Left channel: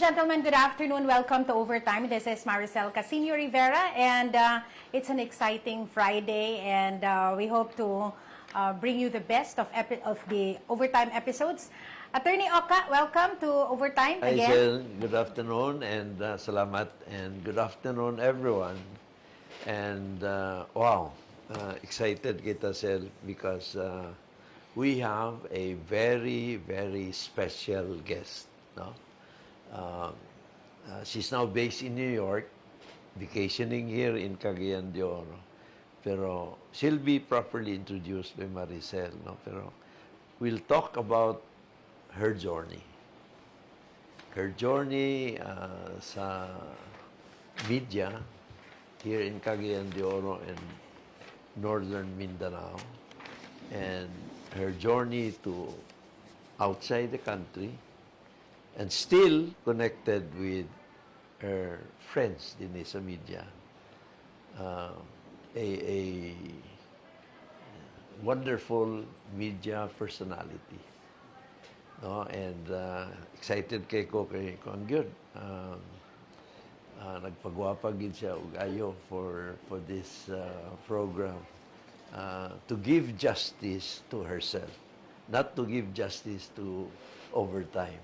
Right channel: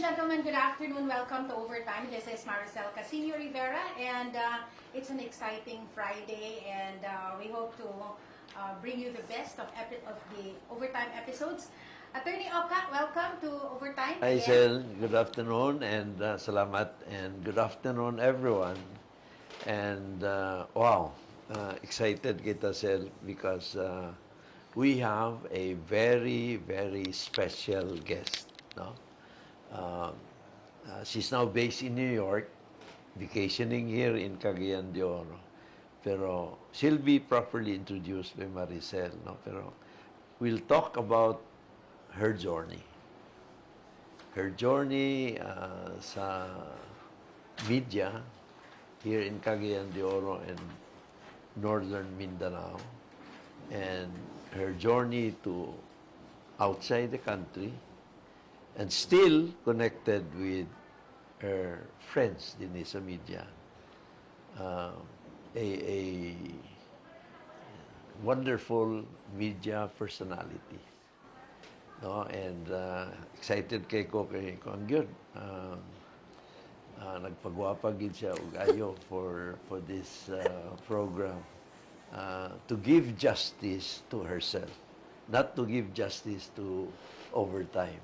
gentlemen, good afternoon. Welcome to Overtime. This is Maricel Casino Rivera, and it's an exciting Friday, and we hope to bring you the best of the Overtime episodes. Attorney Oka, welcome to Overtime Hi, again. Sel. Good afternoon, and salamat, and good afternoon, everyone. And wow, excited kita, Sel, because we have a very, very special guest. No? She's now based in New York, vacationing here in Cagayan de Oro. Pero she'll be properly introduced by Maricel. No? Pero we'll talk about her journey. Her journey sa media here in Cagayan de Oro and Northern Mindanao, and her journey to outside the country, and still connected with her friends din sa media. A wonderful media personality. No, and excited kay ang gyud. Nagpagwapa gid siya og ayo for this program, to give justice to herself, not to give justice to Overtime.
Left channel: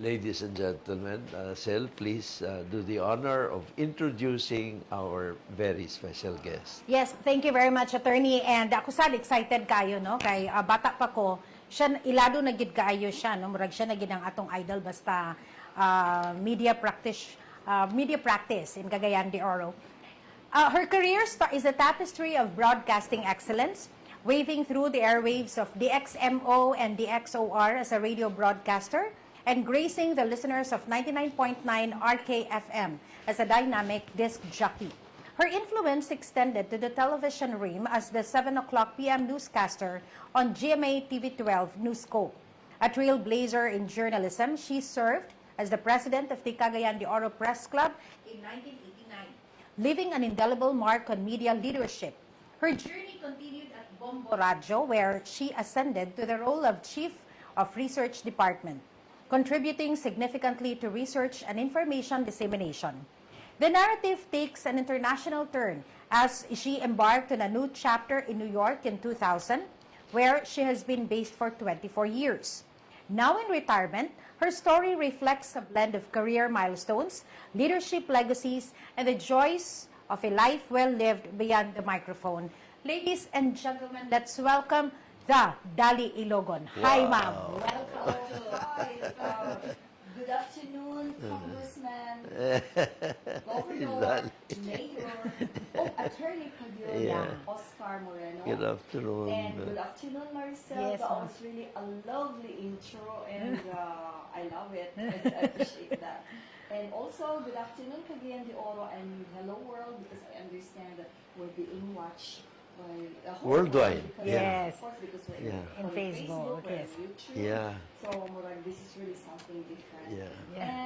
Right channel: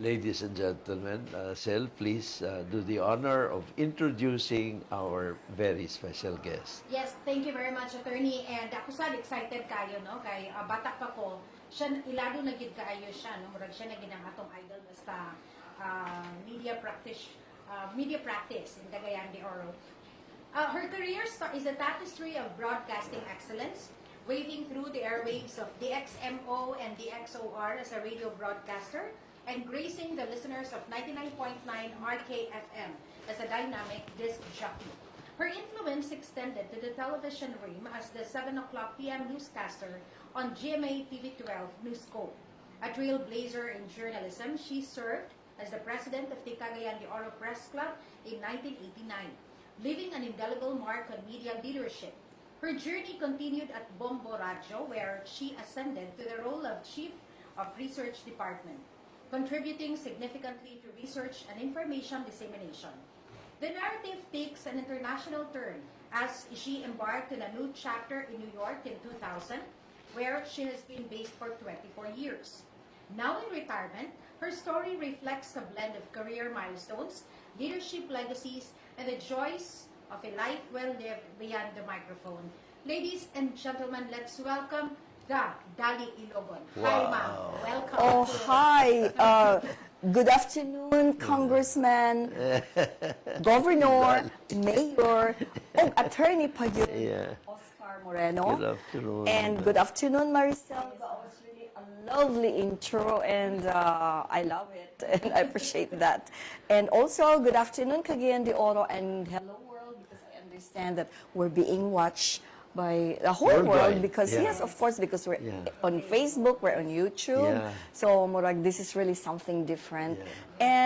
Ladies and gentlemen, Sel, please do the honor of introducing our very special guest. Yes, thank you very much, Attorney. And ako sad excited kayo, no? Kay bata pa ko, siya ilado na gid kaayo siya, no? Murag siya na gid ang atong idol basta media practice in Cagayan de Oro. Her career is a tapestry of broadcasting excellence, waving through the airwaves of DXMO and DXOR as a radio broadcaster, and gracing the listeners of 99.9 RKFM as a dynamic disc jockey. Her influence extended to the television realm as the 7 o'clock p.m. newscaster on GMA TV12 Newscope. A trailblazer in journalism, she served as the president of the Cagayan de Oro Press Club in 1989, leaving an indelible mark on media leadership. Her journey continued at Bombo Radio, where she ascended to the role of Chief of Research Department, contributing significantly to research and information dissemination. The narrative takes an international turn as she embarked on a new chapter in New York in 2000, where she has been based for 24 years. Now in retirement, her story reflects a blend of career milestones, leadership legacies, and the joys of a life well lived beyond the microphone. Ladies and gentlemen, let's welcome the Dolly Ilogon. Wow. Hi, ma'am. Welcome. Oh, hi. Good afternoon, Congressman, Governor, Mayor, Attorney pa yun, Oscar Moreno. Good afternoon. And good afternoon, Maricel. Yes, That was really a lovely intro, and I love it, and I appreciate that. And also, good afternoon, Cagayan de Oro, and hello, world, because I understand that we're being watched by the whole Worldwide. world, because Yes. of course, because we're Yeah. on Facebook, Facebook, we're on YouTube. Yeah. So, Murag, this is really something different. Yeah.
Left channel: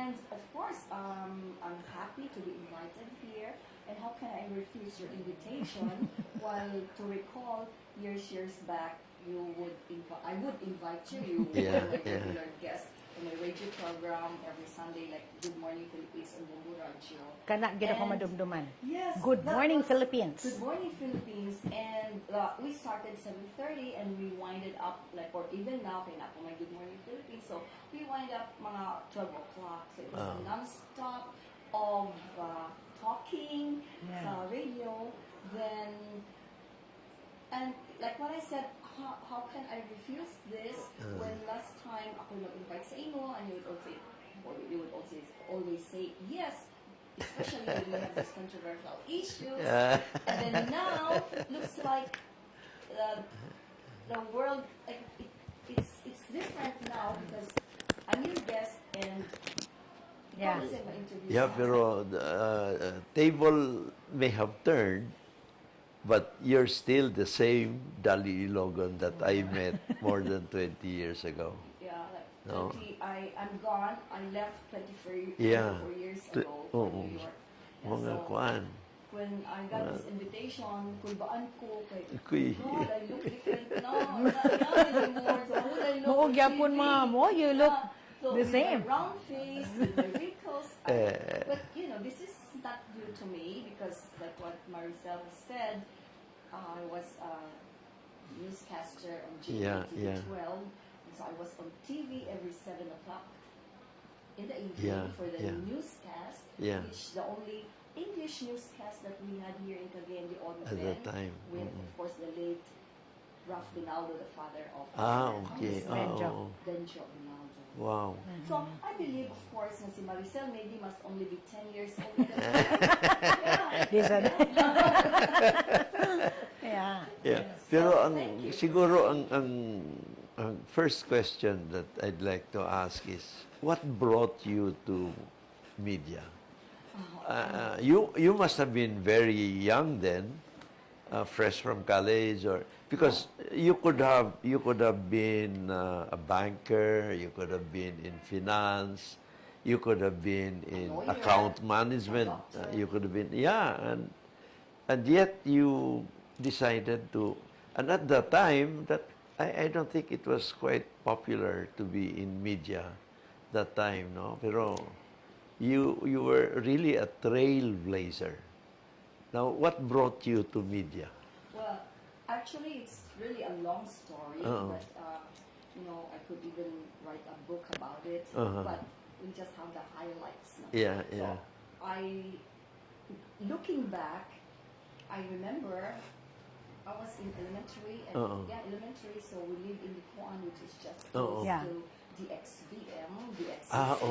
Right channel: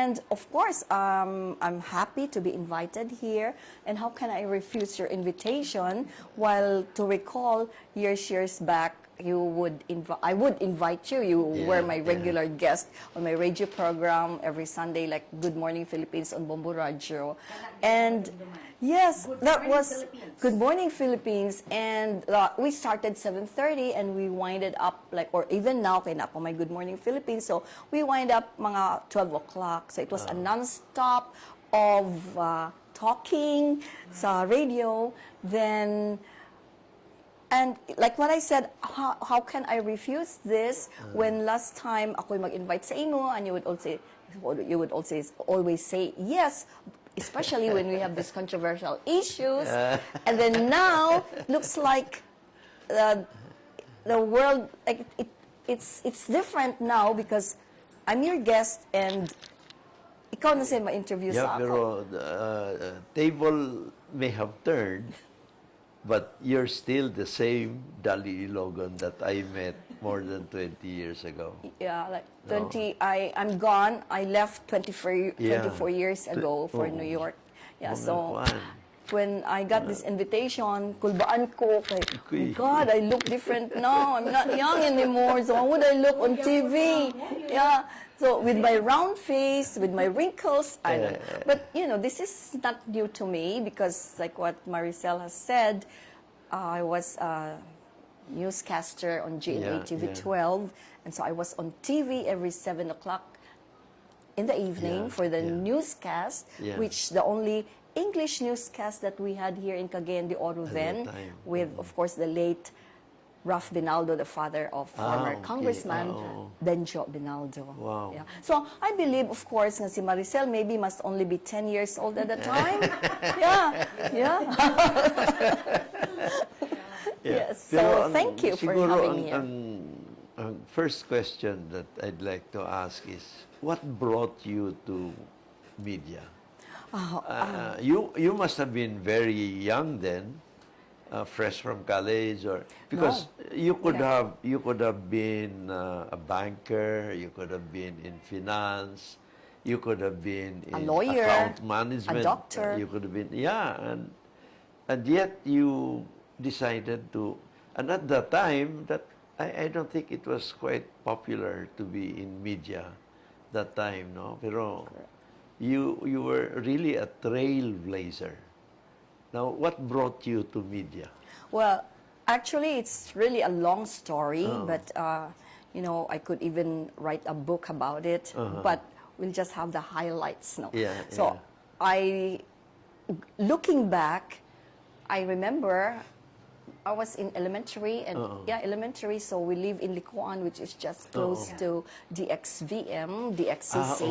And of course, I'm happy to be invited here. And how can I refuse your invitation? While to recall, years back, I would invite you. You were my regular guest on my radio program every Sunday, like Good Morning Philippines on Bombo Radio. And yes, Good that Morning was Philippines. Good Morning Philippines, and we started 7:30 and we winded up or even now kay na po my Good Morning Philippines, so we wind up mga 12 o'clock. So it was a non-stop of talking sa radio. Then and like what I said, how can I refuse this when last time ako'y mag-invite sa inyo and you would also always say yes, especially when we have these controversial issues. And then now looks like the world, like it's different now because I'm your guest and ikaw na siya ma-interview Yeah, sa akin. pero the table may have turned, but you're still the same Dolly Ilogon that I met more than 20 years ago. Yeah, like No. 20, I'm gone. I left 24 years ago for New York. Yeah, Mga so kuan. when I got this invitation, kulbaan ko kay, Kuy. God, I look different now. I'm not young anymore. So how would I look on TV? You Yeah. So The with my same. round face, with my wrinkles, but this is not new to me because like what Maricel has said, I was a newscaster on GMA TV 12, and so I was on TV every 7 o'clock in the evening for the newscast, which the only English newscast that we had here in Cagayan de Oro then, with of course the late Ralph Binaldo, the father of former Congressman Benjo Binaldo. Wow. Yeah. So I believe, of course, nga si Maricel maybe must only be 10 years old at the time. Yeah. Yes. Pero So ang, thank you for siguro having me. ang first question that I'd like to ask is, what brought you to media? You must have been very young then, fresh from college, or because you could have been a banker, you could have been in finance, you could have been in lawyer, account management, a doctor. you could have been and yet you decided to, and at that time that I don't think it was quite popular to be in media that time, no? Pero you were really a trailblazer. Now, what brought you to media? Well, actually, it's really a long story, but I could even write a book about it. But we'll just have the highlights now. So looking back, I remember I was in elementary, and elementary. So we live in Licuan, which is just close to DXVM, DXCC.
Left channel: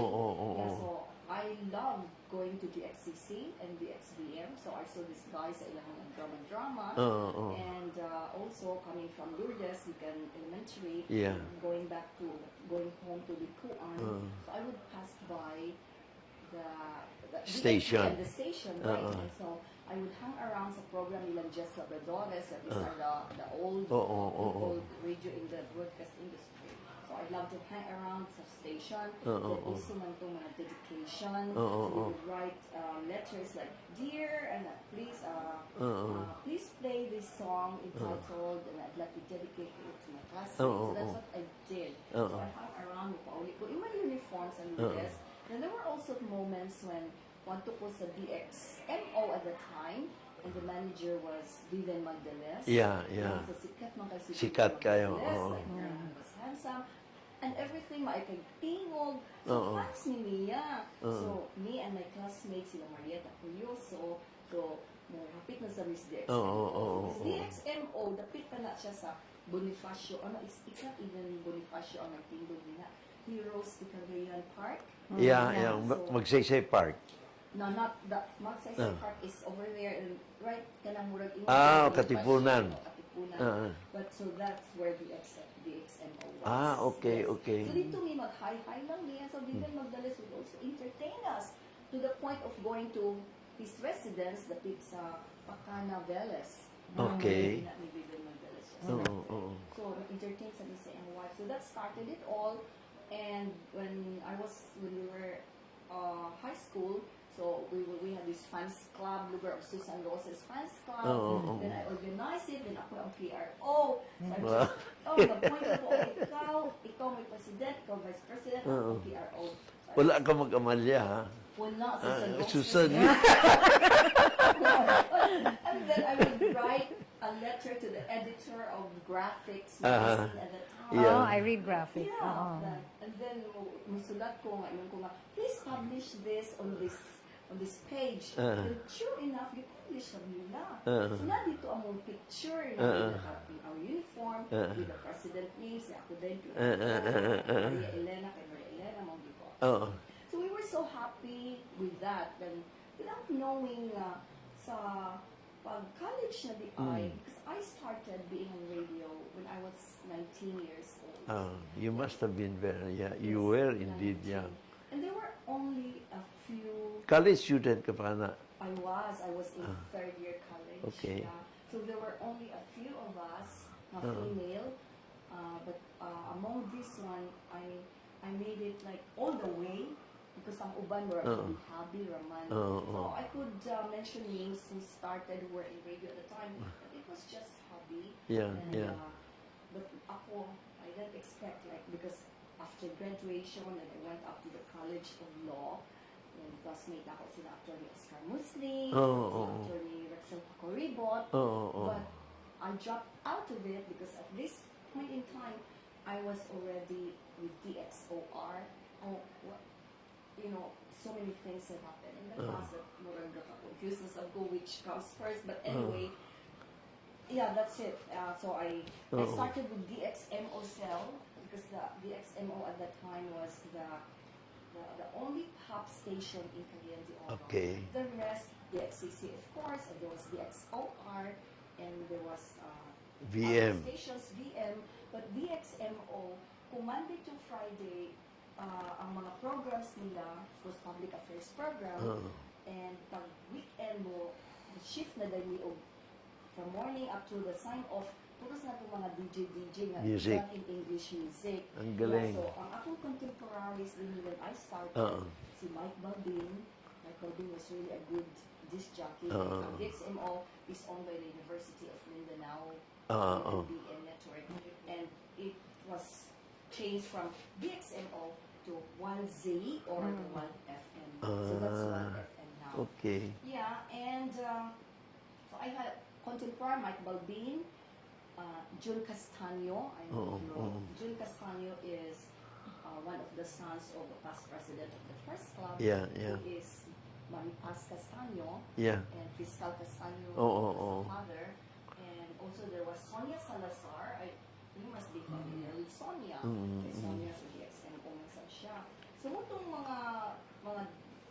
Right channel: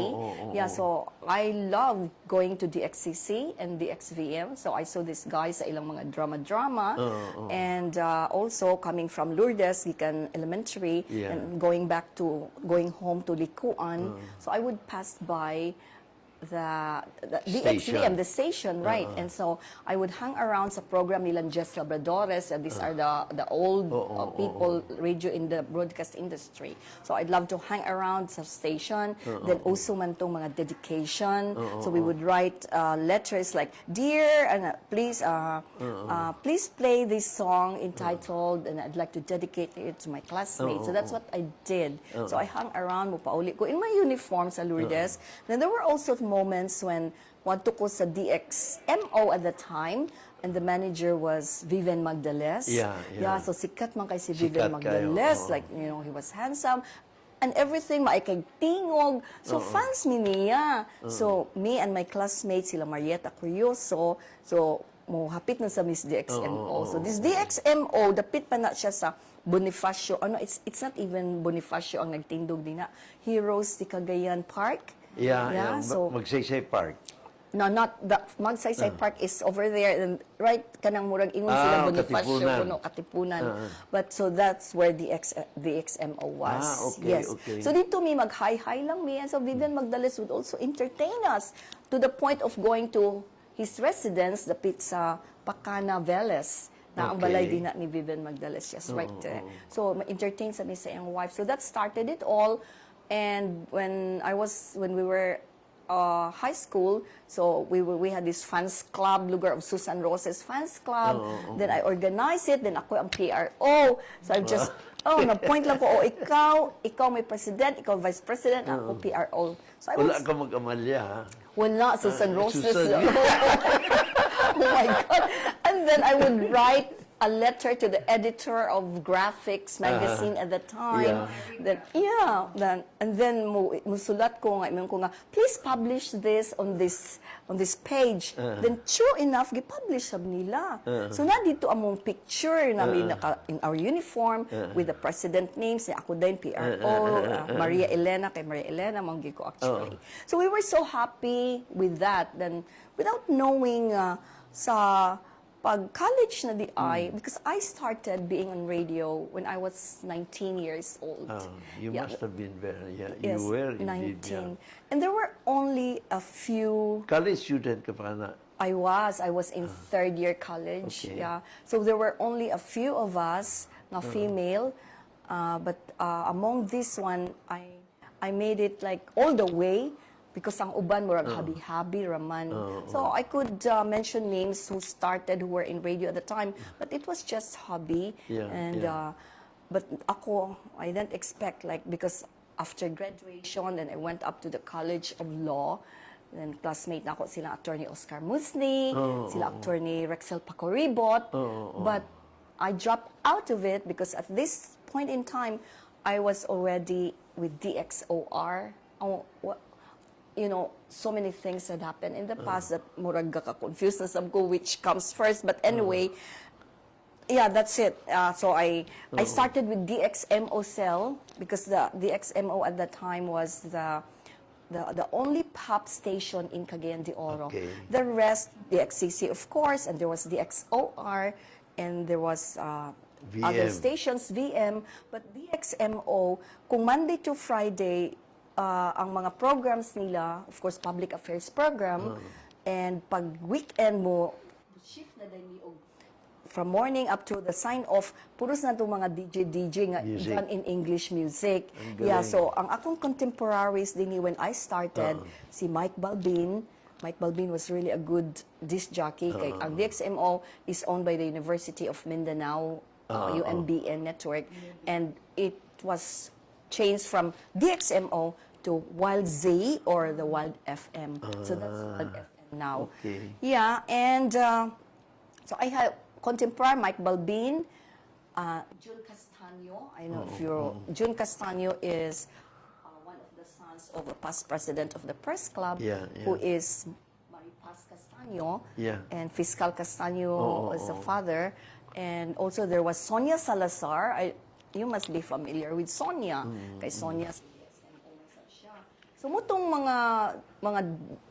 So I love going to DXCC and DXVM. So I saw these guys sa ilang mga drama, and also coming from Lourdes, Gikan Elementary, and going home to Licuan. So I would pass by the Station. DXVM, the station, right? And so I would hang around sa program nilang Jess Labradores. These are the old people radio in the broadcast industry. So I'd love to hang around sa station. Then also man tong mga dedication. So we would write letters like, "Dear, please play this song entitled, and I'd like to dedicate it to my classmates." So that's what I did. So I hung around, mupauli ko in my uniform sa Lourdes. Then there were also moments when wanto ko sa DXMO at the time, and the manager was Vivian Magdales. So sikat man kay si Vivian Magdales. Like, he was handsome. And everything, maikay tingog. So, fans mi niya. So, me and my classmates, sila Marieta Curioso, so, mo hapit na sa Miss DXMO. So, this DXMO, dapit pa na siya sa Bonifacio. It's not even Bonifacio ang nagtindog din na. Heroes di Cagayan Park. So, Magsaysay Park. No, not the Magsaysay Park is over there, and right kanang murag ingon sila Katipunan. Katipunan. But so that's where the DXMO was. Okay. So dito mi mag-hi lang mi, and so Vivian Magdales would also entertain us to the point of going to his residence, the pizza Pacana Veles. Na ang balay din ni Vivian Magdales, just right there. So ma-entertain sa mi sa iyang wife. So that started it all. And when we were high school, so we had this fans club, Lugar of Susan Roses fans club. Then I organized it. Then ako ang PRO. So I just na-point lang ko, ikaw may president, ikaw vice president, ako PRO. So Wala ka mag-amalya, ha? Wala, Susan Roses. Susan. Oh my God. And then I would write a letter to the editor of Graphics magazine at the time. I read Graphics. And then musulat ko nga, please publish this on this page. Then true enough, gi-publish sab nila. So na dito among picture namin in our uniform with the president names, ako din PRO, Maria Elena, kay Maria Elena manggi ko actually. So we were so happy with that. Then without knowing sa pag-college na di because I started being on radio when I was 19 years old. You must have been very, you were indeed, 19. And there were only a few... College student ka pa na? I was in third year college. Okay. So there were only a few of us, na female, but among this one, I made it like all the way, because ang uban murag habi-habi raman. So I could mention names who were in radio at the time, but it was just hobby. But ako, I didn't expect, like, because after graduation, then I went up to the College of Law. Then classmate na ako sila Attorney Oscar Musni, sila Attorney Rexel Pacoribot. But I dropped out of it because at this point in time, I was already with DXOR. You know, so many things had happened in the past that murag ka confused na sab ko which comes first. But anyway, yeah, that's it. So I started with DXMO cell because the DXMO at that time was the only pop station in Cagayan de Oro. Okay. The rest, the XCC of course, and there was the XOR, and there was other VM. stations, VM, but DXMO, kung Monday to Friday, ang mga programs nila, of course, public affairs program, and pag weekend mo, shift na dahil from morning up to the sign-off, puros na itong mga DJ nga Music. done in English music. Ang Yeah, galing. so ang akong contemporaries din when I started, si Mike Balbin. Mike Balbin was really a good disc jockey. Ang DXMO is owned by the University of Mindanao, UMBN network, and it was changed from DXMO to Wild Z or the Wild FM. So that's Wild FM now. Okay. Yeah, and so I had contemporary Mike Balbin, June Castaño. I know if you're June Castaño is one of the sons of a past president of the press club, Yeah, yeah. who is Maripaz Castaño, Yeah. and Fiscal Castaño was the oh. father, and also there was Sonia Salazar. You must be familiar with Sonia, kay Sonia sa DXMO na siya. So mutong mga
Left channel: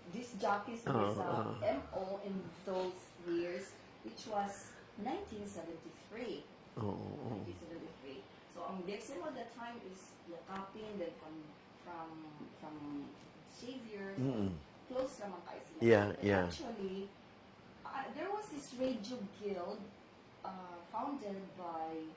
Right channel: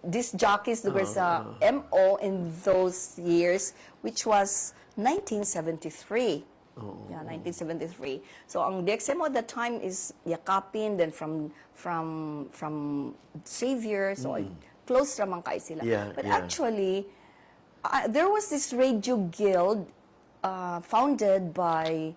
disc jockeys there was MO in those years, which was 1973. Yeah, 1973. So ang DXMO at that time is yakapin, then from Xavier, so close ramang kay sila. Yeah, But yeah. actually, there was this radio guild founded by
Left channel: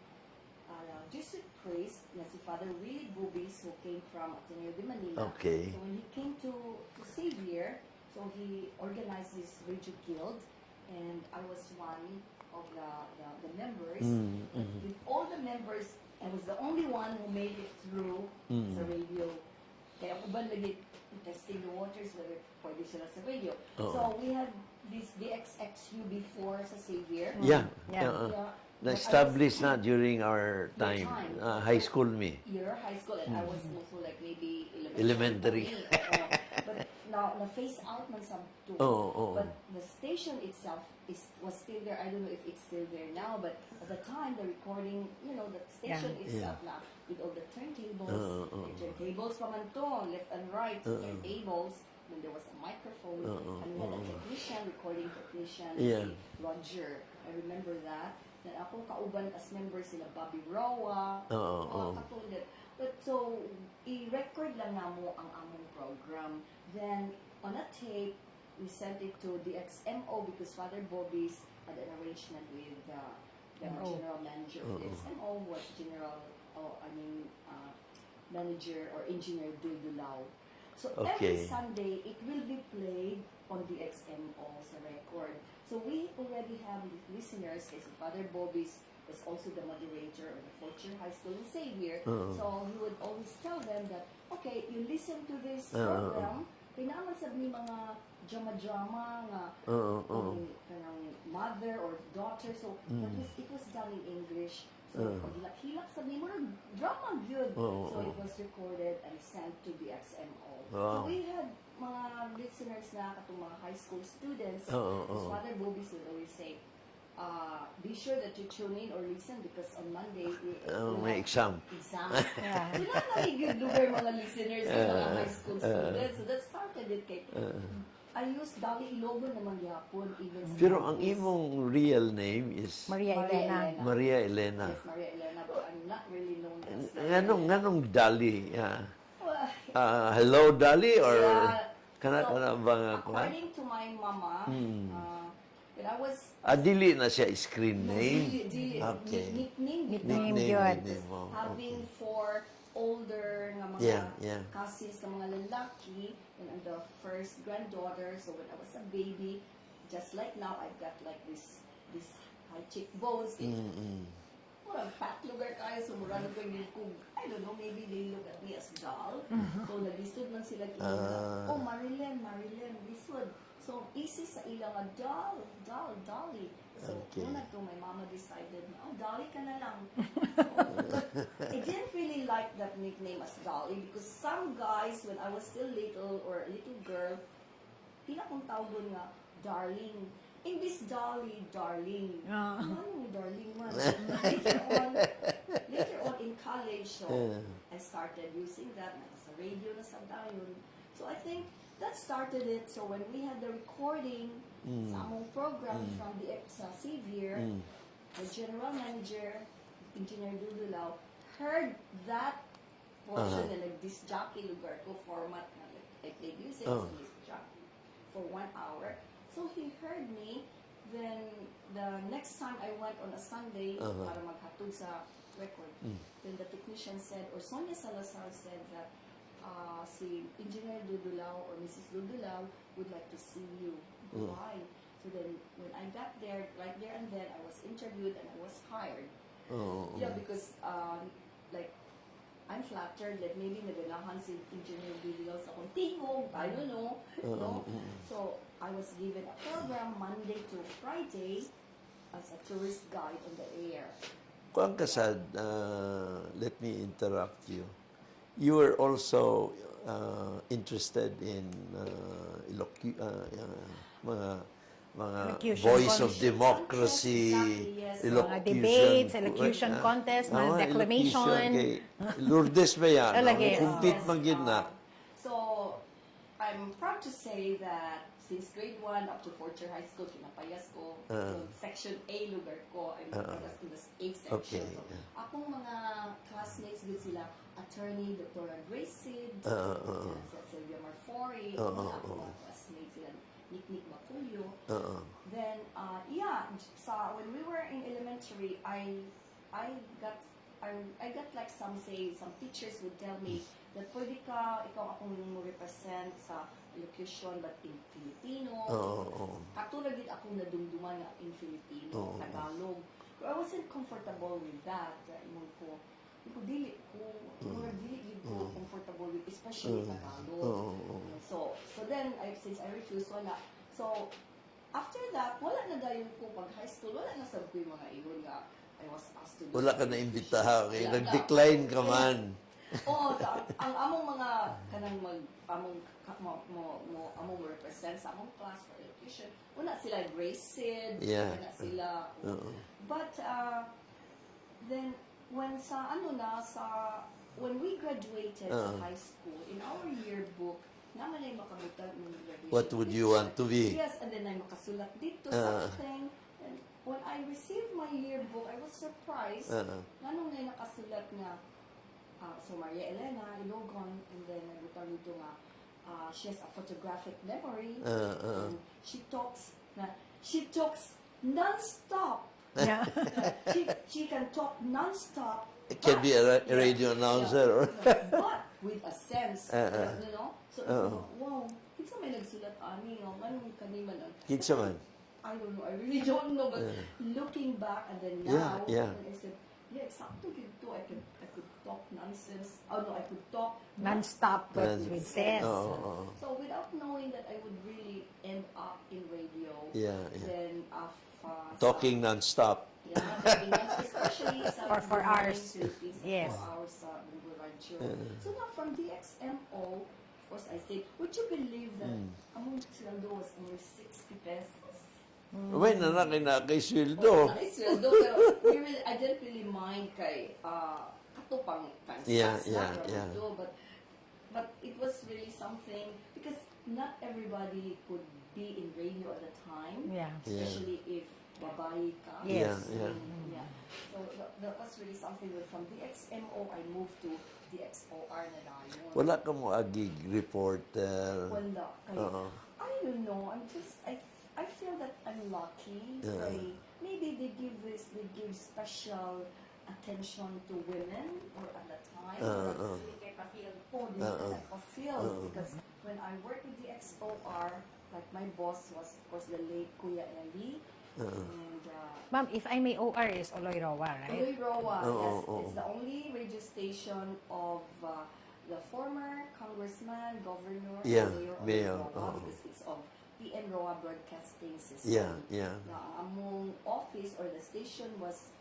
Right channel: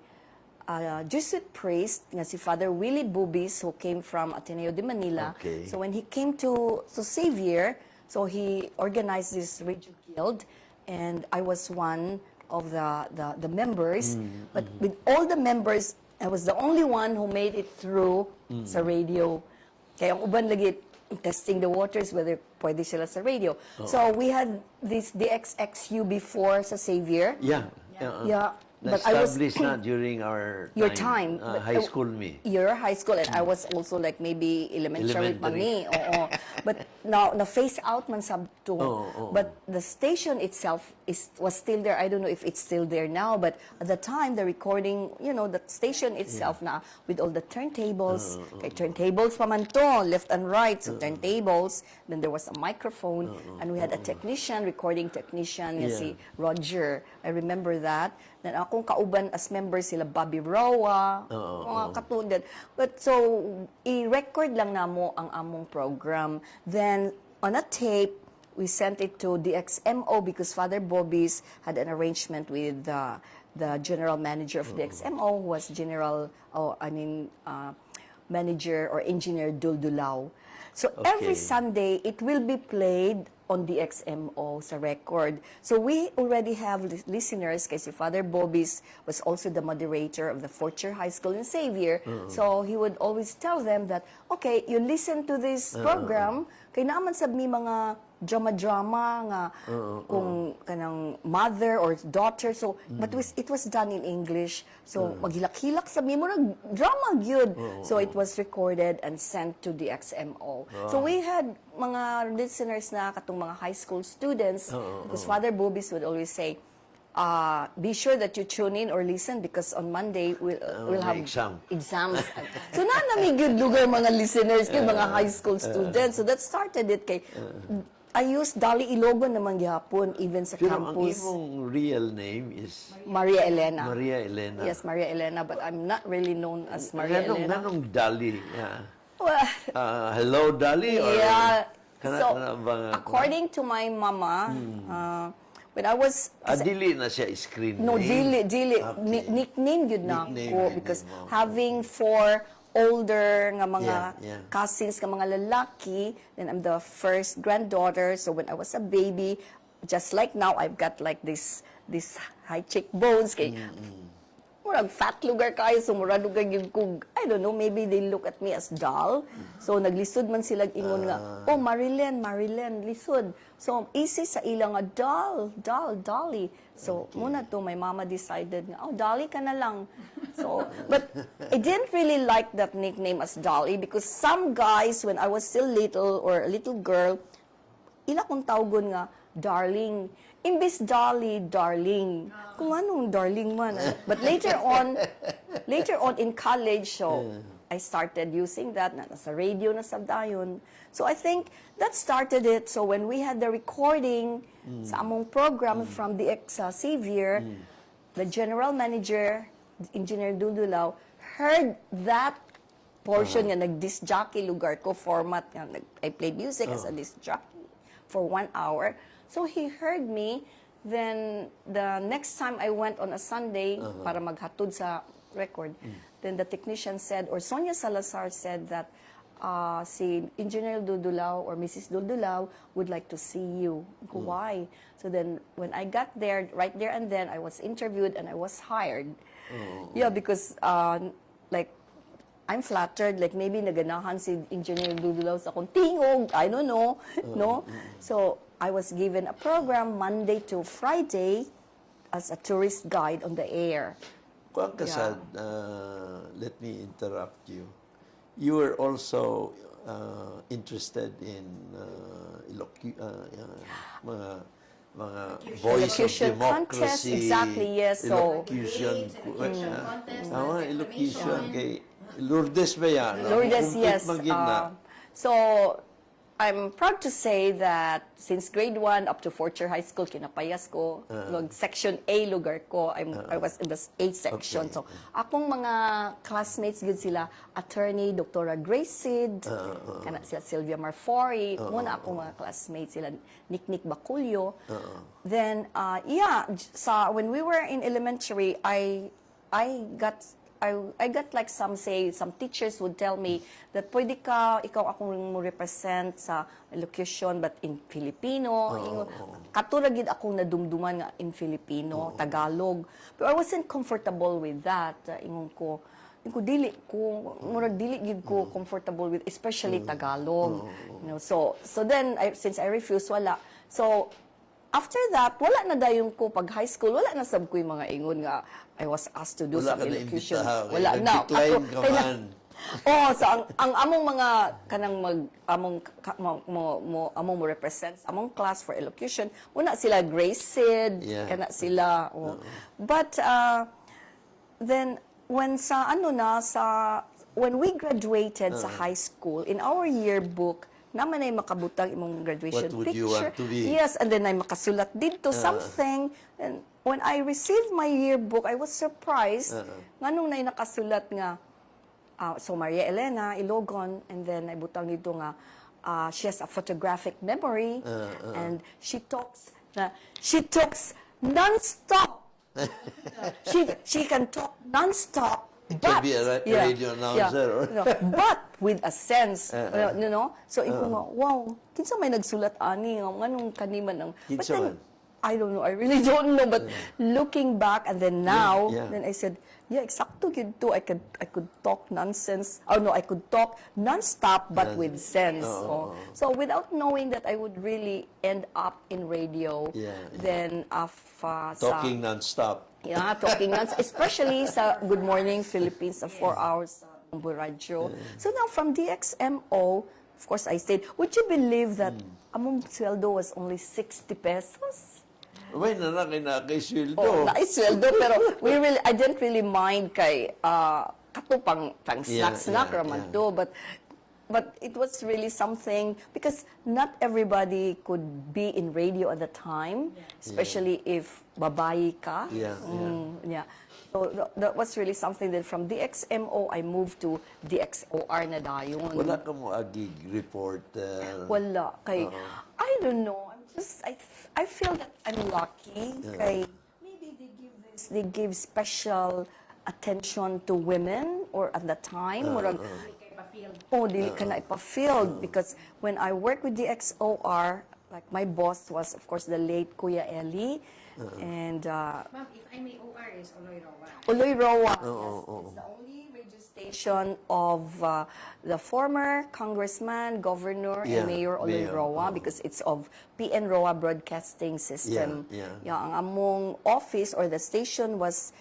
Jesuit priest nga si Father Willie Bubis, who came from Ateneo de Manila. Okay. So when he came to Xavier, so he organized this radio guild, and I was one of the members. But with all the members, I was the only one who made it through sa radio. Kaya ang uban lagi testing the waters whether pwede sila sa radio. So we had this DXXU before sa Xavier. Yeah. Yeah. Na-established na during our Your time. time. High school me. Your high school, and I was also like maybe elementary pa Elementary. ni. Oo. But now, na-phase out man sab to. But the station itself was still there. I don't know if it's still there now, but at the time, the recording, you know, the station itself na with all the turntables. Kay turntables pa man to, left and right, so turntables. Then there was a microphone, and we had a technician, recording technician, si Roger. I remember that. Then akong kauban as member sila Bobby Roa, mga katulad. But so, i-record lang namo ang among program. Then, on a tape, we sent it to DXMO because Father Bobby's had an arrangement with the general manager of DXMO, who was manager or engineer Duldulao. So every Sunday, it will be played on DXMO sa record. So we already have listeners kasi Father Bobis was also the moderator of the Fortier High School in Xavier. So he would always tell them that, okay, you listen to this program, kay naman sab mi mga drama-drama nga kung kanang mother or daughter. So, but it was done in English. So, paghilak-hilak sa mi mo drama gyud. So, it was recorded and sent to the XMO. So, we had mga listeners na katong mga high school students. Because Father Bobis would always say, be sure that you tune in or listen because on Monday we'll have exams. So na good lugar mga listeners kay mga high school students. So that started it kay I used Dolly Ilogon naman gihapon even sa Pero campus. ang imong real name is Maria Elena. Maria Elena. Yes, Maria Elena, but I'm not really known as Maria Elena. Nganong Dolly? Yeah. Well, Hello, Dolly? Or yeah. kana ba According to my mama, when I was dili na siya screen no, name? dili. Okay. Nickname yun na. Nickname, Because nickname mo. having four older nga mga Yeah. cousins nga mga lalaki, then I'm the first granddaughter. So when I was a baby, just like now, I've got like this high cheekbones. Kay, murag fat lugar kayo, so murag lugar yun kung, I don't know, maybe they look at me as doll. So naglisod man sila ingon nga, oh Marilyn, lisod. So easy sa ilang nga, Dolly. So muna to, my mama decided nga, oh Dolly ka na lang. So, but I didn't really like that nickname as Dolly because some guys, when I was still little or a little girl, ila kong tawgon nga, darling. Imbis Dolly, darling. Kung anong darling man. But later on in college, so I started using that. Nasa radio na sabdayon. So I think that started it. So when we had the recording sa among program from the ex-Xavier, the general manager, Engineer Dudulaw, heard that portion nga nag-disc jockey lugar ko format nga I played music as a disc jockey for 1 hour. So he heard me. Then the next time I went on a Sunday para maghatod sa record, then the technician said, or Sonia Salazar said that si Engineer Dudulaw or Mrs. Dudulaw would like to see you. Why? So then when I got there, right there and then, I was interviewed and I was hired. Yeah, because like I'm flattered, like maybe naganahan si Engineer Dudulaw sa akong tingog, I don't know, no? So, I was given a program Monday to Friday as a tourist guide on the air. Kuang kasad, let me interrupt you. You were also interested in mga voice of Elocution democracy, contest, exactly, yes. So, debates, elocution contest, elocution declamation. kay Lourdes ba yan? Yes, Complete yes. man gid na. So, I'm proud to say that since grade 1 up to 4th year high school, kinapayas ko, section A lugar ko, I was in the A section. Okay. So, akong mga classmates gud sila, attorney, Dr. Grace Sid, kana sila Sylvia Marfori, muna akong mga classmates sila, Nick Baculio. Then, when we were in elementary, I got like some teachers would tell me that pwede ikaw akong mo represent sa elocution but in Filipino. Katulad gid akong nadumduman nga in Filipino, Tagalog. But I wasn't comfortable with that. Ingon ko dili gid ko comfortable with especially Tagalog. You know, so then since I refused wala. So after that, wala na dayon ko pag high school, wala na sab ko yung mga ingon nga I was asked to do Wala some ka na elocution. imbitahan, Wala na. nag-decline ka Kaya- man. So ang among mga kanang among mo represent sa among class for elocution, una sila Grace Sid, Yeah. kana sila. But then when we graduated sa high school, in our yearbook, naman ay makabutang imong graduation What would picture. you want to be? Yes, and then ay makasulat dito something. And when I received my yearbook, I was surprised. Nganong na nakasulat nga, so Maria Elena Ilogon, and then ay butang dito nga, she has a photographic memory, and she talks non-stop. Yeah. She can talk non-stop. It can be a radio announcer. But with a sense, you know. So if wow, kinsa may nagsulat ani nganong kaniman ang Kinsa but then, man? I don't know. I really don't know. But looking back and then now, Yeah. then I said, yeah, exacto gid to. I could talk nonsense. Oh no, I could talk non-stop but with sense. Yes. So without knowing that I would really end up in radio, then Talking non-stop. talking nonsense, especially sa For Good 4 Morning hours. Philippines, sa Yes. 4 hours radyo. So now from DXMO, of course I stayed. Would you believe that among sweldo was only 60 pesos? Uy, kay sweldo. Oh, sweldo, pero I didn't really mind kay kato pang snack raman do, but it was really something because not everybody could be in radio at the time, especially if babae ka. Yeah. So that was really something that from DXMO I moved to DXOR na dayon. Wala ka mo agig reporter. Wala kay I don't know. I feel that I'm lucky. Kay maybe they give special attention to women or at the time dili ka na ipa-field because when I worked with the XOR Like my boss was, of course, the late Kuya Eli. And Ma'am, if I may, OR is Oloy Roa. Oloy Roa, yes. It's the only radio station of the former congressman, governor, Yeah, and mayor Oloy mayor, Roa because it's of PN Roa Broadcasting System. Yeah. Ang among office or the station was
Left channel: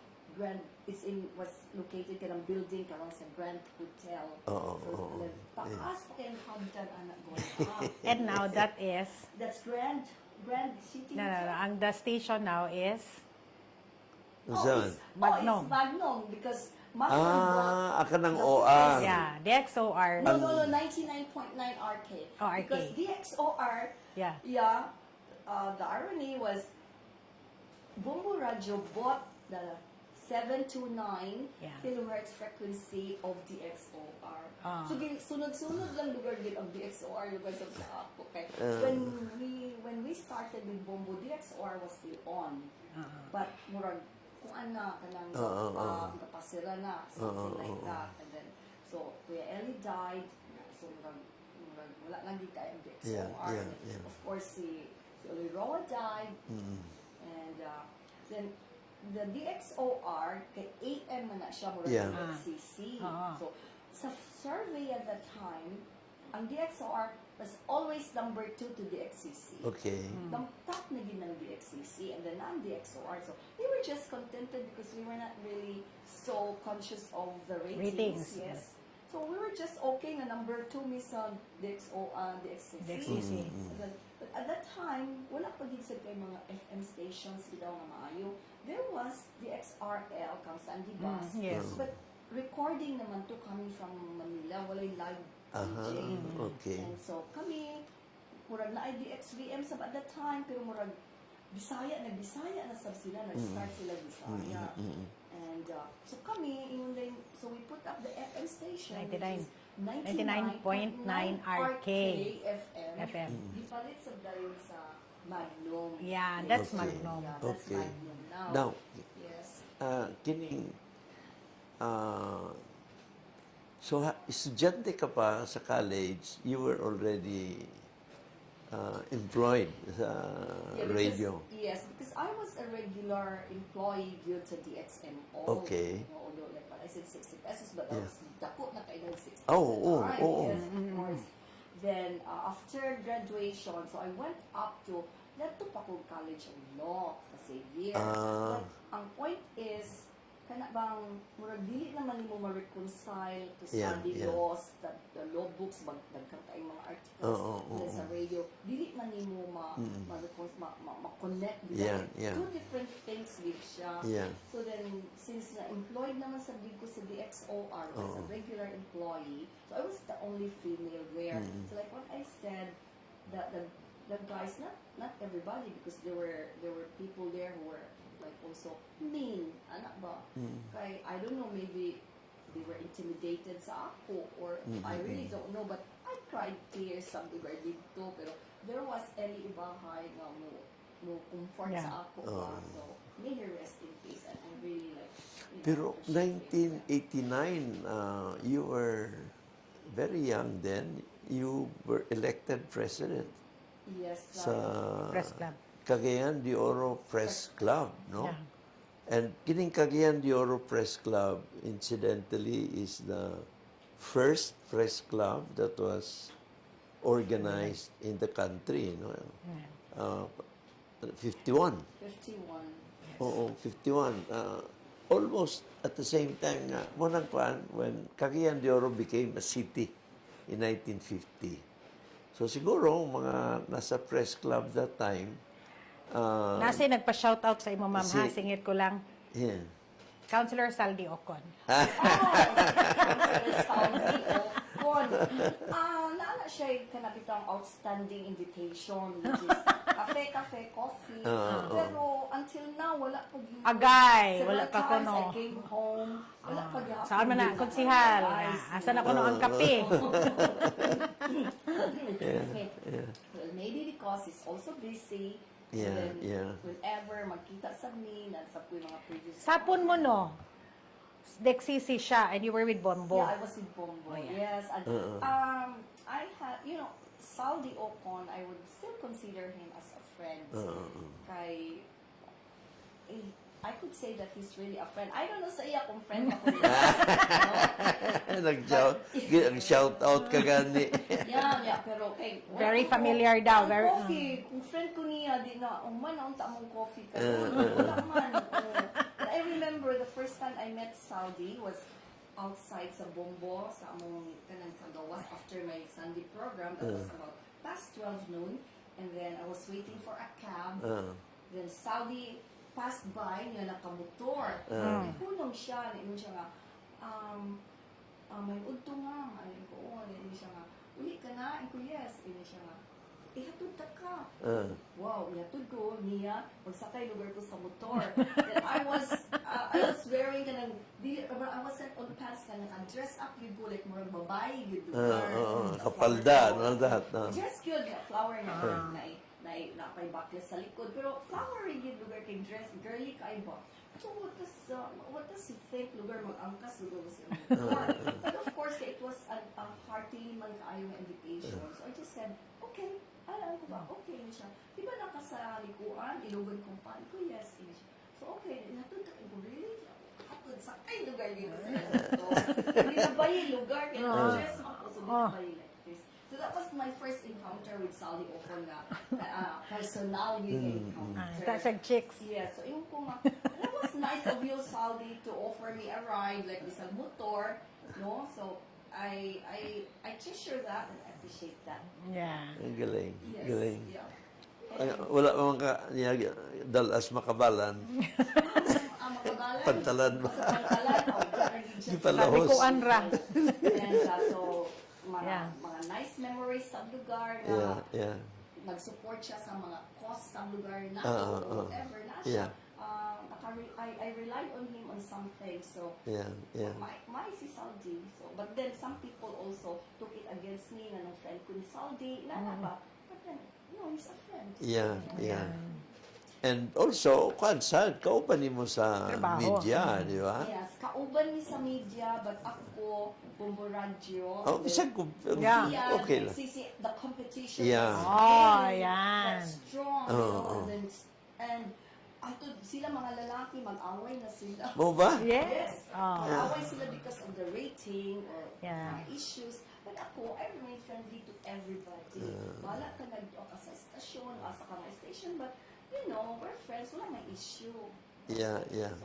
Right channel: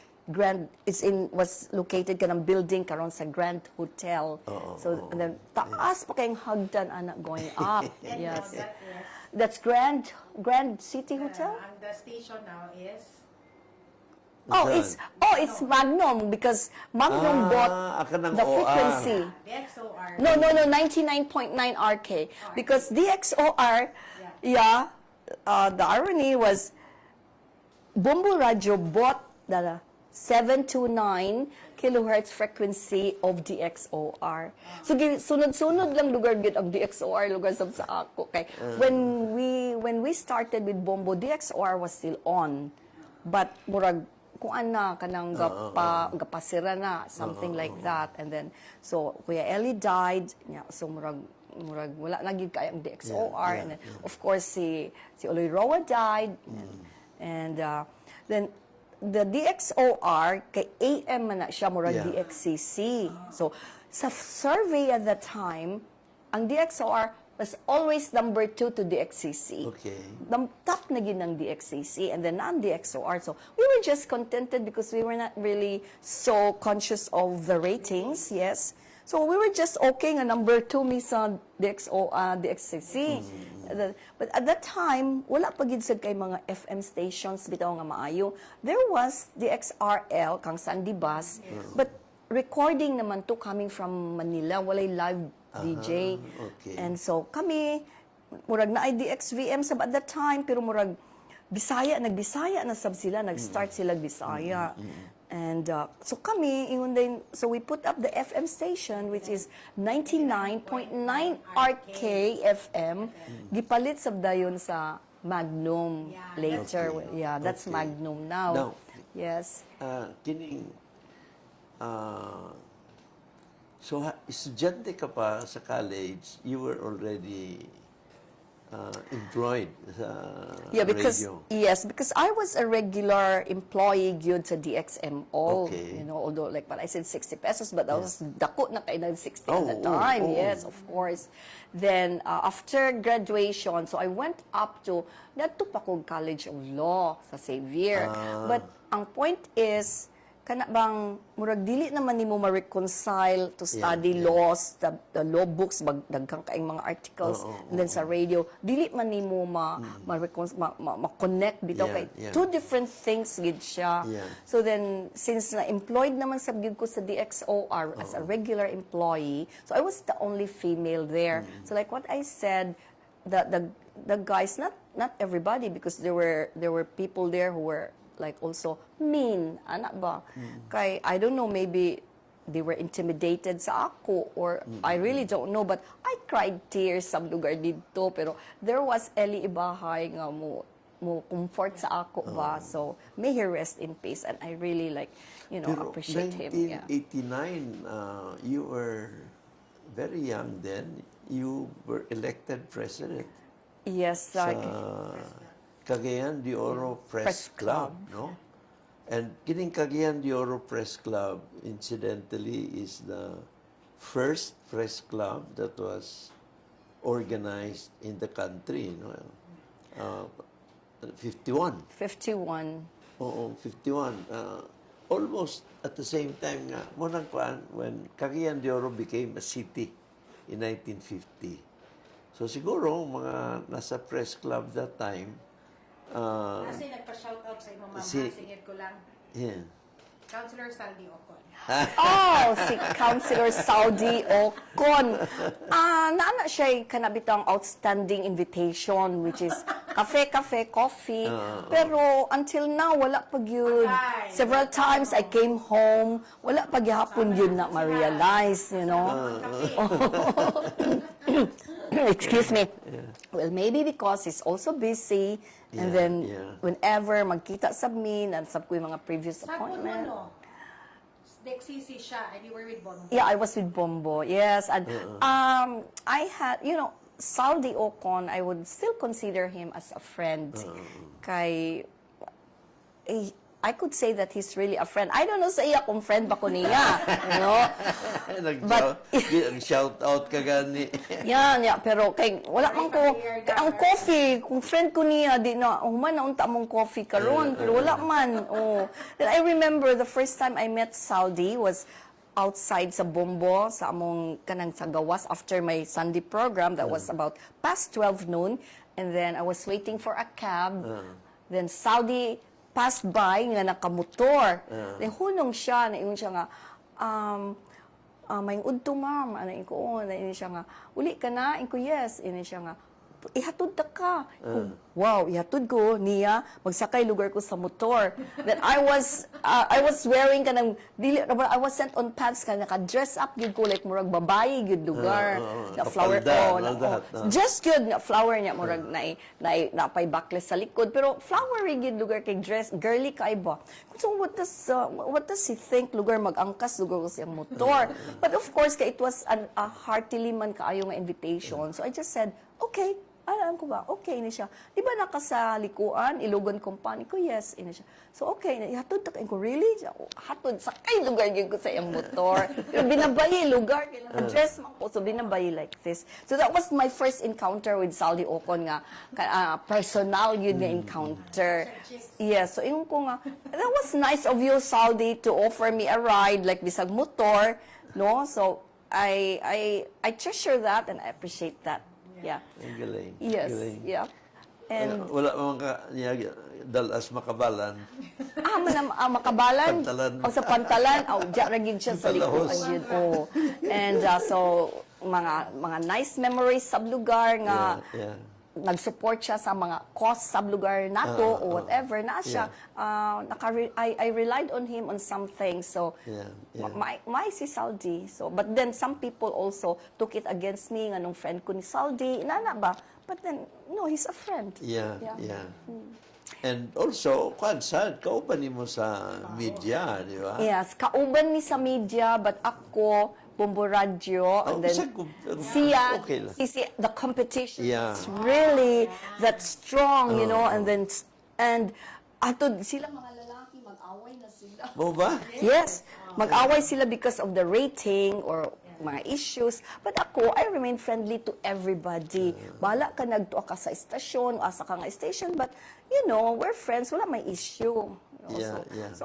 was located kanang building karon sa Grand Hotel. So and then taas pa kayong hagdan anak going up. And now that is, That's Grand City Hotel. and the station now is, It's Magnum because Magnum bought aka ng the OR. frequency. yeah, DXOR. No, 99.9 RK. Oh, RK. Because DXOR, the irony was Bombo Radio bought the 729 kilohertz frequency of DXOR. So sunod-sunod lang lugar gid ang DXOR lugar sa ako. Okay. When we started with Bombo, DXOR was still on. But murag kung ana kanang gapasira na something like that, and then so Kuya Eli died, so murag wala na gyud kay ang DXOR, and then, of course si Oloy Roa died, and then the DXOR kay AM man na siya murag DXCC. So sa survey at that time, ang DXOR was always number 2 to DXCC. Okay. The top na yun ng DXCC and then non-DXOR. So we were just contented because we were not really so conscious of the ratings. Yes. So we were just okay nga number 2 mi sa DXCC. But at that time, wala pa gid sad kay mga FM stations bitaw nga maayo. There was DXRL kang Sandy Bus, but recording naman to coming from Manila, walay live DJ. Okay. And so kami, murag na IDXVM sab at that time, pero murag nagbisaya na sab sila, nag-start sila Bisaya. And so kami, so we put up the FM station, which is 99.9 RK FM. Gipalit sab dayon sa Magnum Yeah, later. that's Magnum. Yeah, that's Okay. Magnum now. Now, Yes. kining so estudyante ka pa sa college, you were already employed sa radio. Because I was a regular employee gyud sa DXMO. Okay. You know, although like what I said 60 pesos, but I was dako na kay 60 Oh, at the oh, time. oh. Yes, of course. Then after graduation, so I went up to nadto pa kog College of Law sa Xavier. But ang point is kana bang murag dili naman nimo ma-reconcile to study laws, the law books, dagkang kaayong mga articles, and then sa radio dili man nimo ma-connect bitaw kay two different things gid siya. So then since na employed naman sab gyud ko sa DXOR as a regular employee, so I was the only female there. So like what I said, the guys, not everybody, because there were people there who were like also mean, anak ba? Kay, I don't know, maybe they were intimidated sa ako, or I really don't know, but I cried tears sa lugar dito, pero there was Eli Ibahay nga mo comfort sa ako ba, so may he rest in peace, and I really Pero appreciate him. 1989, you were very young then, you were elected president Yes, sa Press Club. Cagayan de Oro Press Club, no? And kining Cagayan de Oro Press Club, incidentally, is the first press club that was organized in the country, no? 51. 51. Oo, 51. Almost at the same time nga, munang paan, when Cagayan de Oro became a city in 1950. So siguro, mga nasa press club that time, Nasi nagpa-shoutout sa imo, ma'am, ha? Singit ko lang. yeah. Councilor Saldi Ocon. Si Councilor Saudi Ocon. Naana siya kanabitang outstanding invitation, which is cafe, coffee. Pero until now, wala pag yun. Agay. Several Wala pa times I came home, wala pag yapon yun na ma-realize. You know? Ang kape. Excuse me. Well, maybe because he's also busy. And then, whenever magkita sa me, nansab ko yung mga previous Sapon mo, no? DXCC siya, and you were with Bombo. Yeah, I was with Bombo. Yes, and I had, Saldi Ocon, I would still consider him as a friend. Kay, I could say that he's really a friend. I don't know sa iya kung friend ba ko niya. You know? Nag-shout out ka gani. Yan, pero kay wala Very man ko familiar daw, ang very coffee, kung friend ko niya di na human na unta mong coffee karon, wala man. Oh. Then I remember the first time I met Saudi was outside sa Bombo sa among kanang sa gawas after my Sunday program that was about past 12 noon, and then I was waiting for a cab. Then Saudi passed by nga nakamotor. Then hunong siya, na siya nga, may udto ma'am, ano ko, na siya nga, uli ka na? Ko, yes. Ina siya nga, ihatod ta ka. Wow, ihatod ko niya, magsakay lugar ko sa motor. Then I was wearing kanang I was sent on pants ka naka-dress up gyud ko like murag babae gyud lugar. Kapalda, all that. Just good nga flower niya murag na pay backless sa likod pero flowery gyud lugar kay dress girly kay ba. So what does he think lugar mag-angkas lugar ko siyang motor. But of course it was a heartily man kaayo nga invitation. So I just said, okay. Alam ko ba? Okay na siya. Di ba nakasalikuan, Ilogon Company ko? Yes, ina siya. So, okay na. Hatod ta ko, really? Hatod, sakay lugar yun ko sa iyang motor. Binabayi lugar. Dress mo ko. So, binabayi like this. So, that was my first encounter with Saldi Ocon nga. Personal yun nga encounter. Yes. So, yung ko nga, that was nice of you, Saldi, to offer me a ride, like bisag motor. No? So, I treasure that and I appreciate that. Yeah. Ang galing. Yes. Galing. Yeah. And Wala mang dalas makabalan. makabalan. Pantalan. O sa pantalan. Diyan ragin siya sa Palahos. ko. And so, mga nice memories sa lugar nga nag-support siya sa mga cause sa lugar nato or whatever na siya. I relied on him on something. So, my si Saldi. So, but then some people also took it against me nga nung friend ko ni Saldi. Inana ba? But then, no, he's a friend. Yeah. And also, sad, kauban mo sa media, di ba? Yes, kauban ni sa media, but ako, Bombo Radio, and then siya, okay lang. the competition Yeah. is really that strong, you know, and atod sila mga lalaki, mag-away na sila. Mo ba? Yes. Mag-away sila because of the rating or mga issues. But ako, I remain friendly to everybody. Bala ka nagtuwa ka sa estasyon, asa ka nga station, but, you know, we're friends, wala may issue. So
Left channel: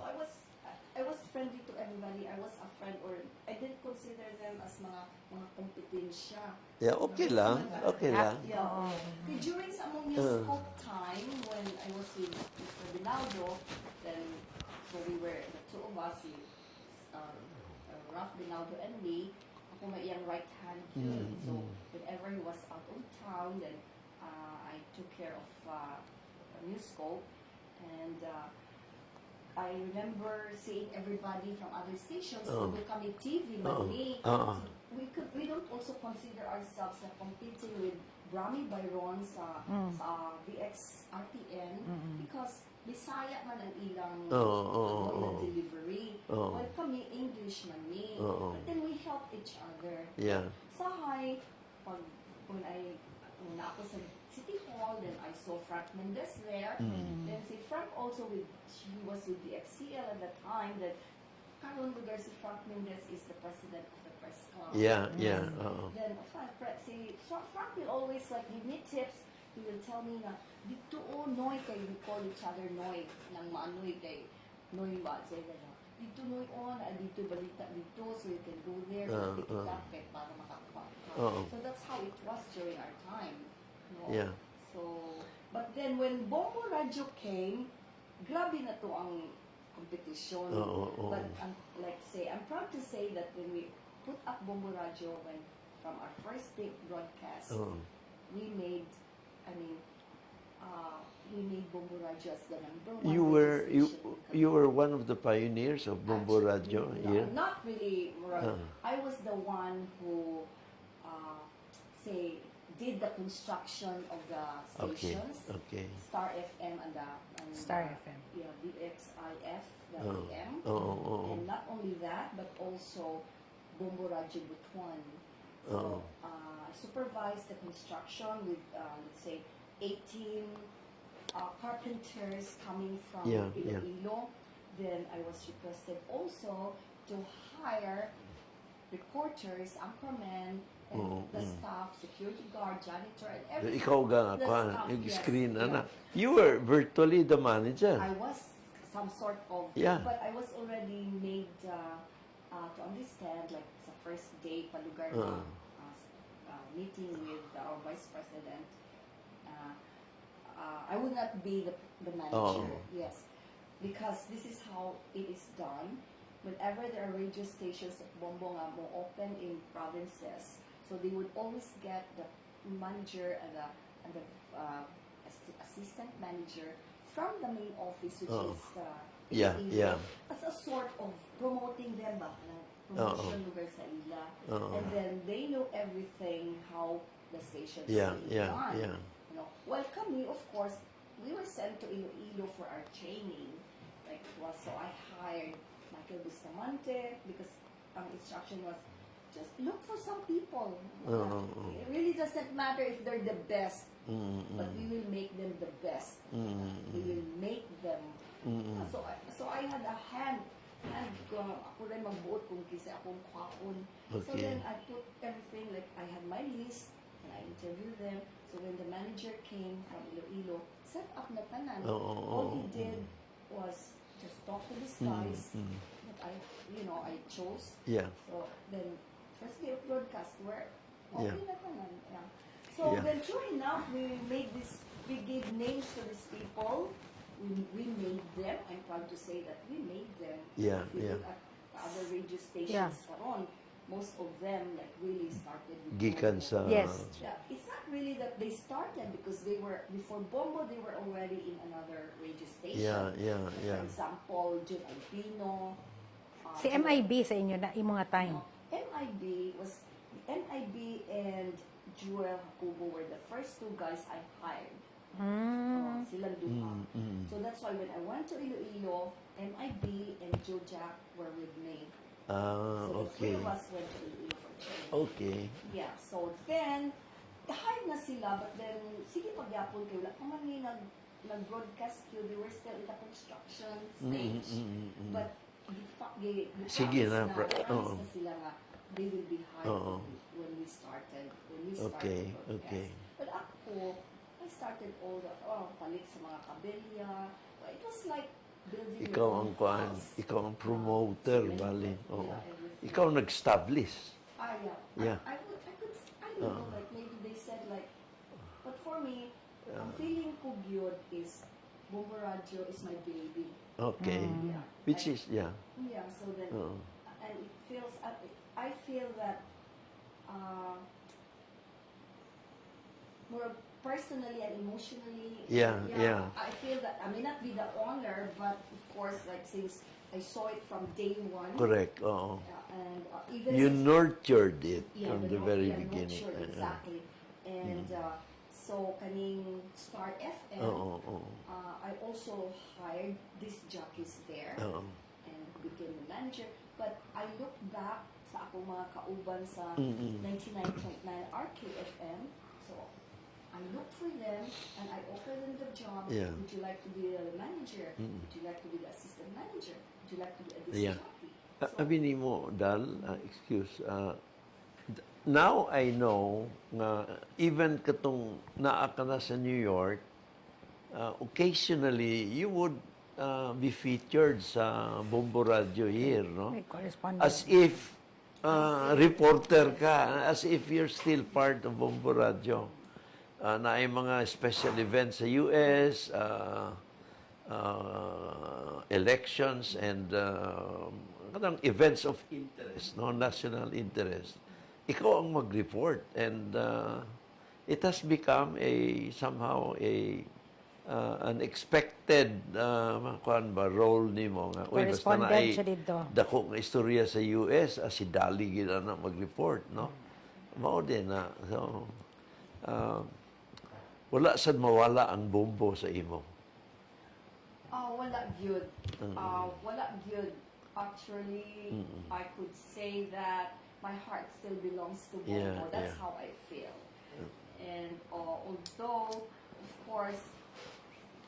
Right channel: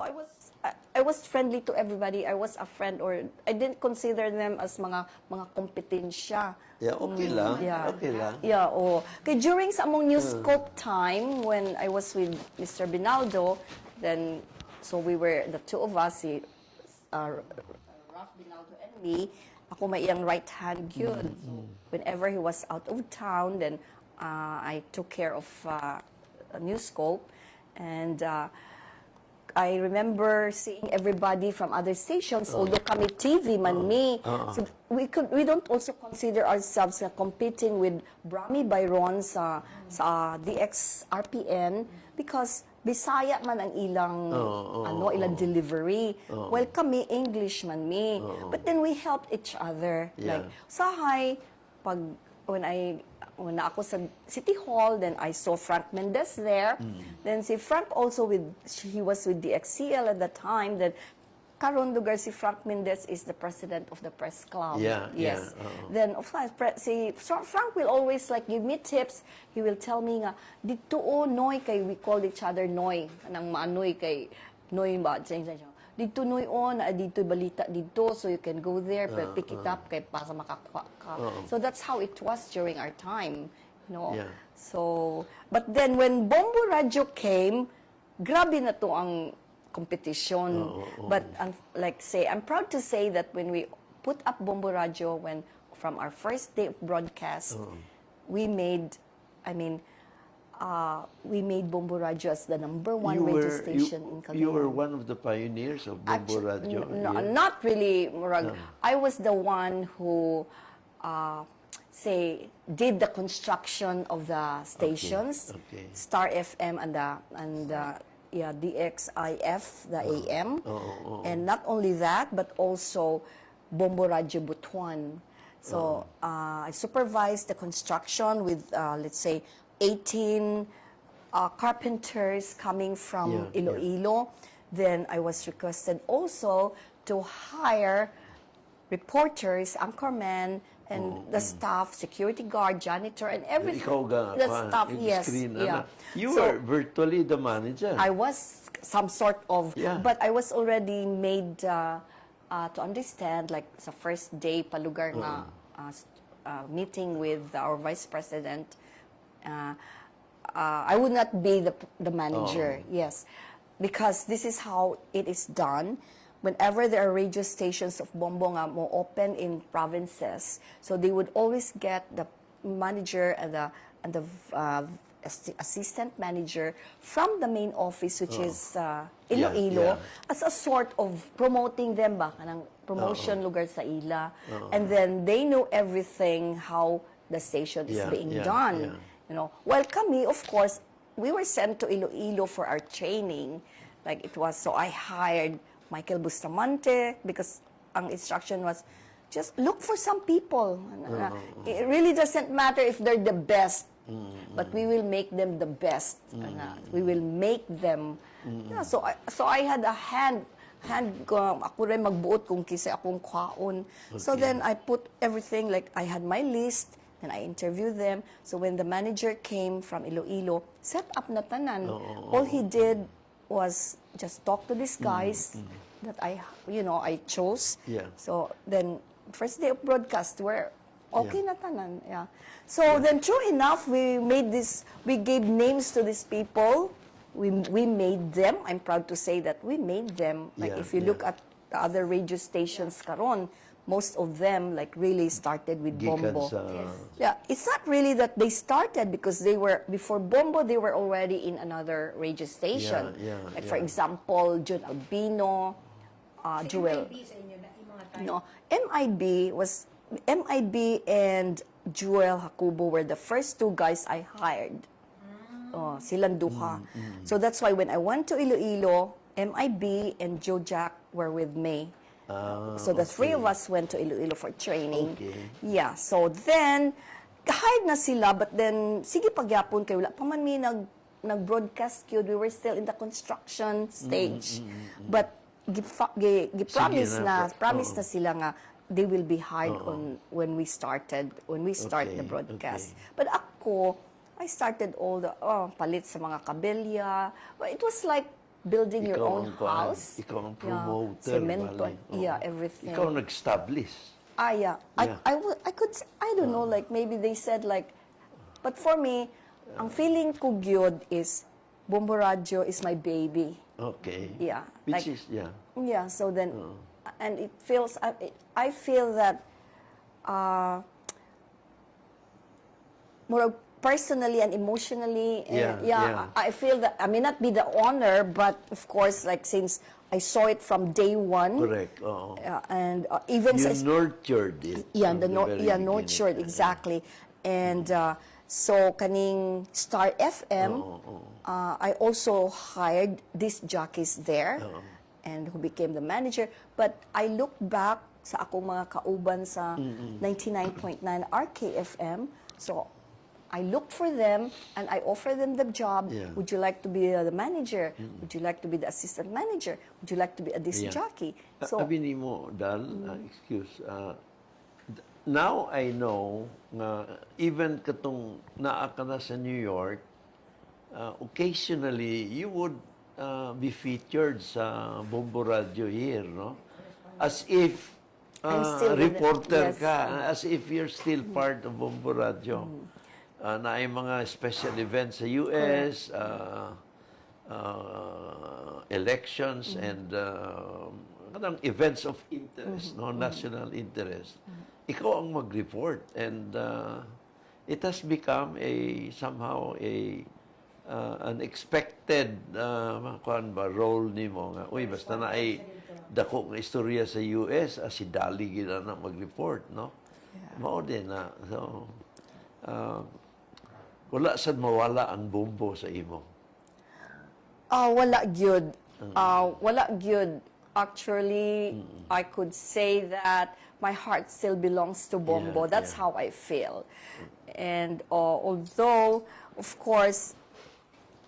I was friendly to everybody. I was a friend, or I didn't consider them as mga kompetensya. Yeah, okay lang. Okay lang. Yeah, Kay during sa among Newscope time, when I was with Mr. Binaldo, then, so we were, the two of us, si Ralph Binaldo and me, ako may iyang right hand yun. So, whenever he was out of town, then I took care of Newscope, and I remember seeing everybody from other stations, although kami TV man me. So we don't also consider ourselves competing with Brami Byron sa DX RPN because Bisaya man ang ilang ilang delivery. Well, kami English man me. But then we helped each other. Yeah. Sahay when ako sa City Hall, then I saw Frank Mendez there. Then si Frank also he was with the XCL at that time. Then karon lugar si Frank Mendez is the president of the press club. Yes. Then of course si Frank will always like give me tips. He will tell me nga dito Noy kay we call each other Noy kanang maanoy kay Noy ba dito Noy dito balita dito so you can go there pick it up kay para makakuha ka. So that's how it was during our time, you know. Yeah. So but then when Bombo Radio came, grabe na to ang competition. But I'm proud to say that when we put up Bombo Radio, from our first day of broadcast, we made Bombo Radio as the number one radio station in Cagayan. You were one of the pioneers of Bombo Radio. Not really, Murag. I was the one who, did the construction of the stations, Star FM and DXIF, the AM, and not only that, but also Bombo Radio Butuan. So I supervised the construction with, let's say, 18 carpenters coming from Yeah, yeah. Iloilo. Then I was requested also to hire reporters, anchormen, and the staff, security guard, janitor, and everything. Ikaw ga, The staff, yung yes. screen, yeah. ano. You So, were virtually the manager. I was some sort of, Yeah. but I was already made to understand, like sa first day palugar na meeting with our vice president. I would not be the manager, yes, because this is how it is done. Whenever there are radio stations of Bombo nga mo open in provinces, so they would always get the manager and the assistant manager from the main office, which is Iloilo, as a sort of promoting them ba, kanang promotion lugar sa ila. And then they know everything how the station is being done. Yeah. You know, well, kami, of course, we were sent to Iloilo for our training. Like it was, so I hired Michael Bustamante because ang instruction was just look for some people. It really doesn't matter if they're the best, but we will make them the best. We will make them. Yeah, so I had a hand ko, ako rin magbuot kung kisa akong kwaon. So then I put everything, like I had my list, and I interviewed them. So when the manager came from Iloilo, set up na tanan. All he did was just talk to these guys that I chose. Yeah. So then, first day of broadcast, we're okay na tanan. Yeah. So then, true enough, we gave names to these people. We made them. I'm proud to say that we made them. Like if you look at the other radio stations karon, most of them like really started with Gikan Bombo. sa- Yes. Yeah, it's not really that they started because they were, before Bombo, they were already in another radio station. Like for example, John Albino, Si Joel- MIB sa inyo na imo nga time. No, MIB and Joel Hakubo were the first two guys I hired. Oh, silang duha. So that's why when I went to Iloilo, MIB and Joe Jack were with me. So the three of us went to Iloilo for training. Okay. Yeah, so then, hired na sila, but then, sige pagyapon kayo, wala pa man mi nag-broadcast yun. We were still in the construction stage. But, Sige promise oo. na sila nga, they will be hired when we start the broadcast. But ako, I started all the, palit sa mga kabelya. Well, it was like, building your own house. Ikaw ang promoter, Cemento, bali. everything. Ikaw ang nag-establish. Yeah. Yeah. I could say, I don't know, like maybe they said like, but for me, ang feeling ko gyud is Bombo Radio is my baby. Okay. Yeah. Which like, is, yeah. Yeah, so then, and it feels, I feel that, more personally and emotionally, and I feel that I may not be the owner, but of course, like since I saw it from day one, Correct. Oo. and even You since nurtured it yeah, from the very beginning. nurtured exactly, and so kaning Star FM, I also hired these jockeys there, and who became the manager. But I look back sa akong mga kauban sa 99.9 RKFM, so I look for them and I offer them the job. Yeah. Would you like to be the manager? Would you like to be the assistant manager? Would you like to be a disc jockey? So, Abi ni mo, Dal, excuse, now I know nga even katong naa ka na sa New York, occasionally you would be featured sa Bombo Radio here, no? Correspondent. As if I'm still with reporter it, yes. ka, as if you're still part of Bombo Radio. Na ay mga special events sa US, elections, and kanang events of interest, no, national interest. Ikaw ang mag-report, and it has become somehow an expected kuan ba role nimo nga uy basta na ay Correspondent siya dito. dako nga istorya sa US si Dolly gid na mag-report, no? Mao din na so wala sad mawala ang Bombo sa imo. wala gyud. Wala gyud. Actually, I could say that my heart still belongs to Bombo. Yeah, That's yeah. how I feel. And although, of course,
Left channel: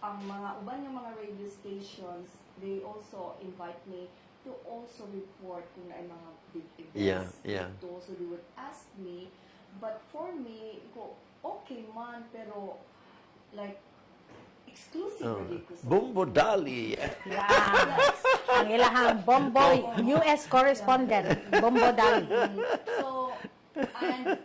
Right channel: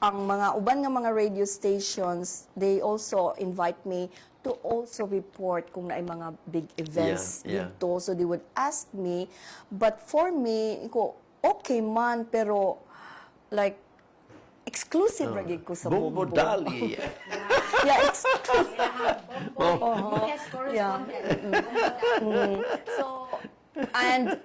ang mga uban nga mga radio stations, they also invite me to also report kung naay mga big events Yeah, yeah. dito. So they would ask me, but for me, ko okay man, pero like exclusive lagi ko sa Bombo Dolly. Yeah, Ang ilahang Bombo, US correspondent. Bombo Dali. So, and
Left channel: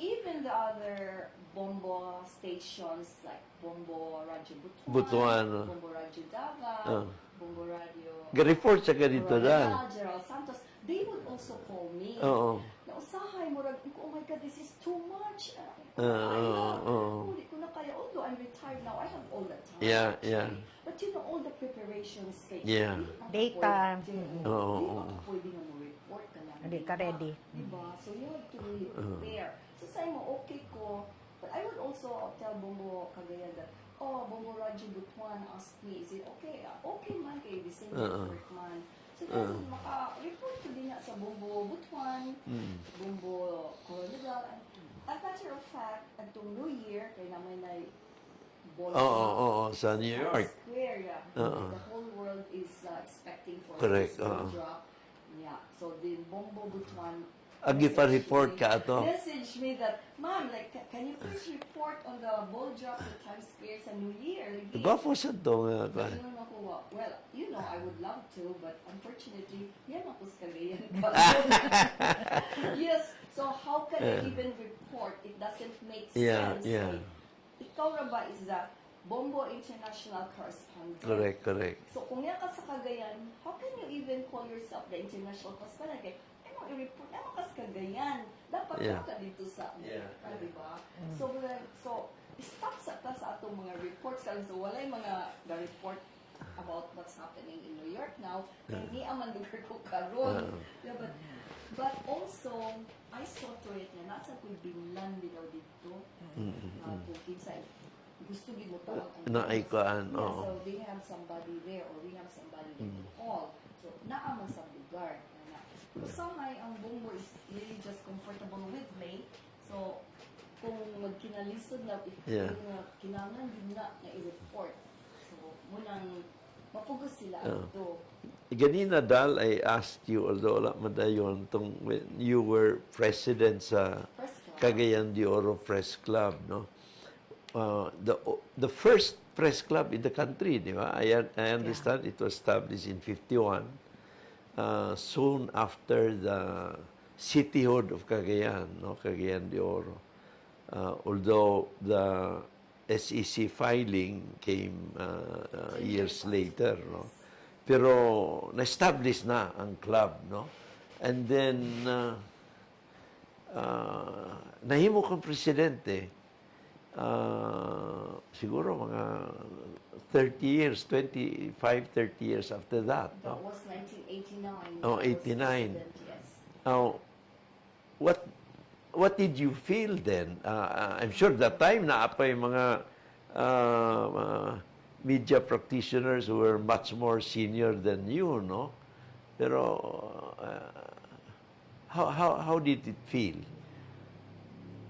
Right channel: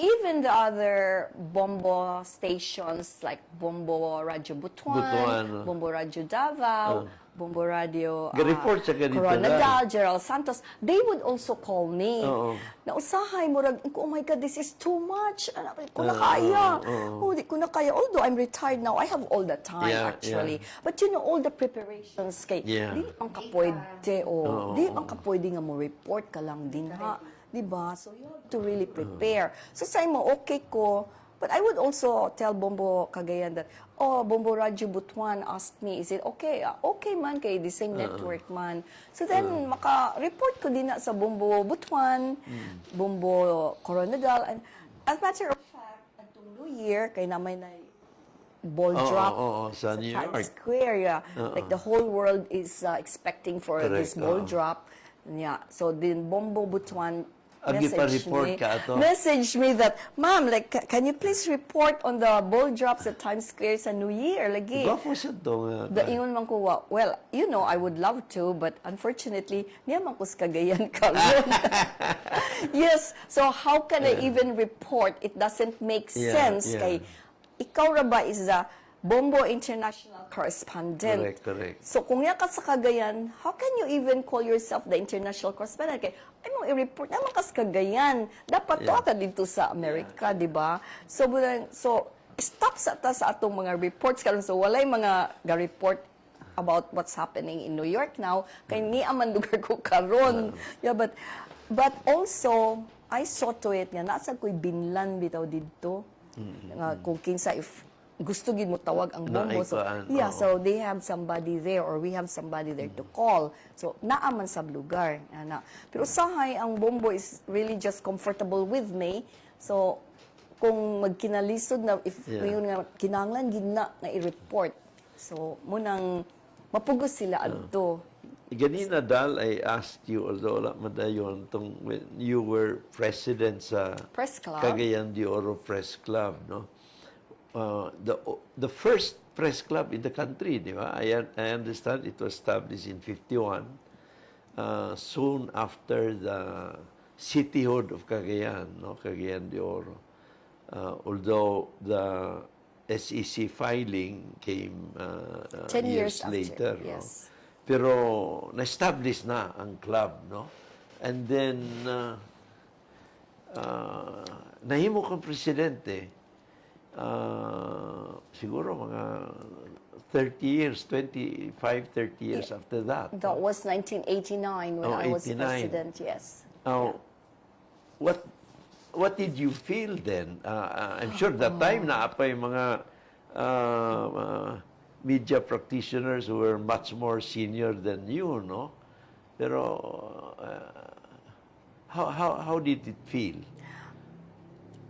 even the other Bombo stations like Bombo Radio Butuan. Bombo Radio Davao, Bombo Radio Ga-report siya ganito Coronadal, lang. Gerald Santos, they would also call me. Oo. Nausahay mo rag, oh my God, this is too much. Anak, di ko na kaya. Oh, di ko na kaya. Although I'm retired now, I have all the time Yeah, actually. yeah. But you know, all the preparations kay, Yeah. di ang Data. kapwede, Oo, di ang kapwede nga mo report ka lang Hindi din ka ha. ready. Di ba? So you have to really prepare. So say mo, okay ko, but I would also tell Bombo Cagayan that, oh, Bombo Radio Butuan asked me, is it okay? Okay man, kay the same network man. So then, maka-report ko din na sa Bombo Butuan, Bombo Coronadal. And as a matter of fact, atong New Year, kay naman na ball drop Sa New Times York. Square, yeah. Like the whole world is expecting for Correct, this ball drop. Yeah. So then Bombo Butuan Agi pa messaged report me- ka ato. Message me that, ma'am, like, can you please report on the ball drops at Times Square sa New Year? Lagi. Gwapo siya to nga. Ingon man ko, well, you know, I would love to, but unfortunately, niya man ko sa Cagayan ka. Yes, so how can I even report? It doesn't make Yeah, sense. yeah. Kay, ikaw ra ba is the Bombo International Correspondent. Correct. So kung yan ka sa Cagayan, how can you even call yourself the international correspondent? Kay, ay mong i-report naman ka sa Cagayan. Dapat Yeah. ka dito sa Amerika, di ba? So, stop sa atong mga reports karon. So walay mga ga-report about what's happening in New York now. Kay ni aman lugar ko karon. Yeah, but also I saw to it nga nasa ko'y binlan bitaw didto. Kung kinsa if gusto gid mo tawag ang Bombo. So, Naikuan, yeah, oo. so they have somebody there or we have somebody there to call. So naaman sa lugar. Ana. Pero sahay ang Bombo is really just comfortable with me. So kung magkinalisod na if Yeah. yun nga kinahanglan gid na i-report. So munang mapugos sila adto. Ganina, Dal, I asked you, although wala madayon, when you were president sa Press Club. Cagayan de Oro Press Club, no? The first press club in the country, di ba? I understand it was established in 51, soon after the cityhood of Cagayan, no? Cagayan de Oro. Although the SEC filing came 10 years after, later, no? yes. Pero na-establish na ang club, no? And then nahimo kang presidente. Siguro mga 30 years, 25, 30 years after that. That was 1989 when Oh, I was 89. president, yes. Now, what did you feel then? I'm sure that time na pa yung mga media practitioners who were much more senior than you, no? Pero how did it feel?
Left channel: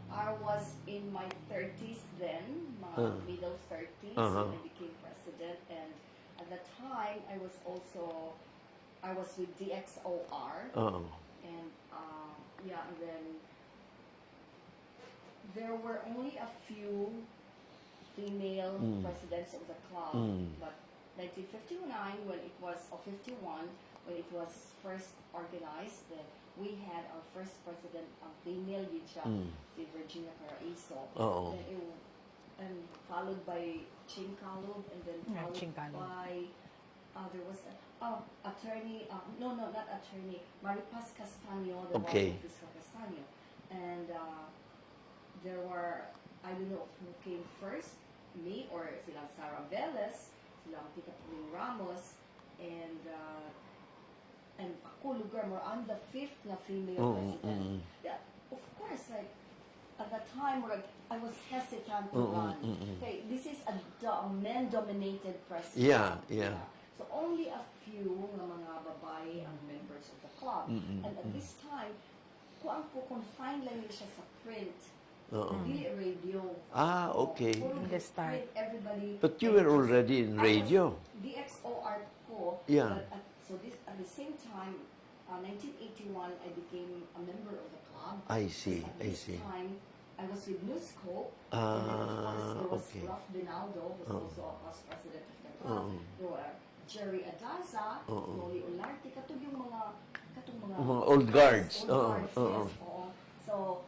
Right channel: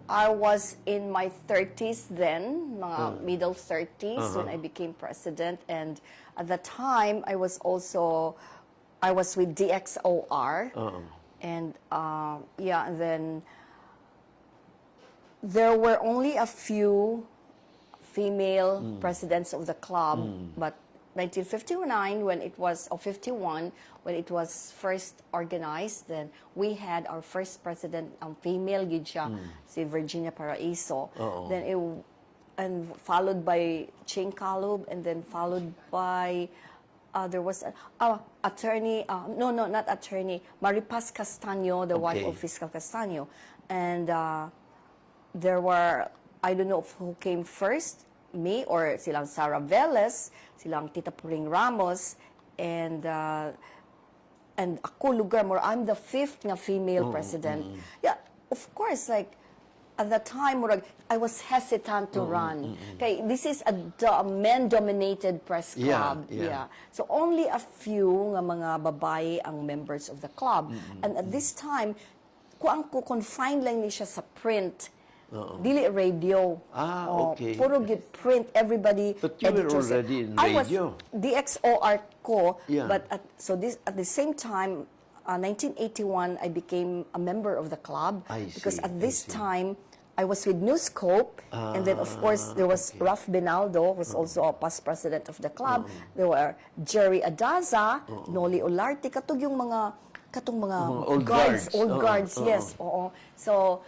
I was in my 30s then, mga middle 30s when I became president. And at the time, I was with DXOR. And yeah, and then there were only a few female presidents of the club, but 1959 when it was, or 51, when it was first organized, then we had our first president, female gid siya, si Virginia Paraiso. Then and followed by Ching Calub, and then followed by there was attorney, no, not attorney, Maripas Castaño, the wife Okay. of Fiscal Castaño. And there were, I don't know who came first, me or silang Sara Velez, silang Tita Puring Ramos, and ako lugar more. I'm the fifth nga female president. Yeah, of course, like at the time, murag, I was hesitant to run. Okay, this is a men-dominated press club. Yeah. So only a few nga mga babae ang members of the club. And at this time, kuang ko confine lang ni siya sa print. Dili radio. Okay. Puro print, everybody. But you were editors. already in radio. I was DXOR ko, Yeah. but at the same time, 1981, I became a member of the club. I Because see, at I this see. time, I was with Newscope, and then of course there was Okay. Ralph Benaldo, who's also a past president of the club. There were Jerry Adaza, Noli Olarte, katong mga old guards. old guards, yes. Oo. So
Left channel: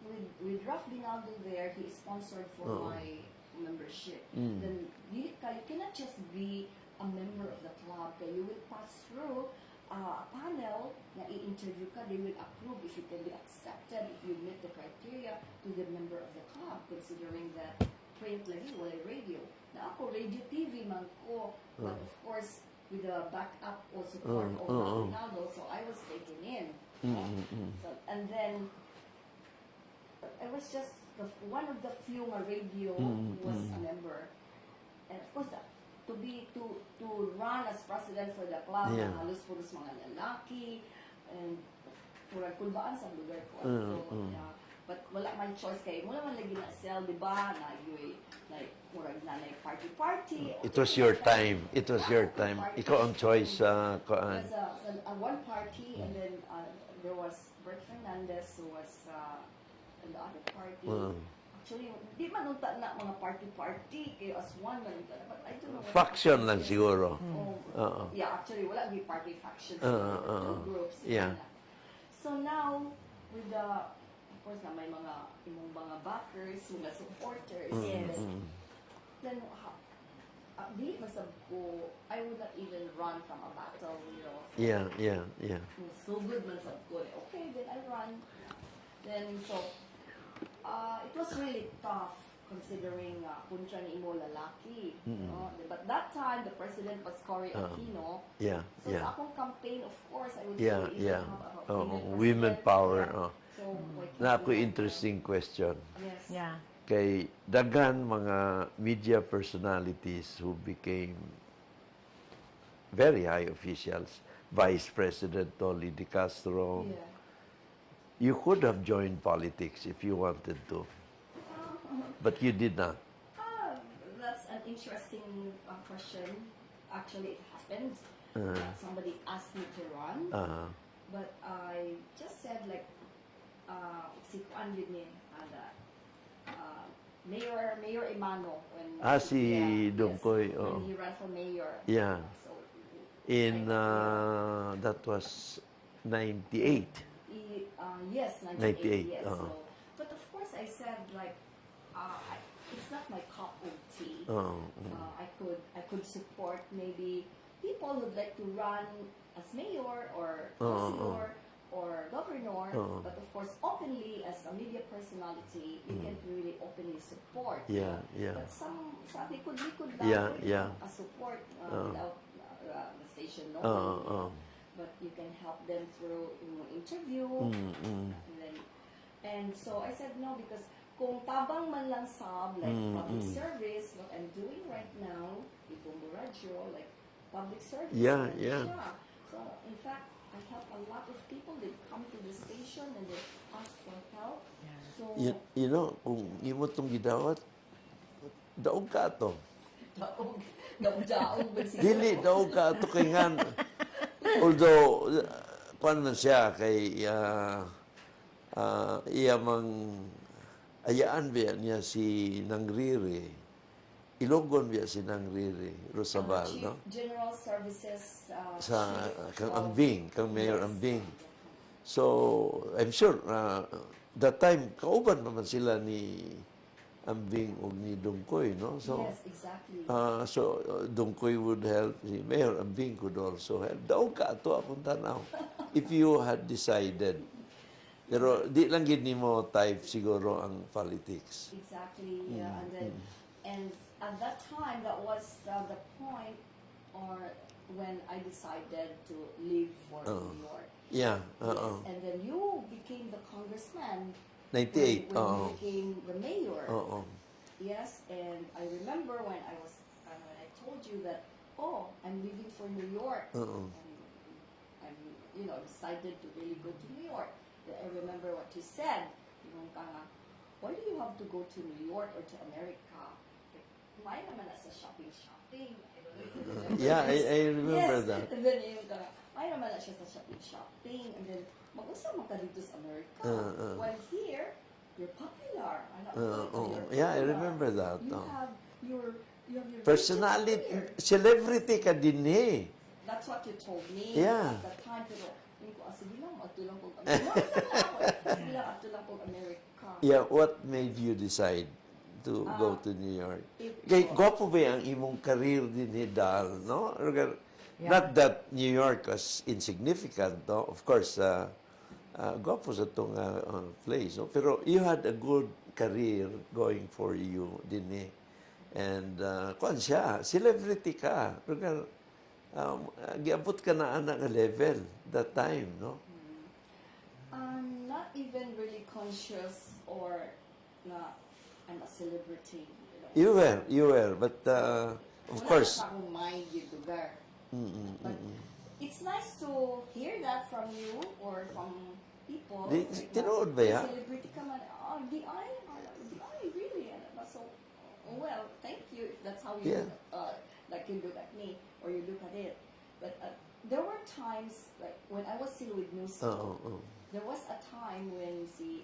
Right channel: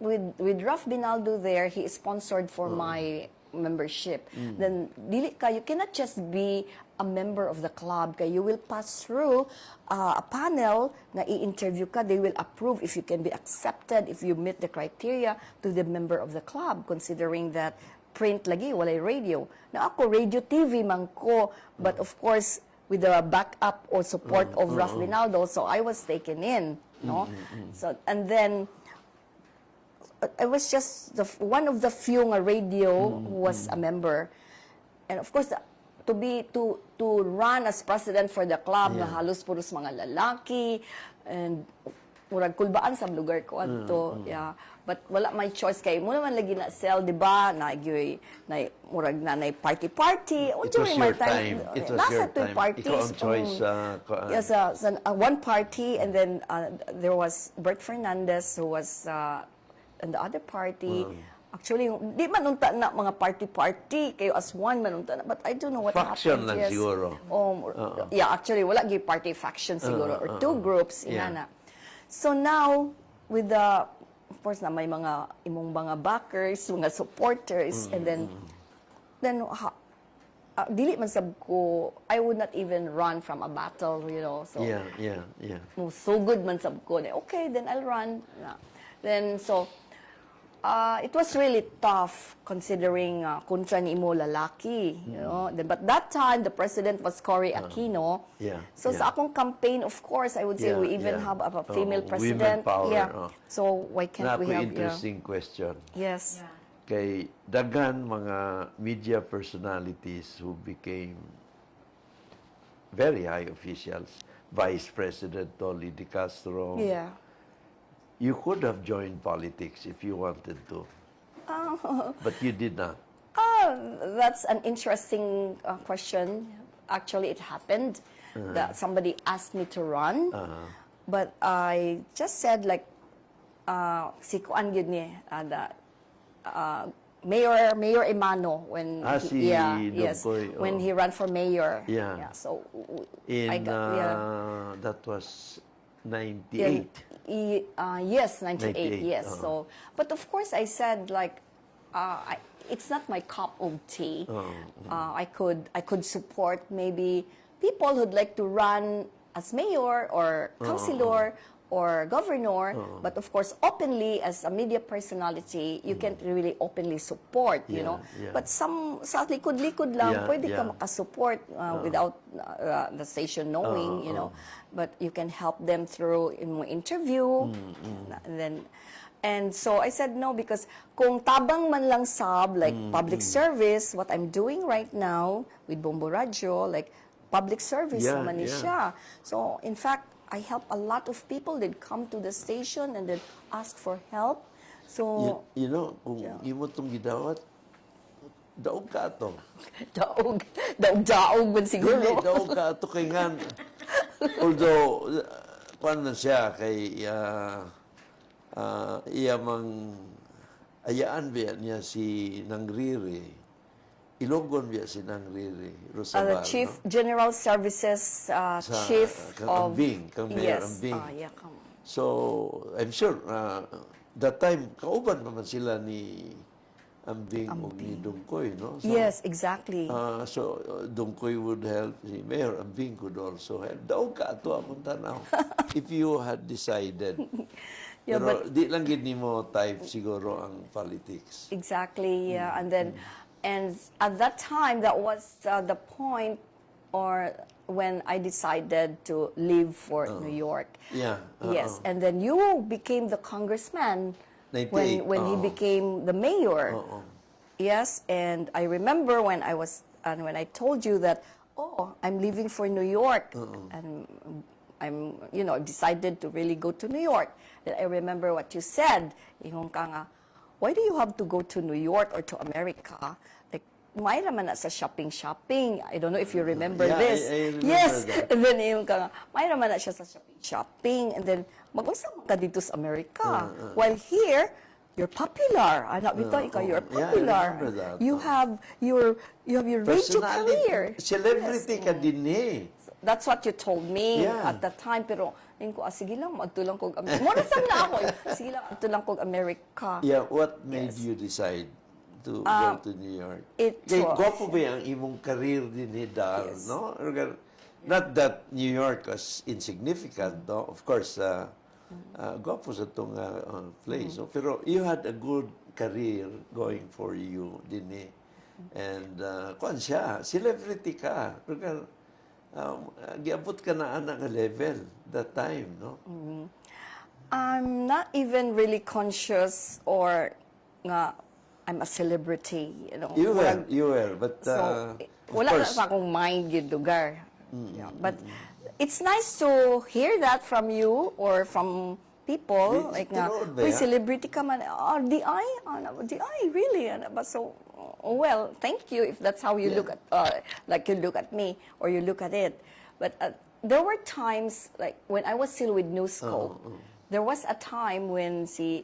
with Ralph Binaldo there, he is sponsored for my membership. Then dili ka, you cannot just be a member of the club. Kaya you will pass through a panel na i-interview ka. They will approve if you can be accepted, if you meet the criteria to the member of the club, considering that print lagi, walay radio. Na ako, radio TV man ko, but of course, with the backup or support of Ralph Binaldo, so I was taken in. No? So, and then, I was just one of the few nga radio who was a member. And of course, to run as president for the club na halos puros mga lalaki and murag kulbaan sa lugar ko adto. Yeah. But wala may choice kay mo naman lagi na sell, di ba? Na murag na party. It was your time. It was your time. Ikaw ang choice. Yes, one party, and then there was Bert Fernandez who was in the other party. Actually, di man unta na mga party kayo as one man unta na, but I don't know what Faction happened. lang siguro. Yeah, actually wala gyud party faction siguro or two groups na. So now with the of course na may mga imong mga backers, mga supporters, and then dili man sab ko, I would not even run from a battle, you know. So so good man sab ko. Okay, then I'll run. Yeah. Then so it was really tough considering kontra ni imo lalaki, you know. But that time the president was Cory Aquino. So sa akong campaign, of course, I would say we even have a female president. Women power. So why can't we have? Interesting question. Yes. Yeah. Kay daghan mga media personalities who became very high officials, Vice President Dolly De Castro. Yeah. You could have joined politics if you wanted to, but you did not. That's an interesting question. Actually, it happened that somebody asked me to run, but I just said like, si Kuan yun ni, Mayor Emano when si Dungkoy, when he ran for mayor. So that was 98. Yes, 98, yes. Uh-huh. So, but of course I said like, it's not my cup of tea. I could support maybe people who'd like to run as mayor or councilor or governor, but of course openly as a media personality, you can't really openly support, you know. But some sa likod-likod lang, pwede ka makasupport without the station knowing, you know. But you can help them through interview, and so I said no, because kung tabang man lang sab, like public service, what I'm doing right now with Bombo Radio, like public service naman siya. So in fact, I help a lot of people. They'd come to the station and they'd ask for help. So you know, kung imo tong gidawat, daog ka to. daog man siguro. Dili, daog ka to kay nga. Although, kuan man siya kay iya mang ayaan biya niya si Nangriri. Ilogon biya si Nangriri Rosabal, Chief no? General Services Chief kang Ambing, kang Mayor yes, Ambing. yeah, So, I'm sure, that time, kauban naman sila ni Ambing o ni Dungkoy, no? So, yes, exactly. So, Dungkoy would help, si Mayor Ambing could also help. Daog ka ato akong tanaw. If you had decided. Pero di lang gid nimo type siguro ang politics. Exactly, yeah. And then, and at that time, that was the point or when I decided to leave for New York. Yeah. Yes, and then you became the congressman 98. when you became the mayor. Yes, and I remember when when I told you that, I'm leaving for New York, and decided to really go to New York. Then I remember what you said. Ingon ka nga, why do you have to go to New York or to America? Like, may naman na sa shopping. I don't know if you remember Yeah, this. I remember yes. that. And then yung ka nga, may naman na siya sa shopping. And then, mag-unsa ka dito sa Amerika. While here, you're popular. Anak bito, ikaw, you're popular. Yeah, I remember that. You have your radio Personality, career. celebrity ka din eh. That's what you told me Yeah. at the time. Pero, ko, sige lang, magtulang kog Amerika. Muna na ako. Sige lang, magtulang kog Amerika. Yeah, what made you decide to go to New York? it Kay was- gwapo ba ang imong career din ni Dar, no? Not that New York was insignificant, no? Of course, gwapo sa itong place, no? Pero you had a good career going for you din eh. And, kuan siya, celebrity ka. Giabot ka na nga level that time, no? I'm not even really conscious or nga I'm a celebrity, you know. You were, but So, of wala course, na pa akong mind yung lugar. Yeah, but it's nice to hear that from you or from people. Like tinuod ba "Uy, yan?" celebrity ka man. Oh, di ay? Di ay, really? Ba? So, well, thank you if that's how you Yeah. look at, like you look at me or you look at it. But there were times, like when I was still with New School, there was a time when si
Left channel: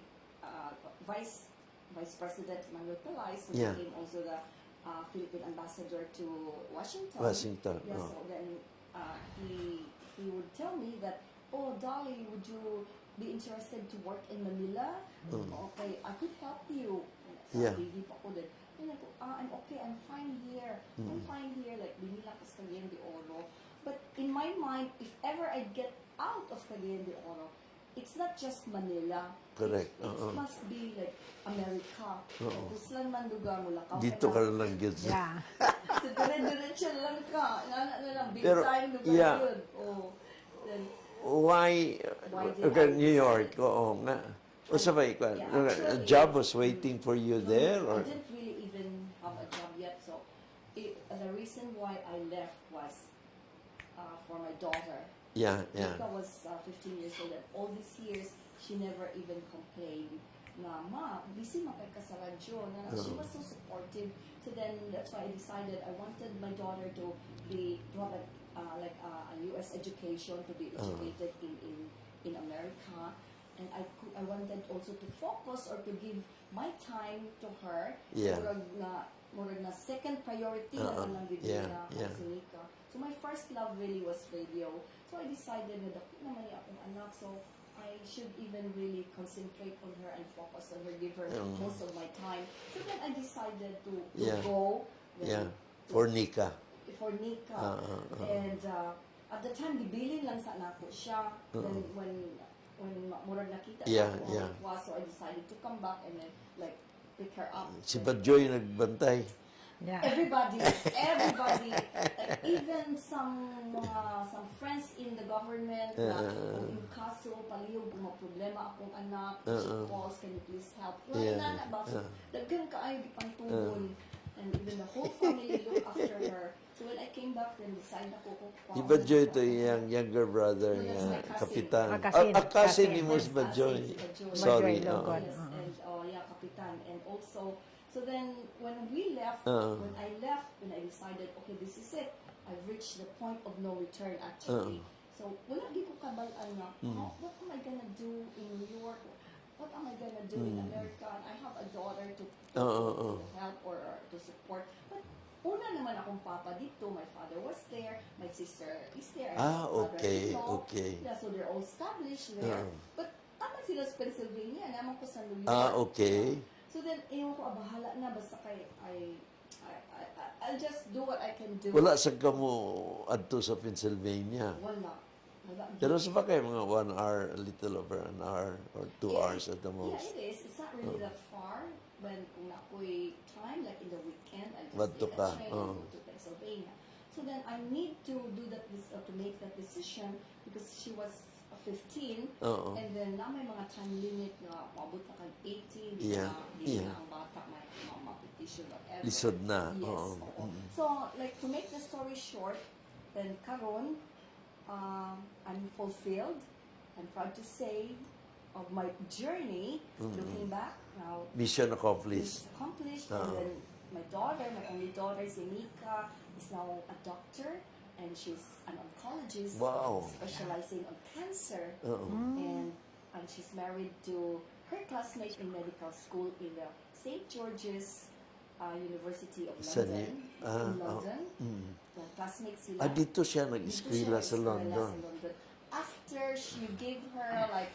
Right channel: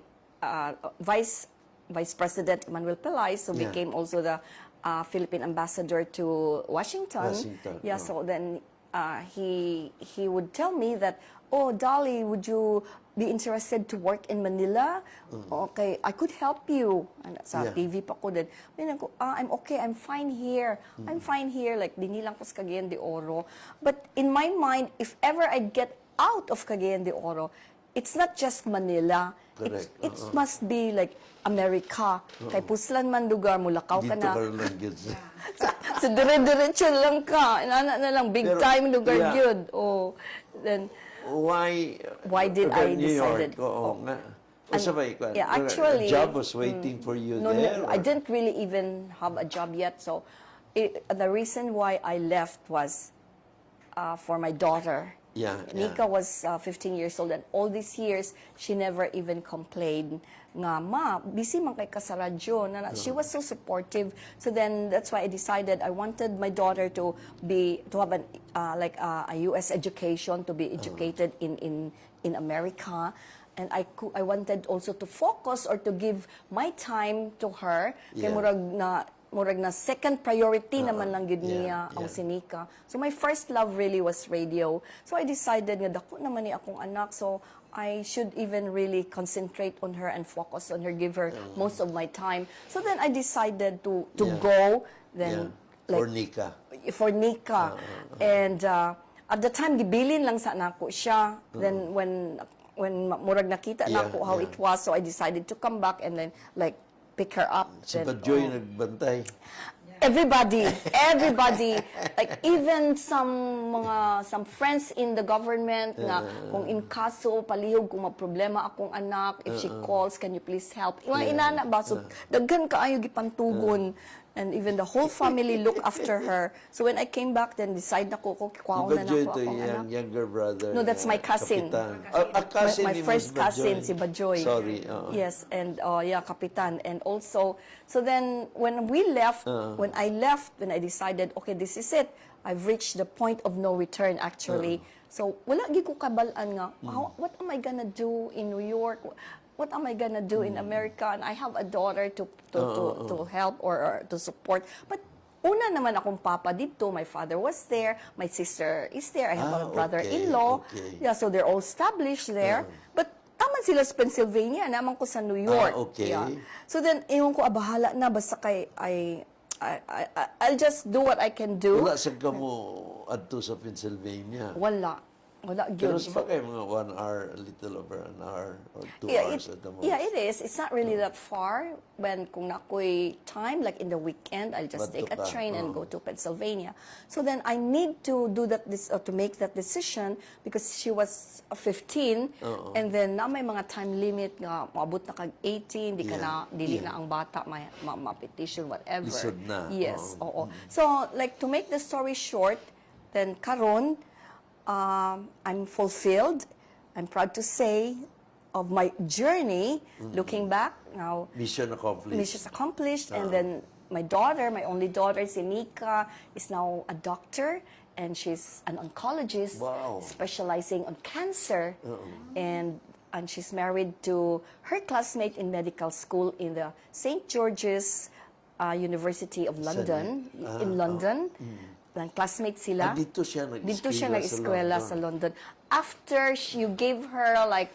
Vice President Manuel Pelay, so Yeah. became also the Philippine ambassador to Washington. Yeah, so then he would tell me that, oh, Dolly, would you be interested to work in Manila? Okay, I could help you. And sa Yeah. TV pa ko din. Ko, I'm okay, I'm fine here. I'm fine here. Like, dinilang ko sa Cagayan de Oro. But in my mind, if ever I'd get out of Cagayan de Oro, it's not just Manila. Correct. It must be like America. Kay puslan man lugar, mulakaw ka dito na. ka lang yun. So, dire-diretso lang ka. Inana na lang, big Pero, time lugar yeah. yun. Oh, then, Why did I New York? decided- Oo nga. O sabay, yeah, a actually, job was waiting for you no, there? I or- didn't really even have a job yet. So, the reason why I left was for my daughter. Yeah, yeah. Nika was 15 years old, and all these years, she never even complained nga, ma, busy man kay ka sa radyo. She was so supportive. So then, that's why I decided I wanted my daughter to have an, a U.S. education, to be educated in America. And I wanted also to focus or to give my time to her. Kaya Yeah. murag na second priority naman lang yun niya ang sinika. So my first love really was radio. So I decided nga dako naman ni akong anak, so I should even really concentrate on her and focus on her, give her most of my time. So then I decided to Yeah. go then For Nika. for Nika. And at the time gibilin lang sa nako siya. Then when murag nakita na ako how it was, so I decided to come back and then like pick her up. Si Then, Badjoy nagbantay. everybody, like even some friends in the government na kung in kaso palihog kung problema akong anak, if she calls, can you please help? Inana ba? So, daghan kaayo gipantugon. And even the whole family look after her. So when I came back, then decide na ko, Si kuwaw na Badjoy ako to akong yung anak. younger brother. No, that's my cousin. Kapitan. Cousin. Cousin My ni first Ms. Badjoy. cousin, si Badjoy. Sorry. Yes, and Kapitan. And also, so then when we left, when I I decided, okay, this is it. I've reached the point of no return actually. So wala gi ko kabalaan nga, what am I gonna do in New York? What am I gonna do in America? And I have a daughter to help or to support. But una naman akong papa dito. My father was there. My sister is there. I have a brother-in-law. okay. Yeah, so they're all established there. But taman sila sa Pennsylvania, naman ko sa New York. Okay. Yeah. So then, iwan ko, bahala na, basta kay, I'll just do what I can do. Wala sa kamo adto sa Pennsylvania. Wala. Pero sa bagay, mga 1 hour, a little over an hour or 2 hours at the most. Yeah, it is. It's not really that far. When kung nakoy time, like in the weekend, I'll just take a Badto ka. train and go to Pennsylvania. So then I need to do that to make that decision because she was 15 and then na may mga time limit nga maabot na kag 18, di ka na dili na ang bata ma-petition whatever. Lisod na. Yes, oo. So like to make the story short, then karon I'm fulfilled. I'm proud to say of my journey. Looking back now, Mission accomplished. mission accomplished, and then my daughter, my only daughter, Sinika, is now a doctor, and she's an oncologist, Wow. specializing on cancer, and she's married to her classmate in medical school in the St. George's University of London, in London. Ang classmate sila. Dito siya Dito siya nag-eskwela nag-eskwela sa London. After you gave her like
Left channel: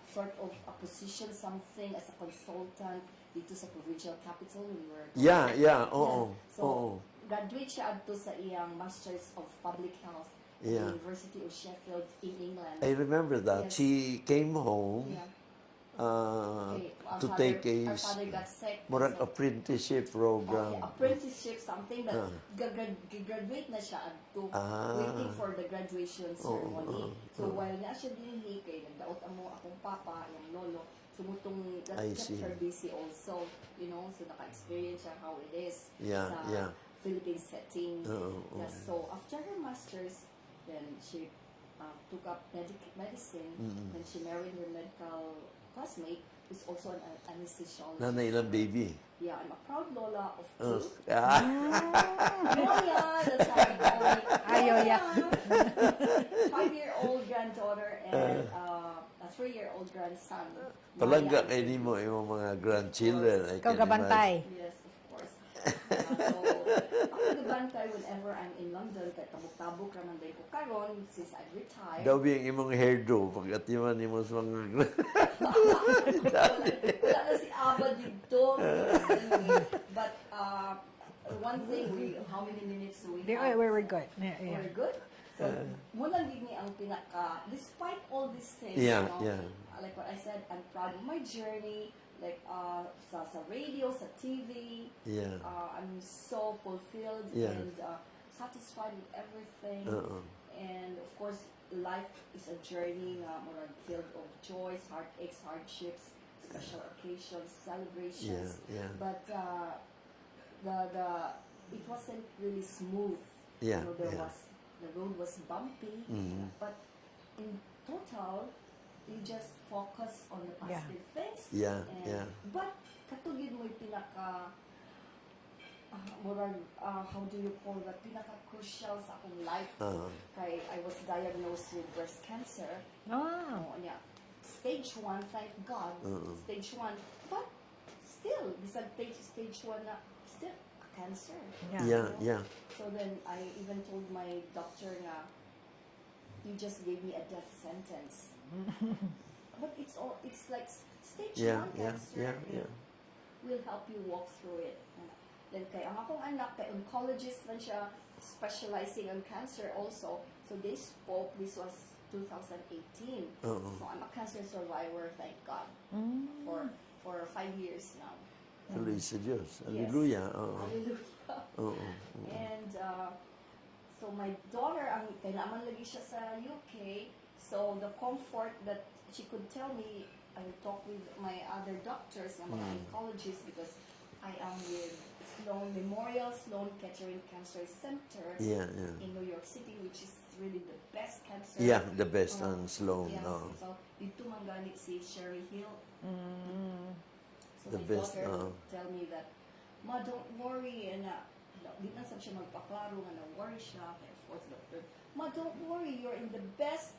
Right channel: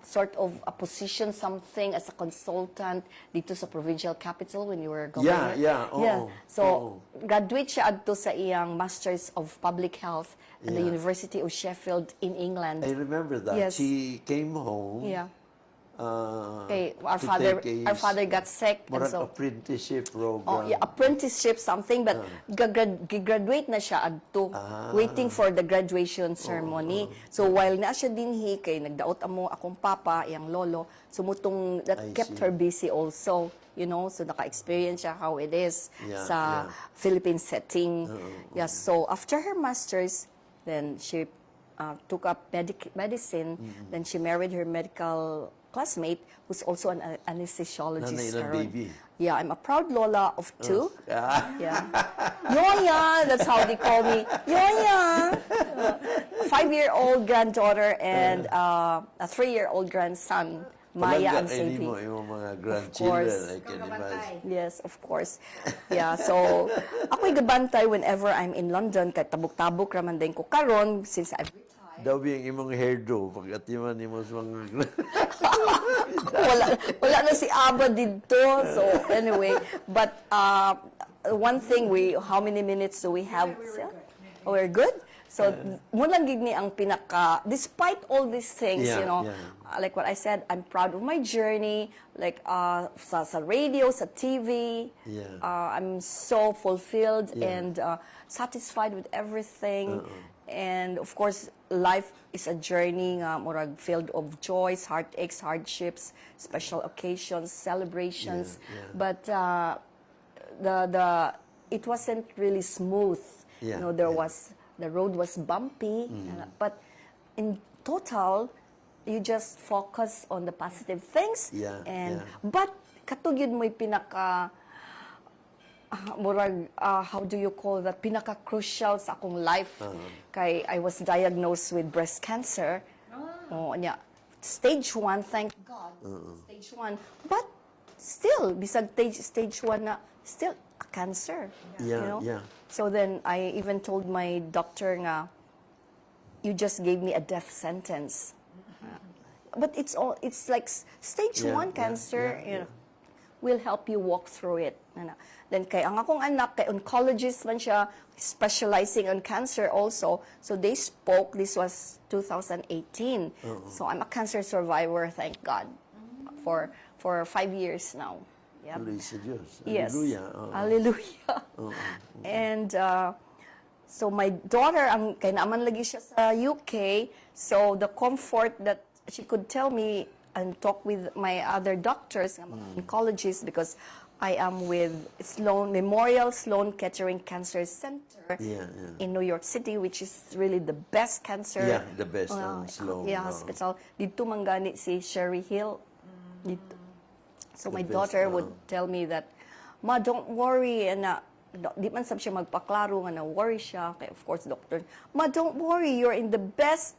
sort of a position, something as a consultant dito sa provincial capital when you were governor. Oo. So, graduate siya adto sa iyang Masters of Public Health at the University of Sheffield in England. I remember that. Yes. She came home Yeah. to Our father got sick. and murag so- apprenticeship program. apprenticeship something, but graduate na siya adto, waiting for the graduation ceremony. So while na siya dinhi kay nagdaot amo akong papa, iyang lolo, sumutong that I kept see. her busy also, you know, so naka-experience siya how it is Yeah, sa yeah. Philippine setting. Yes, so after her masters, then she took up medicine, then she married her medical classmate who's also an anesthesiologist. Nanay ng sir. baby. Yeah, I'm a proud Lola of two. Ah, Yeah. Nyonya, that's how they call me. Nyonya. 5-year-old granddaughter and a 3-year-old grandson. Maya palangga and kayo Sylvie. mo yung mga grandchildren. I Ikaw can gabantay. imagine. Yes, of course. Yeah, so ako'y gabantay whenever I'm in London, kay tabok-tabok raman din ko karon since I've retired. Daw yung imong hairdo, pag-atiman mo sa mga wala na si Aba dito. So anyway, but one thing, how many minutes do we have? We're good. Yeah, Oh, we're good? So, mo lang gid ni ang pinaka, despite all these things, Yeah, you know, yeah. like what I said, I'm proud of my journey, like sa radio, sa TV. Yeah. I'm so fulfilled Yeah. and satisfied with everything. And of course, life is a journey murag filled of joys, heartaches, hardships, special occasions, celebrations. Yeah, yeah. But it wasn't really smooth. Yeah, You know, the road was bumpy, but in total, you just focus on the positive things. Yeah, And yeah. but katong yun mo'y pinaka murag how do you call that, pinaka crucial sa akong life. Kay I was diagnosed with breast cancer. Oh, nya stage 1, thank God. Stage 1. But still bisag stage 1 na still a cancer. Yeah, you know? yeah. So then I even told my doctor nga, you just gave me a death sentence. But it's like stage Yeah, 1 yeah, cancer, yeah, you know, will help you walk through it. Then kay ang akong anak, kay oncologist man siya, specializing on cancer also. So they spoke, this was 2018. So I'm a cancer survivor, thank God, for 5 years now. Yeah. Hallelujah sa Diyos. Yes. Hallelujah. Oo. Hallelujah. And so my daughter, ang kay naaman lagi siya sa UK, so the comfort that she could tell me and talk with my other doctors, mga oncologists, because I am with Memorial Sloan Kettering Cancer Center Yeah, yeah. in New York City, which is really the best cancer. Yeah, the best on Sloan. Yeah, oo. hospital. Dito manggani si Sherry Hill. Dito. So The my best, daughter would tell me that, Ma, don't worry. And di man sab siya magpaklaro nga na worry siya. Kaya of course, doctor, Ma, don't worry. You're in the best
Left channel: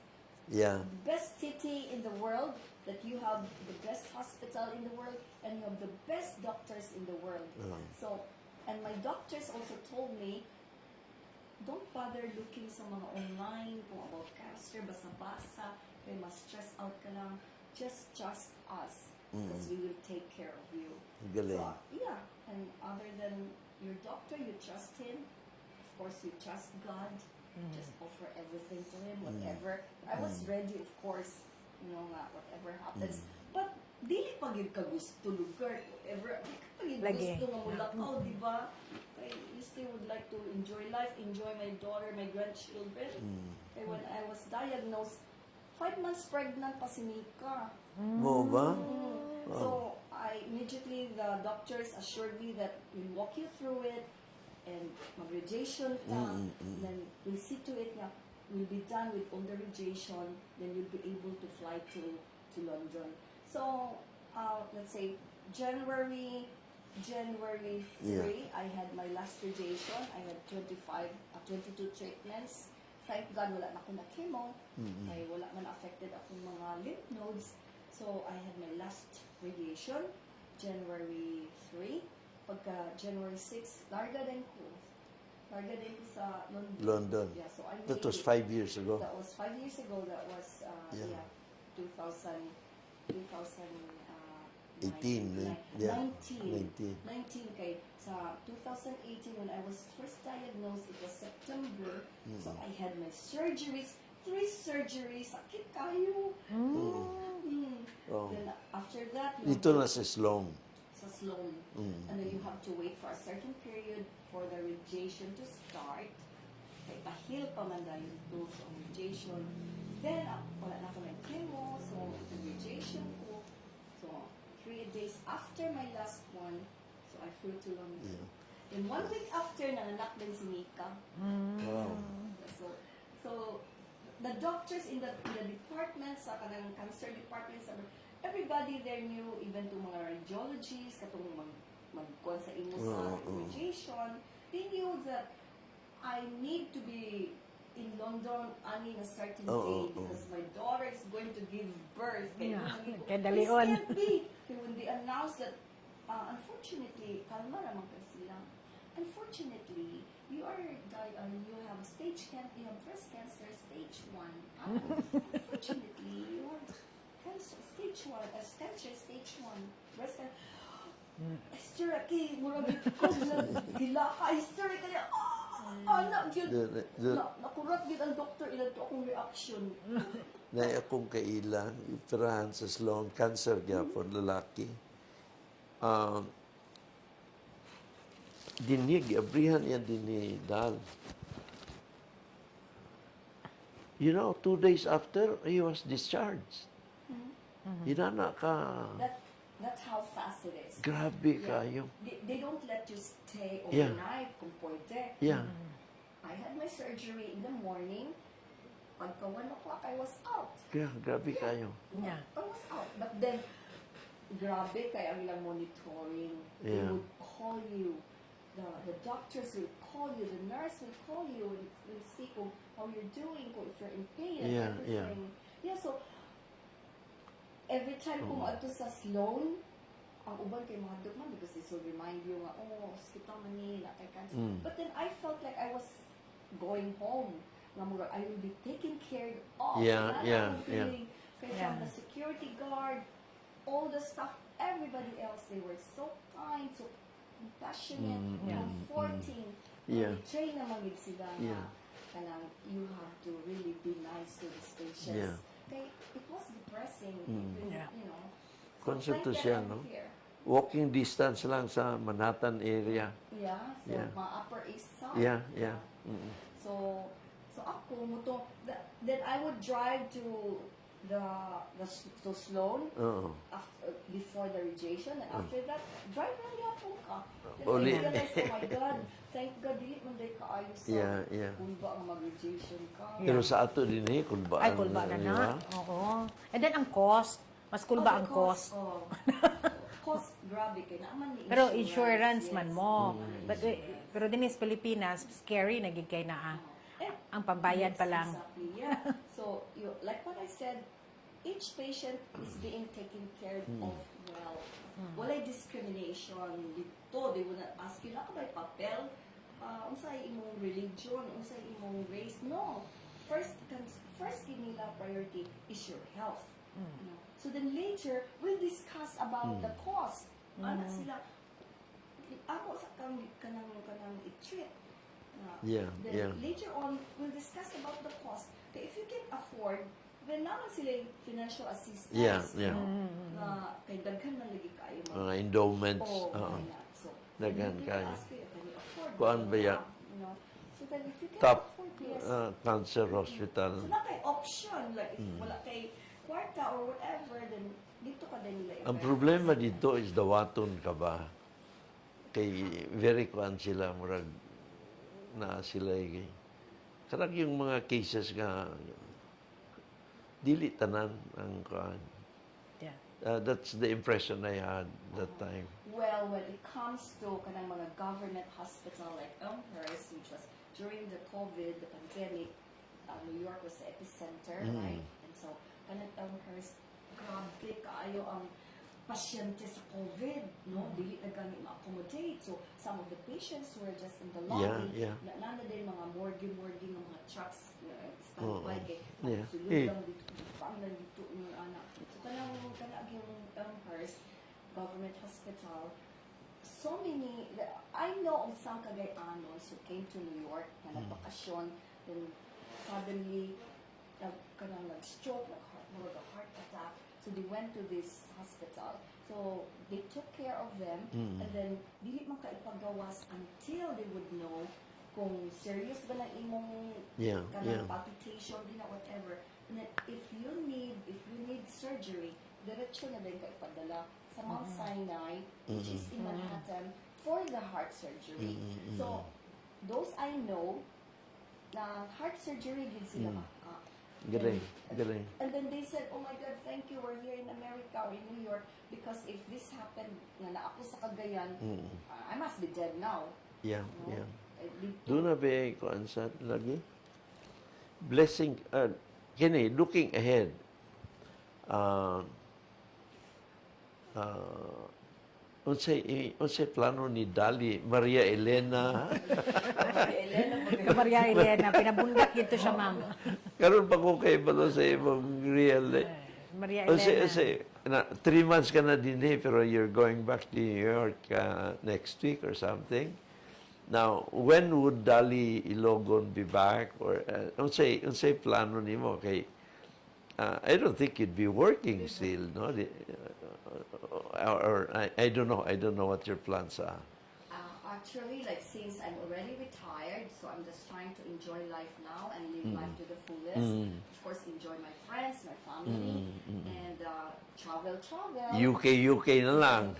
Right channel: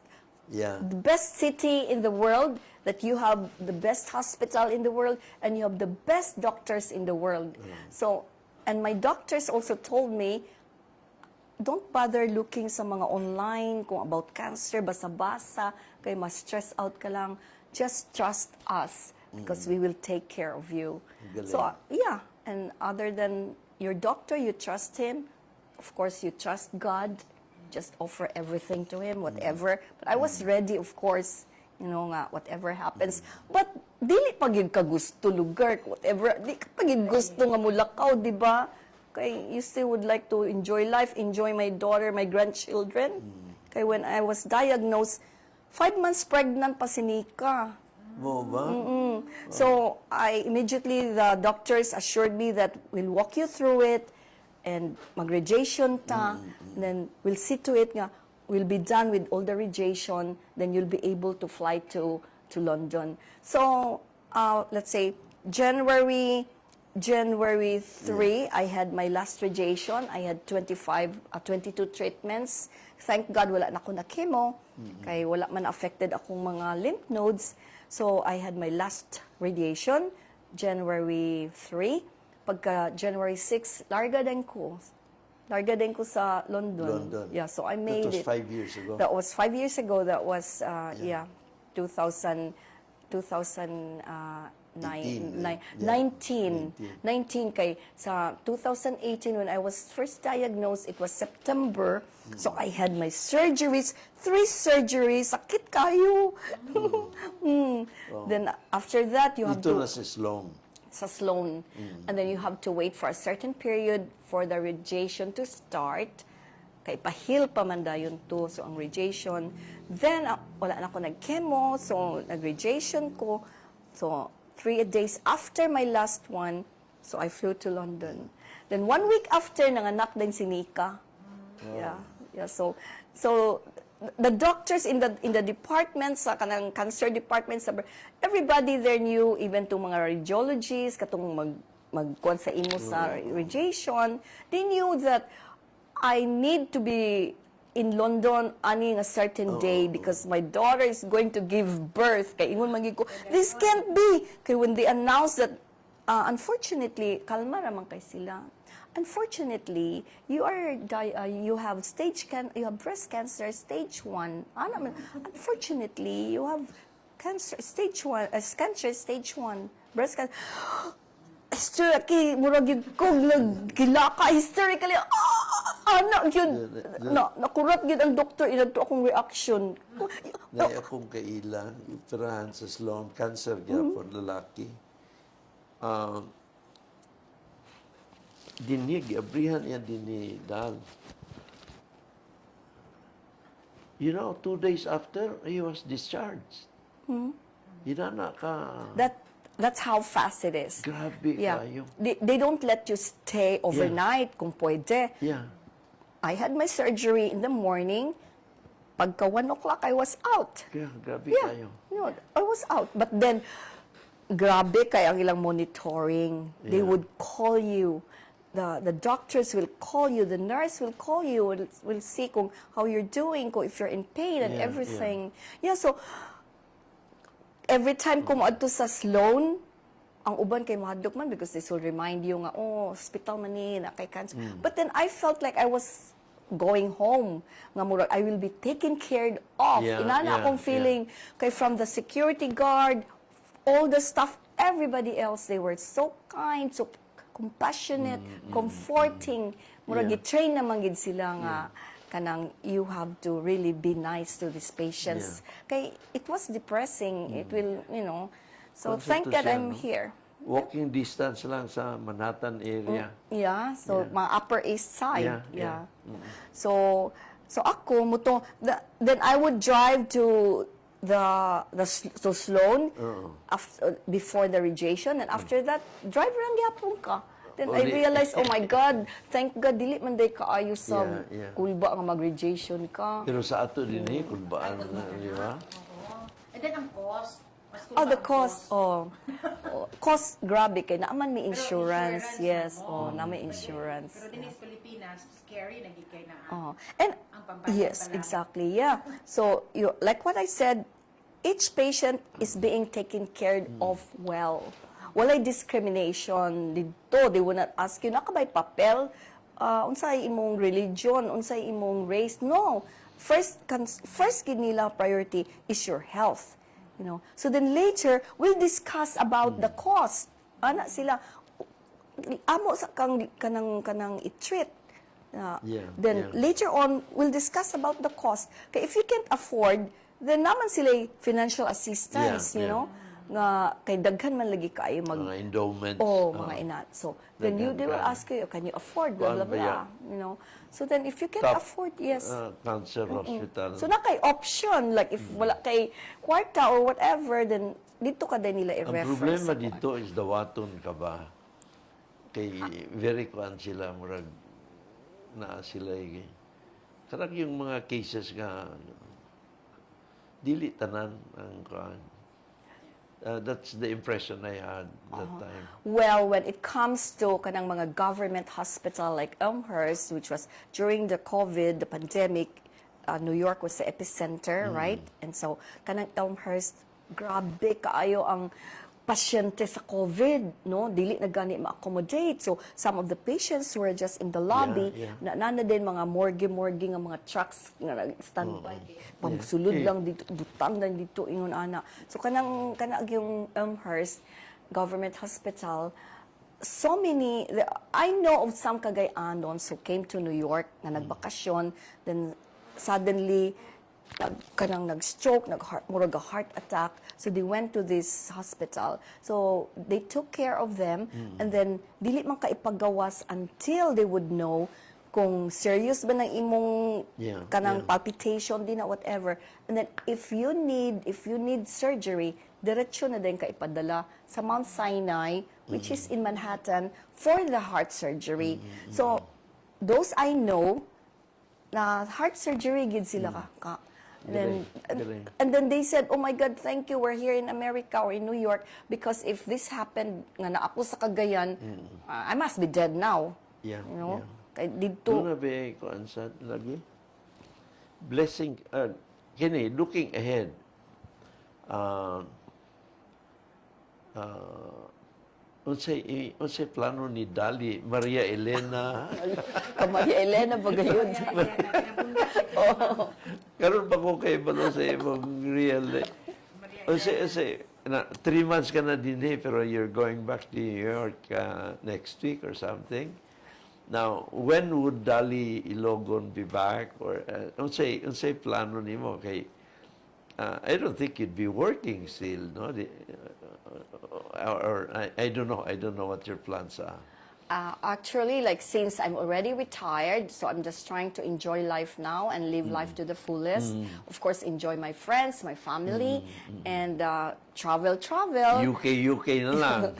city in the world, that you have the best hospital in the world, and you have the best doctors in the world. So, and my doctors also told me, don't bother looking sa mga online kung about cancer, basa-basa, kaya ma-stress out ka lang. Just trust us because we will take care of you. Galing. So, yeah. And other than your doctor, you trust him. Of course, you trust God. Just offer everything to him, whatever. But I was ready, of course, you know nga, whatever happens. But dili pagid ka gusto lugar, whatever. Di ka pagid gusto nga mulakaw, di ba? Kay you still would like to enjoy life, enjoy my daughter, my grandchildren. Kay when I was diagnosed, 5 months pregnant pa si Nika. Mo ba? So the doctors assured me that we'll walk you through it and mag-radiation ta, then we'll see to it nga we'll be done with all the radiation, then you'll be able to fly to London. So, let's say, January 3, I had my last radiation. I had 22 treatments. Thank God, wala na ako na chemo. Kaya wala man affected akong mga lymph nodes. So, I had my last radiation, January 3. Pagka January 6, larga din ko sa London. London. Yeah, so I made That was it. 5 years ago. That was 5 years ago. That was, 2019. 19 kay sa 2018 when I was first diagnosed, it was September. So I had my surgeries, 3 surgeries, sakit kayo. Then after that you have Ito to na sa Sloan. sa Sloan, and then you have to wait for a certain period for the radiation to start. Kay pahil pa man dayon to, so ang radiation. Then wala na ako nag-chemo, so nag-radiation ko. So 3 days after my last one, so I flew to London. Then 1 week after, nanganak din si Nika. Yeah. So the doctors in the departments, sa kanang cancer departments, everybody there knew, even to mga radiologists, katong magkuhan sa imo sa radiation, they knew that I need to be in London on a certain day because my daughter is going to give birth. Kaya ingon magi ko, this can't be. Kaya when they announced that, unfortunately, kalma ramang kay sila. Unfortunately, you have breast cancer stage 1. Unfortunately, you have cancer stage 1 breast cancer. Hysterically, murag yun ko, gilaka, hysterically, anak yun, nakurat yun ang doktor, inadto akong reaction. Na akong kailang, ipirahan sa Sloan, cancer gyapon lalaki. Dinig, abrihan yan dinidal. You know, 2 days after, he was discharged. Hinana ka. That's how fast it is. Grabe kayo. They don't let you stay overnight kung pwede. Yeah. I had my surgery in the morning. Pagka 1 o'clock, I was out. Kaya, grabe kayo. No, I was out. But then, grabe kay ang ilang monitoring. They would call you. The doctors will call you. The nurse will call you. Will see kung how you're doing, kung if you're in pain and everything. Yeah, so, every time ko moadto sa Sloan, ang uban kay mahadlok man because this will remind you nga, hospital man ni, na kay cancer. But then I felt like I was going home. Nga murag, I will be taken care of. Inana akong feeling. Kay from the security guard, all the staff, everybody else, they were so kind, so compassionate, comforting. Murag, i-train naman gid sila nga, kanang you have to really be nice to these patients. Kay it was depressing. It will, so thank God I'm here. Walking distance lang sa Manhattan area. Yeah, so mga Upper East Side. Yeah. So ako then I would drive to to Sloan before the radiation, and after that drive lang gyapon ka. Then I realized, oh my God, thank God, dili man day kaayo sa kulba nga mag-radiation ka. Pero sa ato din kulbaan kulba na, na di ba? Oo. And then ang cost, mas kulba The ang cost. Cost, grabe kay naaman may Pero insurance. insurance Yes, man mo. na may insurance. Pero din sa Pilipinas, scary nagig kay naa. And Ang pambayad yes, pa lang. exactly. Yeah. So, like what I said, each patient is being taken care of well. Walay discrimination dito. They will not ask you, nakabay papel? Unsay imong religion? Unsay imong race? No. First gid nila priority is your health. So then later, we'll discuss about the cost. Ana sila, amo sa kanang i-treat. Then later on, we'll discuss about the cost. Kaya if you can't afford, then naman sila financial assistance, nga kay daghan man lagi kaayo Mga endowments. mga inat. So then they will ask you, can you afford? Kuan Blah, ba blah, ya? blah. So then if you can't Top, afford, yes. Cancer hospital. So na kay option, like if wala kay kwarta or whatever, then dito ka din nila i-reference. Ang problema dito is dawaton ka ba? Kay very kuan sila murag na sila Karag yung mga cases nga, dili tanan ang kuan. That's the impression I had that time. Well, when it comes to kanang mga government hospital like Elmhurst, which was during the COVID, the pandemic, New York was the epicenter, right? And so, kanang Elmhurst, grabe kaayo ang pasyente sa COVID, no? Dili na gani ma-accommodate. So, some of the patients were just in the lobby. Nana din mga morgue nga mga trucks nga nag-standby. Pagsulod lang dito, butang lang dito, ingon ana. So, kanang yung Elmhurst Government Hospital, so many, I know of some Cagayano's who came to New York na nagbakasyon, then suddenly, kanang nag-stroke, murag a heart attack. So they went to this hospital. So they took care of them, and then dili man kaipagawas until they would know kung serious ba ng imong kanang palpitation din na whatever. And then if you need surgery, diretso na din kaipadala sa Mount Sinai, which is in Manhattan, for the heart surgery. So those I know na heart surgery gid sila ka. And then they said, oh my God, thank you, we're here in America or in New York, because if this happened nga na ako sa Cagayan, I must be dead now. Yeah, you know? Kaya dito. Doon na ba kuan sa lagi? Blessing, kini, looking ahead, unsay plano ni Dolly, Maria Elena? Maria Elena, Maria Elena, pinabundak ito siya. Karon pa ko kay balo sa imong real. Maria Elena. 3 months ka na din pero you're going back to New York next week or something. Now, when would Dolly Ilogon be back? Or unsay plano nimo kay I don't think you'd be working still, no? Or I don't know. I don't know what your plans are. Actually, like since I'm already retired, so I'm just trying to enjoy life now and live life to the fullest. Of course, enjoy my friends, my family, and travel. UK na lang.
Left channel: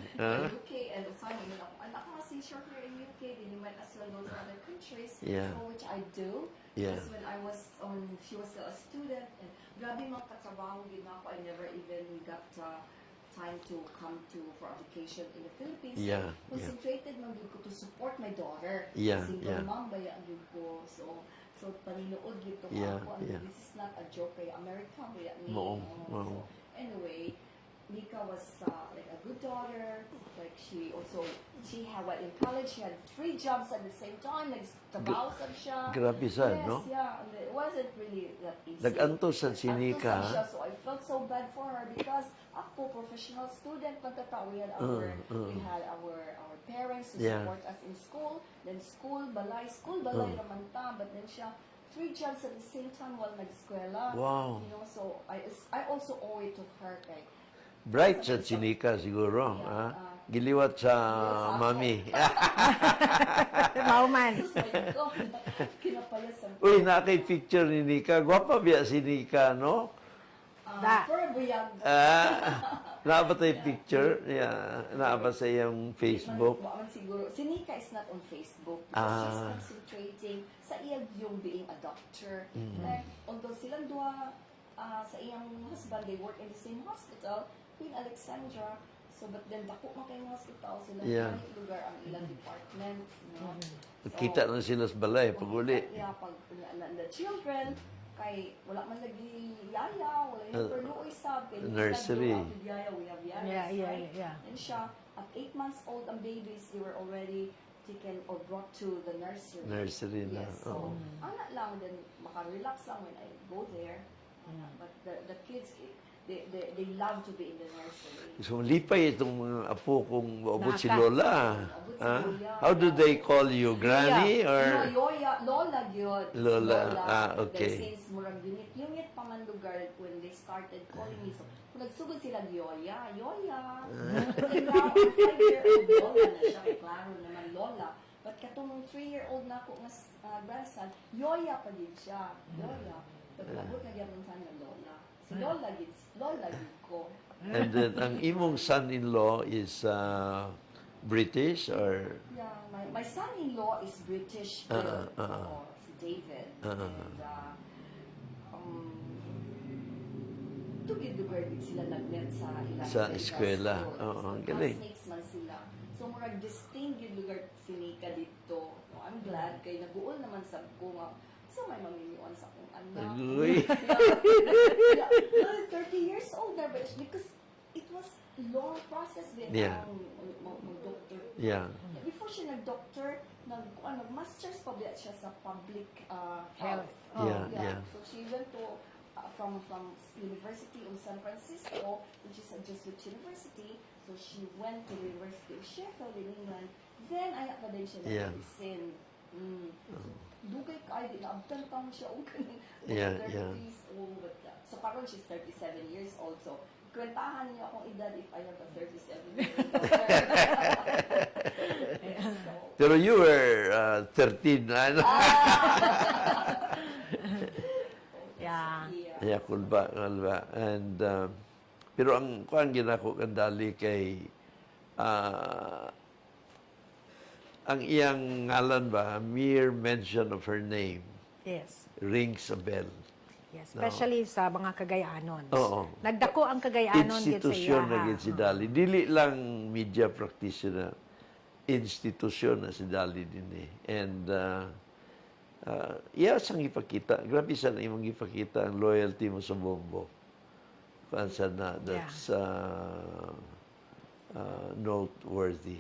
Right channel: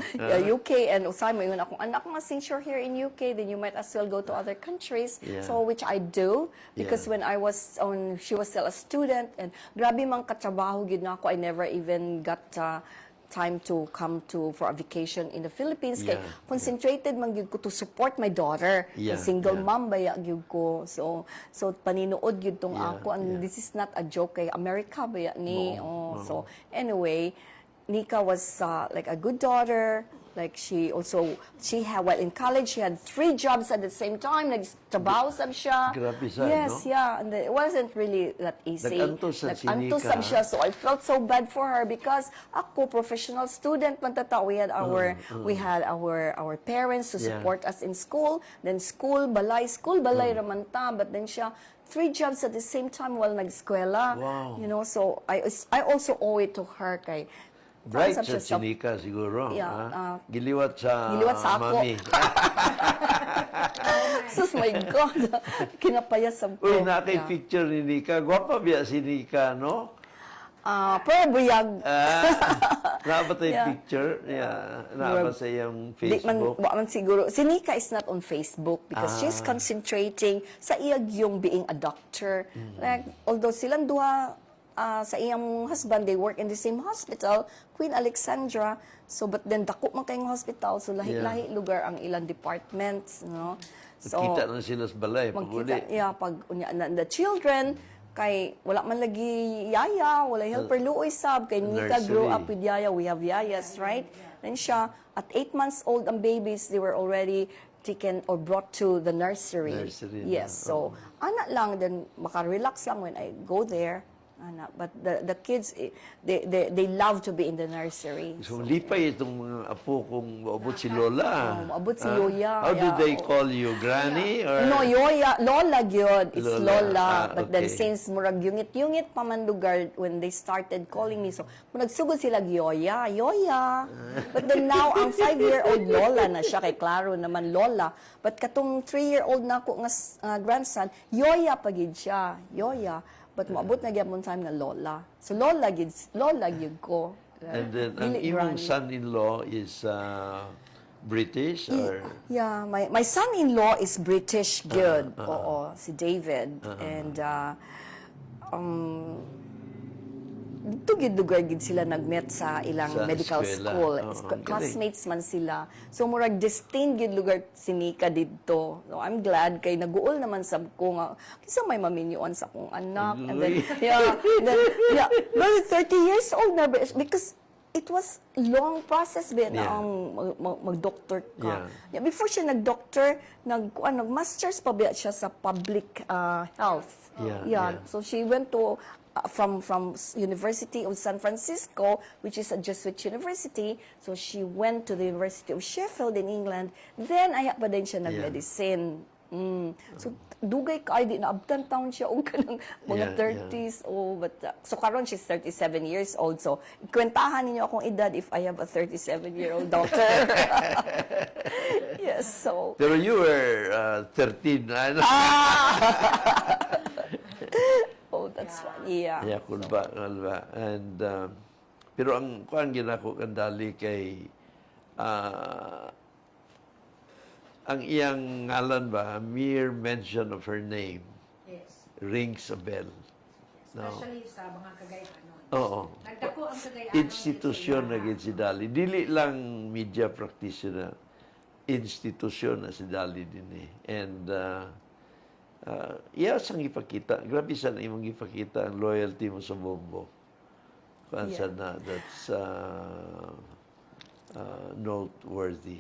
UK, and usay mo yun akong anak nga since you're here in UK, then you might as well go to other countries. So which I do, because when I was she was still a student, and grabe mang katrabaho gid na ako, I never even got time to come for a vacation in the Philippines. Concentrated man gyud ko to support my daughter. Single mom baya gyud ko. So paninuod gyud tong ako. This is not a joke kay America baya ni. So anyway, Nika was like a good daughter. Like she had, well, in college she had 3 jobs at the same time. Nagtrabaho sab siya. Grabe sad, yes, no? And it wasn't really that easy. Nag-antos sad si Nika. Nag-antos sad siya. So I felt so bad for her because ako, professional student, we had our parents to support us in school. Then school balay raman ta. But then siya 3 jobs at the same time while nag-eskwela. Wow. You know, so I also owe it to her kay Bright sa chinika siguro. Giliwat sa ako. mami. Oh man. Sus, my God. Kinapayas ang Uy, nakay picture ni Nika. Gwapa biya si Nika, no? Pero buyag. Naba tayo picture? Naba sa iyong Facebook? Man siguro. Si Nika is not on Facebook because she's concentrating sa iyag yung being a doctor. Like, although silang duha, sa iyang husband, they work in the same hospital, Queen Alexandra. So, but then, dako man kayong hospital, so lahi-lahi lugar ang ilang departments, no? So, kita na sila sa balay, pag uli. Pag the children, kay wala man lagi yaya, wala helper luoy sab, kay Nika grew up with yaya, we have yayas, right? Then siya, at 8 months old ang babies, they were already taken or brought to the nursery. Yes, so, anak lang, then maka-relax lang when I go there. But the kids, they love to be in the nursery. So, lipay itong mga apo kung maabot si Lola. Maabot si Lola. How do they call you? Granny? Or? No, Yoya. Lola gyud. It's Lola. But then okay. since murag yungit-yungit pa man lugar when they started calling me, so murag sugod sila Yoya. But then now, ang 5-year-old Lola na siya. Kay klaro naman Lola. But katong 3-year-old na ako nga grandson, Yoya pagid siya. Yoya. But maabot na gyapon time na Lola. So Lola gyud ko. And then ang imong son-in-law is British or Yeah, my son-in-law is British good. Oo, si David. And dito gid lugar gid sila nagmet sa ilang Sa medical eskwela. school. Galing. Classmates man sila. So murag destined gid lugar si Nika didto. So I'm glad kay naguol naman sab ko nga kisa may maminyoan sa akong anak. And then, Uy. yeah, well, 30 years old na because it was long process ba Yeah. mag-doctor ka. Yeah. Yeah, before siya nag-doctor, nag-masters pa ba siya sa public health. Yeah. So she went to from University of San Francisco, which is a Jesuit university. So she went to the University of Sheffield in England. Then aya pa din siya nag-medicine. So dugay ka ay di naabtan taon siya og kanang mga 30s. Oh, but so karon she's 37 years old. So kwentahan ninyo akong edad if I have a 37-year-old daughter. Yes, so Pero you were 13. Ano? oh, that's Yeah. yeah. Yeah, kulba. And, pero ang kuan ginako kandali kay ang iyang ngalan ba, mere mention of her name Yes. rings a bell. Yes. Especially sa mga Cagayanon. Oo. Nagdako ang Cagayanon Institusyon na gid si Dolly. Dili lang media practitioner. Institusyon na si Dolly din eh. And iya sang ipakita. Grabe sa imong ipakita ang loyalty mo sa Bombo. Kuan sa na that's noteworthy.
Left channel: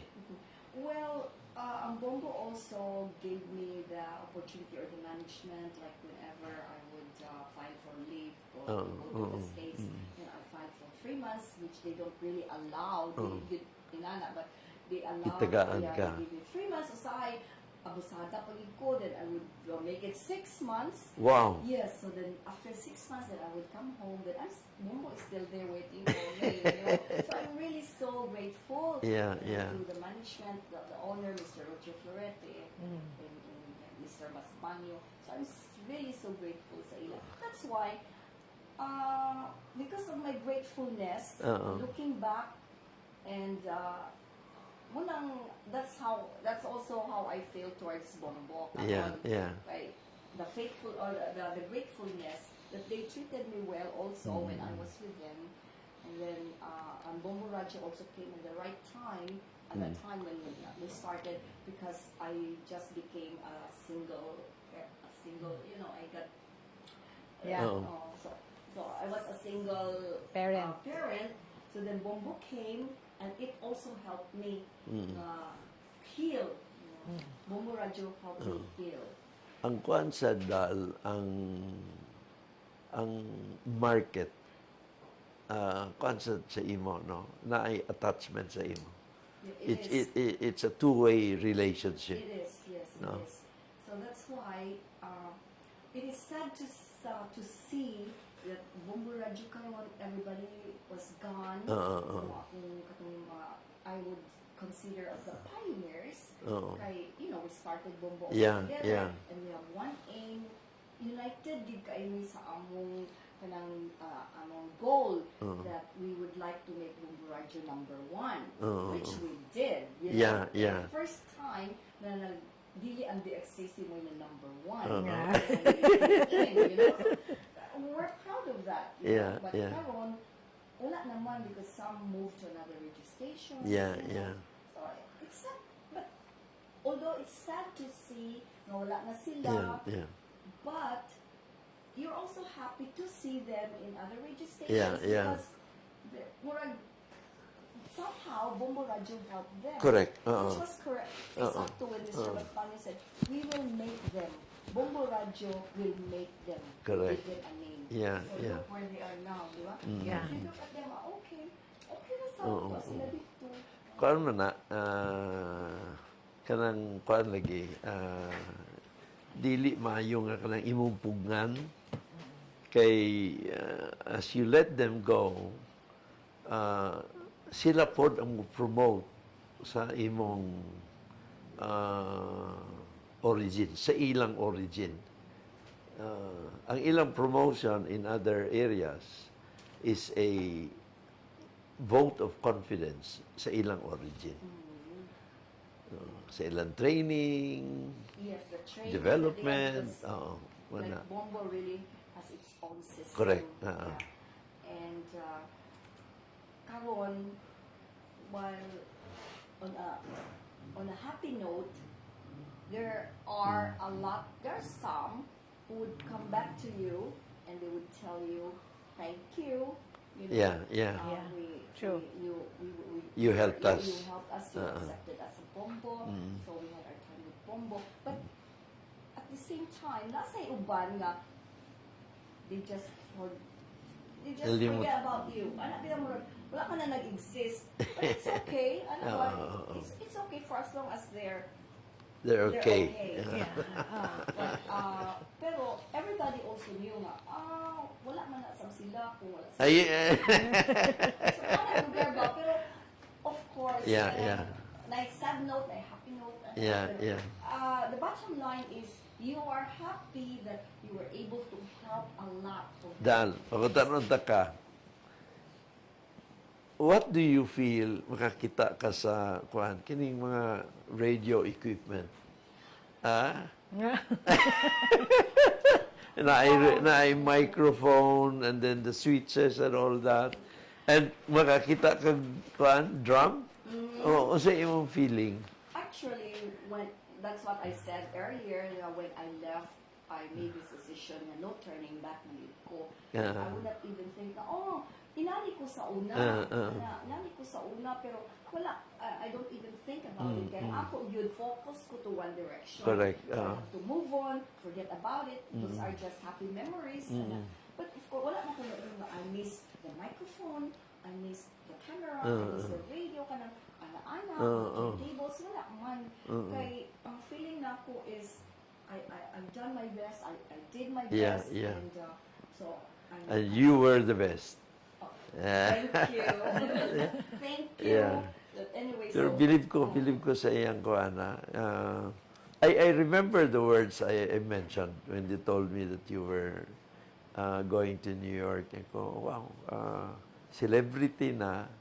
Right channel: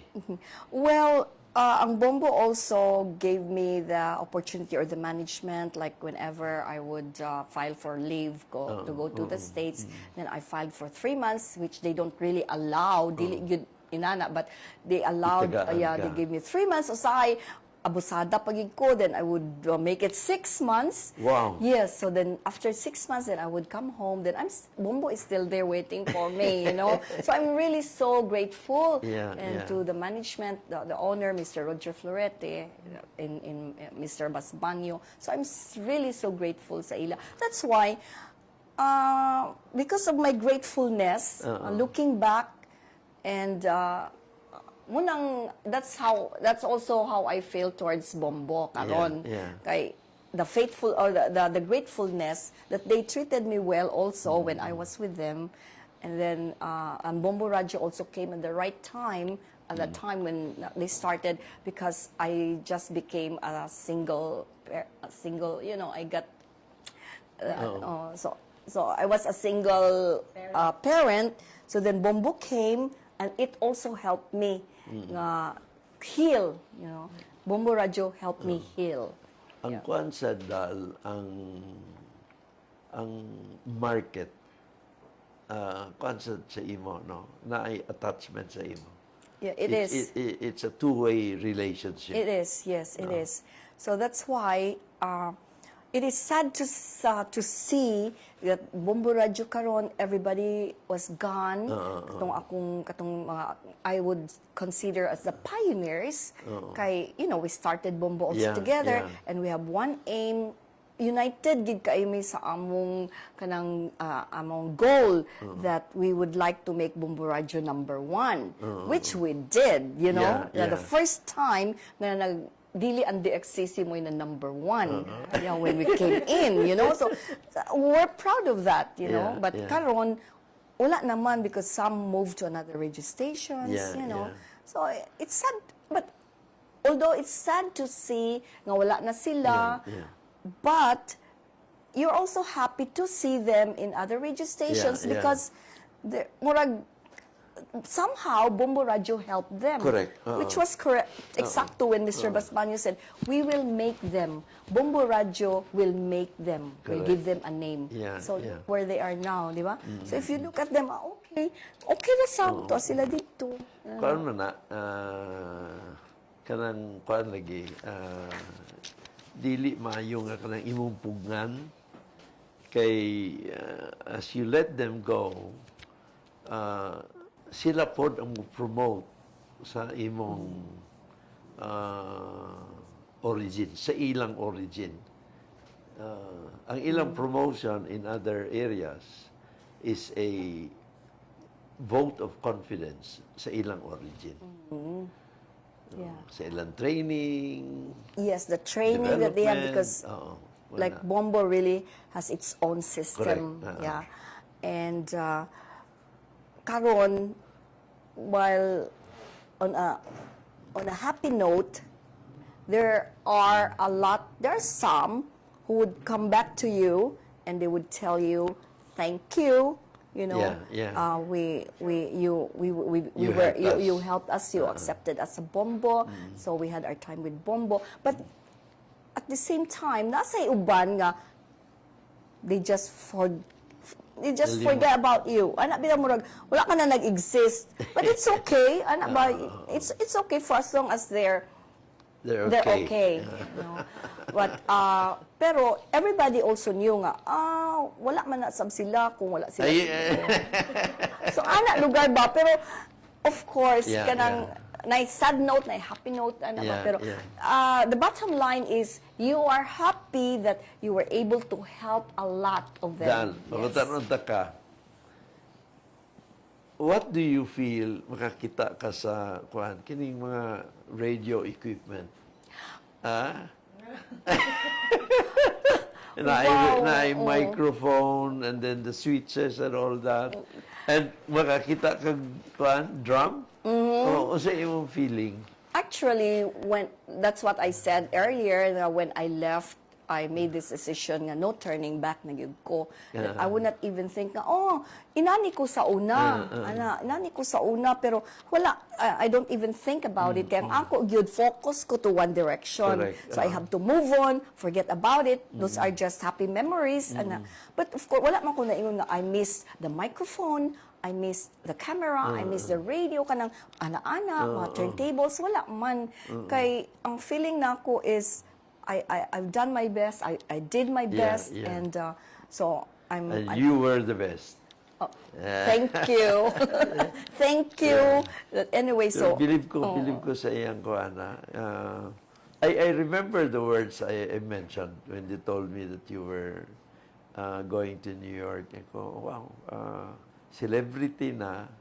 Well, ang Bombo also gave me the opportunity or the management, like whenever I would file for leave to go to the States, then I filed for 3 months, which they don't really allow, dili gyud inana, but they allowed, Itagaan they ka. gave me 3 months, usay, abusada pagid ko, then I would make it 6 months. Wow. Yes, so then after 6 months, then I would come home. Then Bombo is still there waiting for me, you know. So I'm really so grateful to the management, the owner, Mr. Roger Florete, in Mr. Basbanyo. So I'm really so grateful sa ila. That's why, because of my gratefulness, looking back, and that's also how I feel towards Bombo karon. Kay the faithful or the gratefulness that they treated me well also when I was with them, and then Bombo Radio also came at the right time at the time when they started, because I just became a single, you know, I got so I was a single parent. So then Bombo came, and it also helped me heal, you know. Bombo Radio helped me heal. Ang kuan sa dal ang market kuan sa imo no na ay attachment sa imo. Yeah, is. It's a two-way relationship. It is, yes, it is. So that's why it is sad to see that Bombo Radio karon everybody was gone. Katong mga I would consider as the pioneers. Kay, you know, we started Bombo also together, and we have one aim. United gid kay mi sa among kanang among goal that we would like to make Bombo Radio #1, which we did, you know. The first time na dili ang DXCC mo na #1 when we came in, you know. So we're proud of that, you know. But karon wala naman, because some moved to another radio stations, you know. So it's sad, but although it's sad to see nga wala na sila, but you're also happy to see them in other radio stations because murag somehow Bombo Radio helped them. Correct. Which was correct. Exacto when Mr. Basbanyo said, we will make them. Bombo Radio will make them. Correct. We give them a name. So look where they are now, di ba? So if you look at them, okay na sakto sila dito. Kuan man na kanang kuan lagi dili maayo nga kanang imong pugnan kay as you let them go sila pod ang promote sa imong origin, sa ilang origin. Ang ilang promotion in other areas is a vote of confidence sa ilang origin. Sa ilang training, Yes, the training that they have, development. because Oo, like wala. Bombo really has its own system. Correct. Yeah. And karon, while on a happy note, there are some who would come back to you and they would tell you, thank you. You know, Yeah. you helped us. you helped us, you accepted us a Bombo, so we had our time with Bombo. But at the same time, nasa uban nga, they just forget about you. Anak bila murag wala ka na nag-exist. But it's okay. Anak ba, it's okay for as long as they're okay. But pero everybody also knew nga wala man na sab sila kung wala sila. So anak lugar ba, pero of course kanang na sad note, na happy note, pero the bottom line is you are happy that you were able to help a lot of them. Dan, pagkatanong ka, what do you feel makakita ka sa kining mga radio equipment? Na microphone and then the switches and all that. And makakita ka drum? O sa imong feeling? Actually, that's what I said earlier, that when I left, I made this decision nga no turning back na gyud ko. That I would not even think na inani ko sa una, inani ko sa una, pero wala, I don't even think about it. Kaya ako gyud focus ko to one direction. Correct. So I have to move on, forget about it. Those are just happy memories. But of course, wala man ko na ingon nga I miss the microphone, I miss the camera, I miss the radio, kanang ana-ana, mga turntables, wala man. Kay ang feeling na ako is I've done my best. I did my best, and so I'm. And you were the best. Thank you, thank you. Anyway, so believe ko sa iyang kuana. I remember the words I mentioned when they told me that you were going to New York. Ako, wow, celebrity na.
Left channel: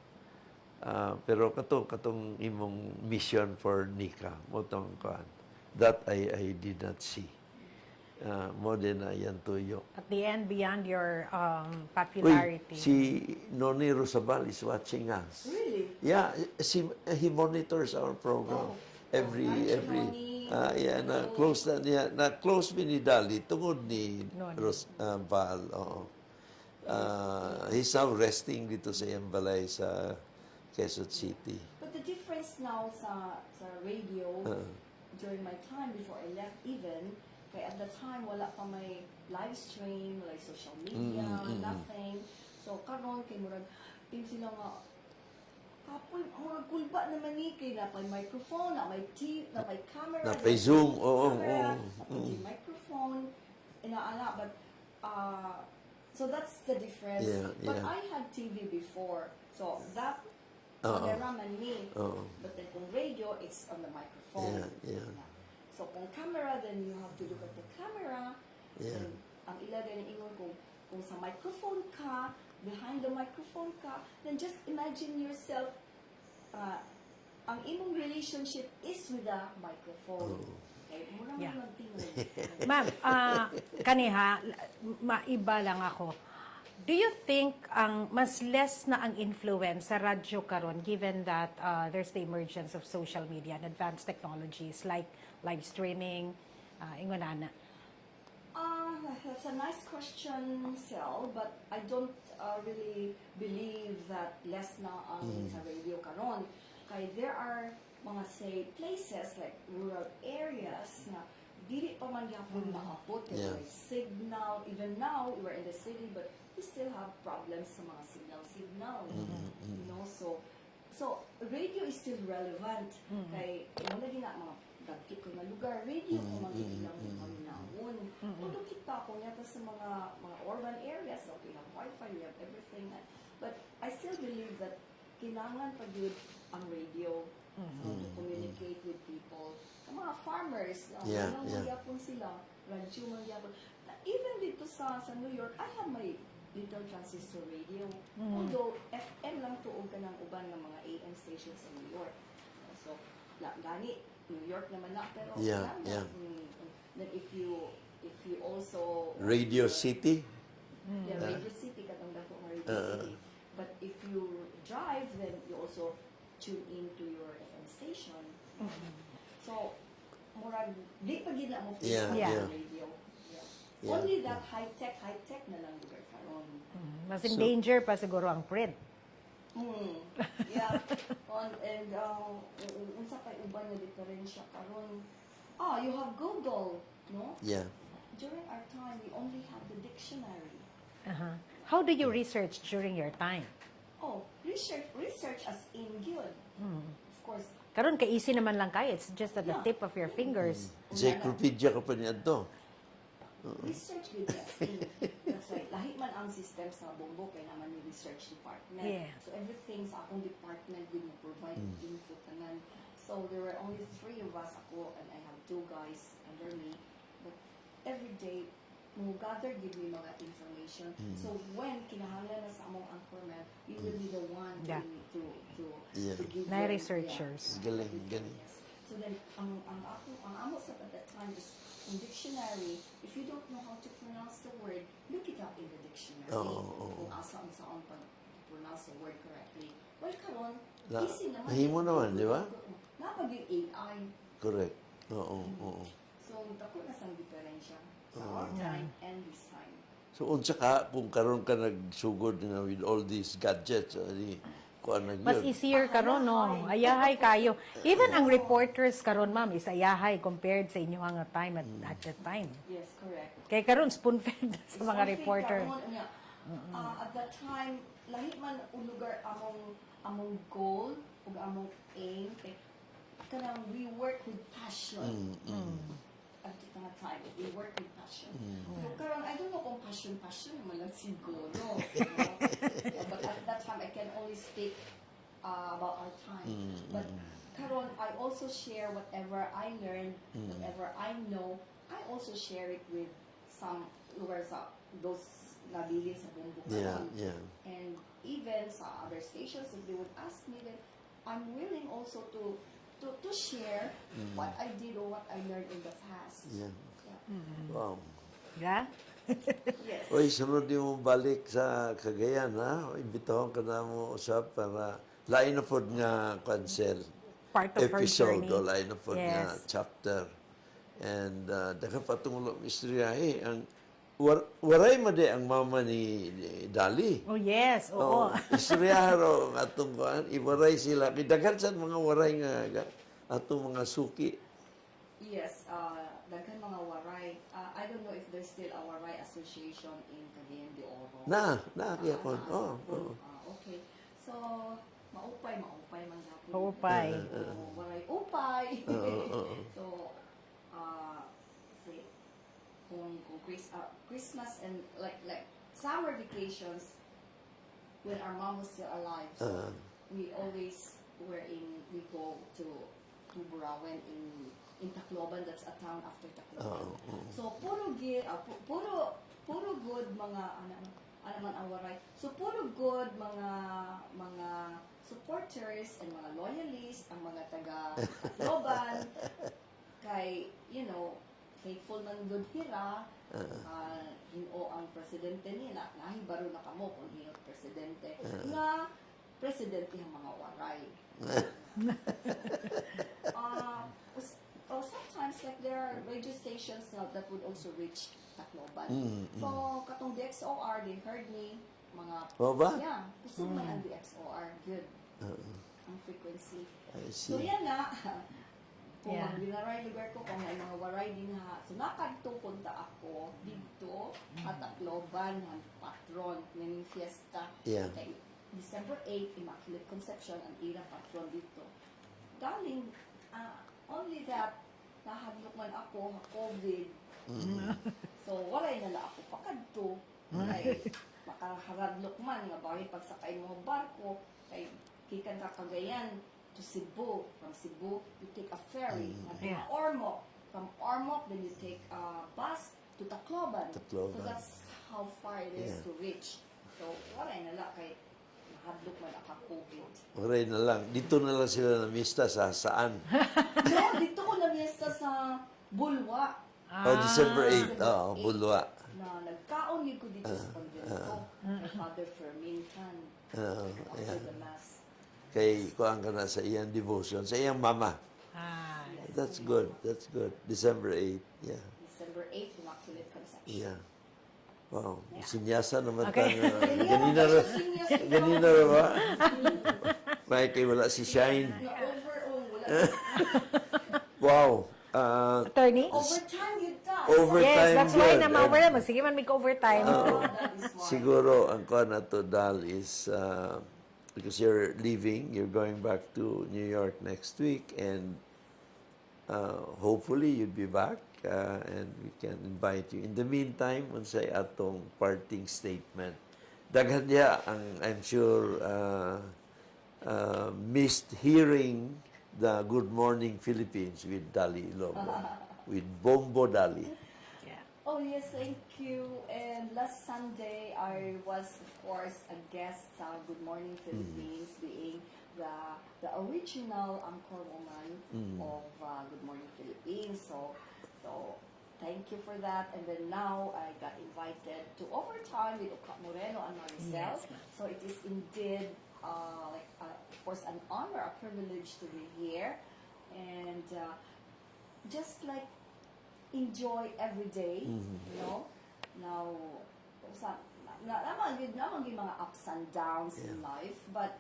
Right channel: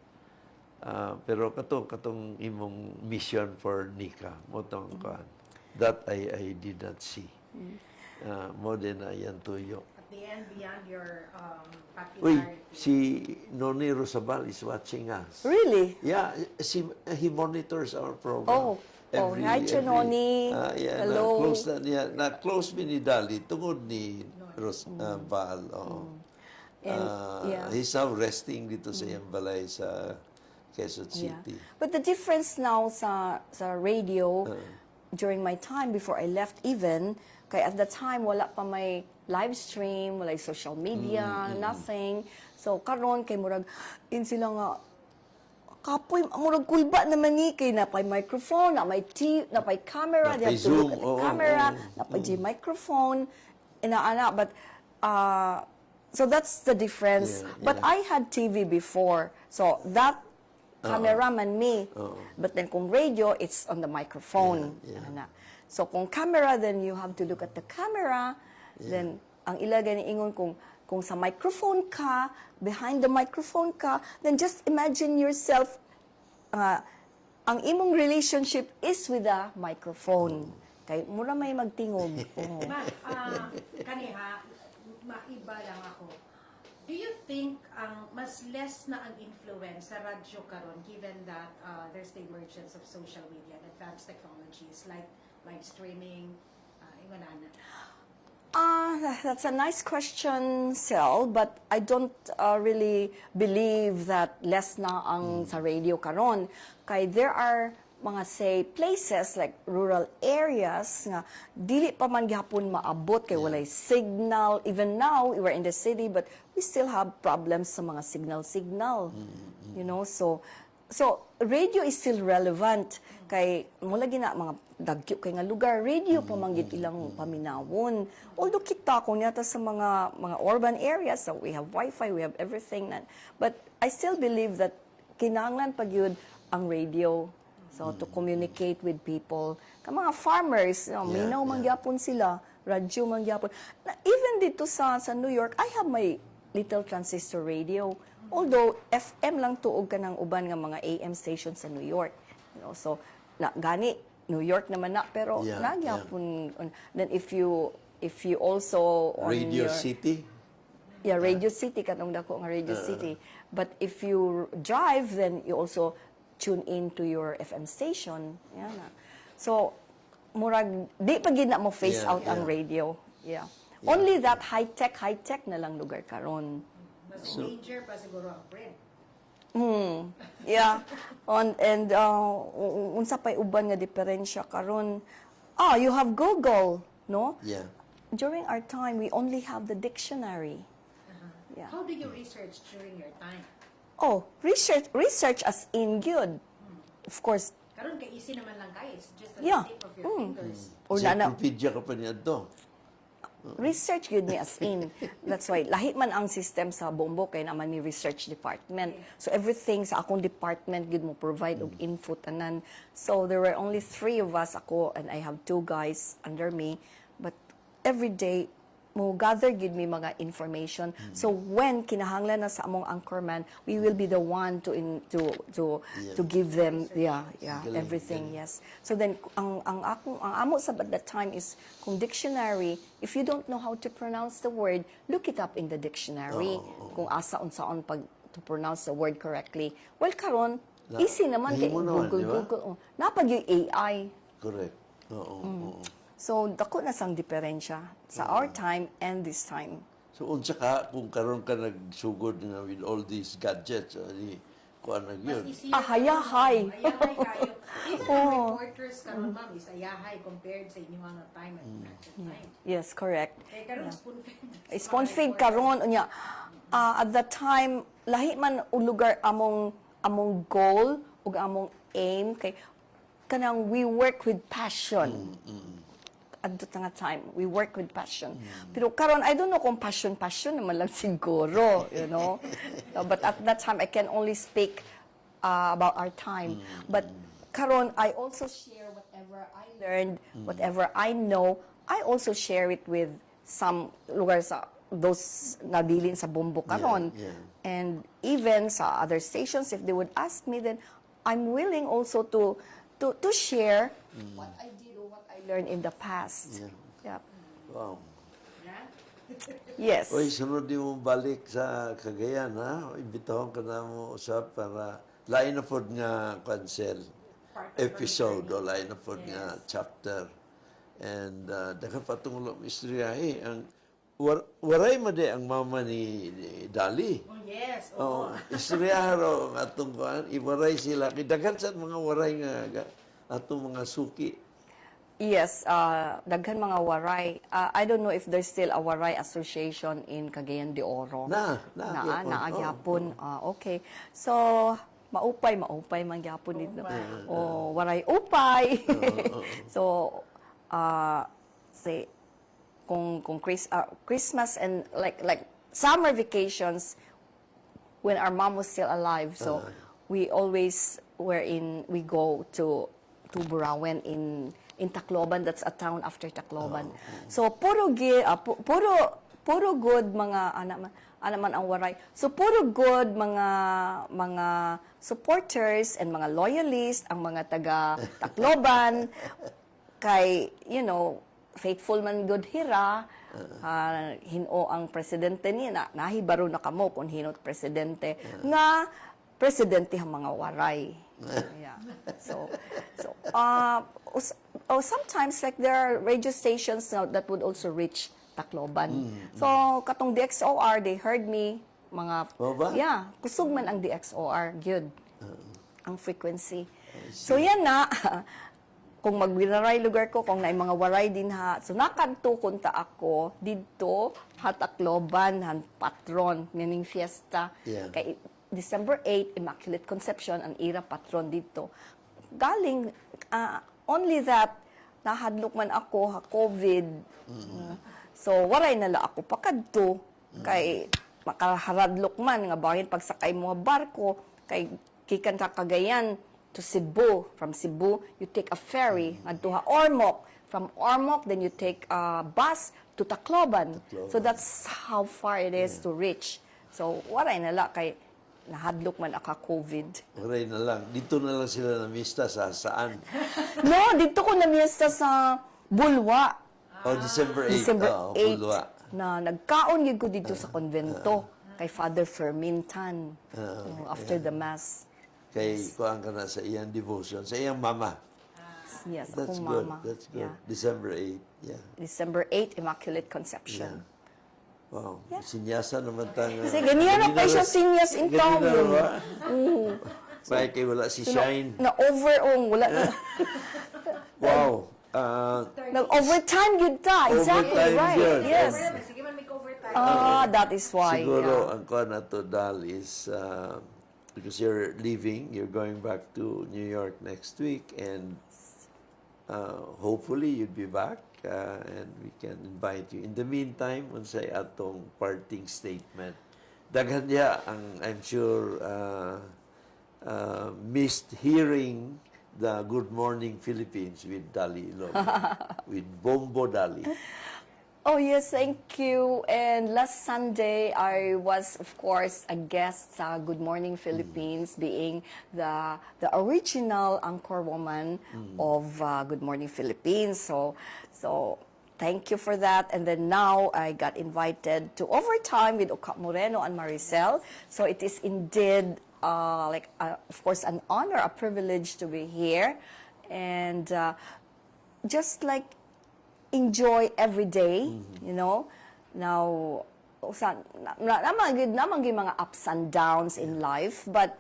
Pero katong imong mission for Nika, mo tong kuan. That I did not see. More than yan tuyo. At the end, beyond your popularity. Si Noni Rosabal is watching us. really, Yeah, he monitors our program. hi, Noni. Hello. Na-close mi ni Dolly tungod ni Rosabal. He's now resting dito sa iyang balay sa Quezon City. But the difference now sa radio, during my time before I left even, kay at the time wala pa may live stream, wala social media, nothing. So karon kay murag sila nga kapoy murag kulba naman ni kay na pay microphone, na may camera, Na pay Zoom, camera, na pay microphone, inaana, but so that's the difference. But I had TV before, so that cameraman me. But then kung radio, it's on the microphone. So kung camera, then you have to look at the camera. Then ang ilagay ni ingon kung sa microphone ka, behind the microphone ka, then just imagine yourself ang imong relationship is with the microphone. Kay mura may magtingog. Ma'am, kaniha, maiba lang ako. Do you think mas less na ang influence sa radyo karon given that there's the emergence of social media and advanced technologies like live streaming, ingonana? That's a nice question, Sel, but I don't really believe that less na ang sa radio karon. Kay there are mga say places like rural areas nga dili pa man gyapon maabot kay walay signal. Even now we're in the city but we still have problems sa mga signal. You know, so radio is still relevant kay mula gina mga dagkyo kay nga lugar radio pa man gid ilang paminawon. Although kita ko nyata sa mga urban areas, so we have wifi, we have everything but I still believe that kinahanglan pag yun ang radio. So, to communicate with people. Ka mga farmers, minaw mangyapon sila, radyo mangyapon. Even dito sa New York, I have my little transistor radio. Although, FM lang tuog ka ng uban nga mga AM stations sa New York. You know, so, na gani New York naman na pero Yeah, nagyapon. Then if you also on Radio your- City. Yeah, Radio City katong dako nga Radio City. But if you drive, then you also tune in to your FM station. Yeah. So murag di pa gid na mo face Yeah, out yeah. ang radio. Yeah. Only that high tech na lang lugar karon. Mas in danger pa siguro ang print. Yeah. Unsa pay uban nga diferensya karon? You have Google, no? Yeah. During our time, we only have the dictionary. Yeah. How do you research during your time? Research as in good. Of course. Karon ka easy naman lang kay, it's just at Yeah. the tip of your fingers. Or na Encyclopedia ka pa niya to. research good ni as in. That's why lahi man ang system sa Bombo kay naman ni research department. Yeah. So everything sa akong department gid mo provide og info tanan. So there were only 3 of us ako and I have 2 guys under me, but every day mo gather gid mi mga information. So when kinahanglan na sa among anchorman, we will be the one to Yeah. to give Very them researchers. Galing, everything. galing. Yes. So then ang amo sa at that time is kung dictionary, if you don't know how to pronounce the word, look it up in the dictionary. Kung asa unsaon pag to pronounce the word correctly. Well karon easy naman nahimo naman, di ba? Napag yung AI. Correct. Oo. So dako na sang diferensya sa our time and this time. So unsa ka kung karon ka nagsugod nga with all these gadgets, di kuan na Mas gyud. easier Ayahay. karon, no? Ayahay kayo. Even ang reporters karon, ma'am, is ayahay compared sa inyo ang time at that time. Yes, correct. Kaya karon spoon-fed sa mga Spoon feed reporter. karon unya. At that time lahi man og lugar among goal ug among aim kay kanang we work with passion. At that time, we work with passion. Pero karon I don't know kung passion naman lang siguro, you know. No, but at that time, I can only speak about our time. But karon I also share whatever I learned, whatever I know, I also share it with some lugar sa those nabilin sa Bombo karon. Yeah. And even sa other stations, if they would ask me, then I'm willing also to share what I did or what I learned in the past. Yeah. Yeah. Wow. Yeah? Yes. Oy, sunod di mo balik sa Cagayan, ha? Imbitahon ka na mo usap para lain na pod nga cancel Part of her episode o journey. lain na pod nga Yes. chapter. And daga patungulo istorya ang waray man di ang mama ni Dolly. Oh, yes. Oh, Oo. istorya ro ang atong kuan, iwaray sila. Kidagan sa mga waray nga atong mga suki. Yes, daghan mga waray. I don't know if there's still a waray association in Cagayan de Oro. Gyapon. Okay. So, maupay man gyapon dito. Upay. Waray upay. So, say kung Christmas and like summer vacations when our mom was still alive. So, we always we go to Burawen in Tacloban. That's a town after Tacloban. So puro good mga man ang waray. So puro good mga supporters and mga loyalists ang mga taga Tacloban kay faithful man good hira. Hino ang presidente niya nahibaro na kamo kung hinot presidente nga presidente ang mga waray. Yeah. So sometimes like there are radio stations now that would also reach Tacloban. So katong DXOR, they heard me mga O ba? yeah, kusog man ang DXOR gyud. Ang frequency. So yan na kung magwiraray lugar ko kung naay mga waray din ha. So nakadto kunta ako didto Tacloban han patron meaning fiesta Yeah. kay December 8, Immaculate Conception, ang ira patron dito. Galing, only that, nahadlok man ako, COVID. So, waray nala ako pakadto. Kay, makaharadlok man, nga bahin pagsakay mo barko, kay kikan sa Cagayan to Cebu. From Cebu, you take a ferry, ngadto ha Ormoc. From Ormoc, then you take a bus to Tacloban. So, that's how far it is to reach. So, waray nala, kay nahadlok man aka COVID. Oray na lang. Dito na lang sila namista sa saan? No, dito ko namiesta sa Bulwa. Oh, December 8. December Oh, 8 Bulwa. na nagkaon yun ko dito sa konvento kay Father Fermintan after the Mass. Kay kuhaan ka na sa iyang devotion, sa iyang mama. Yes, That's akong good. mama. That's good. Yeah. December 8. Yeah. December 8, Immaculate Conception. Yeah. Wow. Sinyasa naman tayo. Sige, niya na tayo siya sinyas in Ganina town. ba? May kay wala si Shine. Na-overong, wala na. Wow. Nag-overtime yun ta. Overtime Exactly. yun. Right. Yes. Yes. Sige man, mag-overtime. That is why. Siguro, ang kuha na to, Dal, is because you're leaving, you're going back to New York next week, and hopefully you'll be back, and we can invite you. In the meantime, unsay atong parting statement. Daghan niya ang, I'm sure, missed hearing the Good Morning Philippines with Dolly Ilogon, with Bombo Dolly. Oh, yes, thank you. And last Sunday, I was, of course, a guest sa Good Morning Philippines, being the original anchor woman of Good Morning Philippines. So thank you for that. And then now, I got invited to Overtime with Oka Moreno and Maricel. So it is indeed, of course, an honor, a privilege to be here. And just like enjoy every day, you know. Now, naman yung mga ups and downs in life, but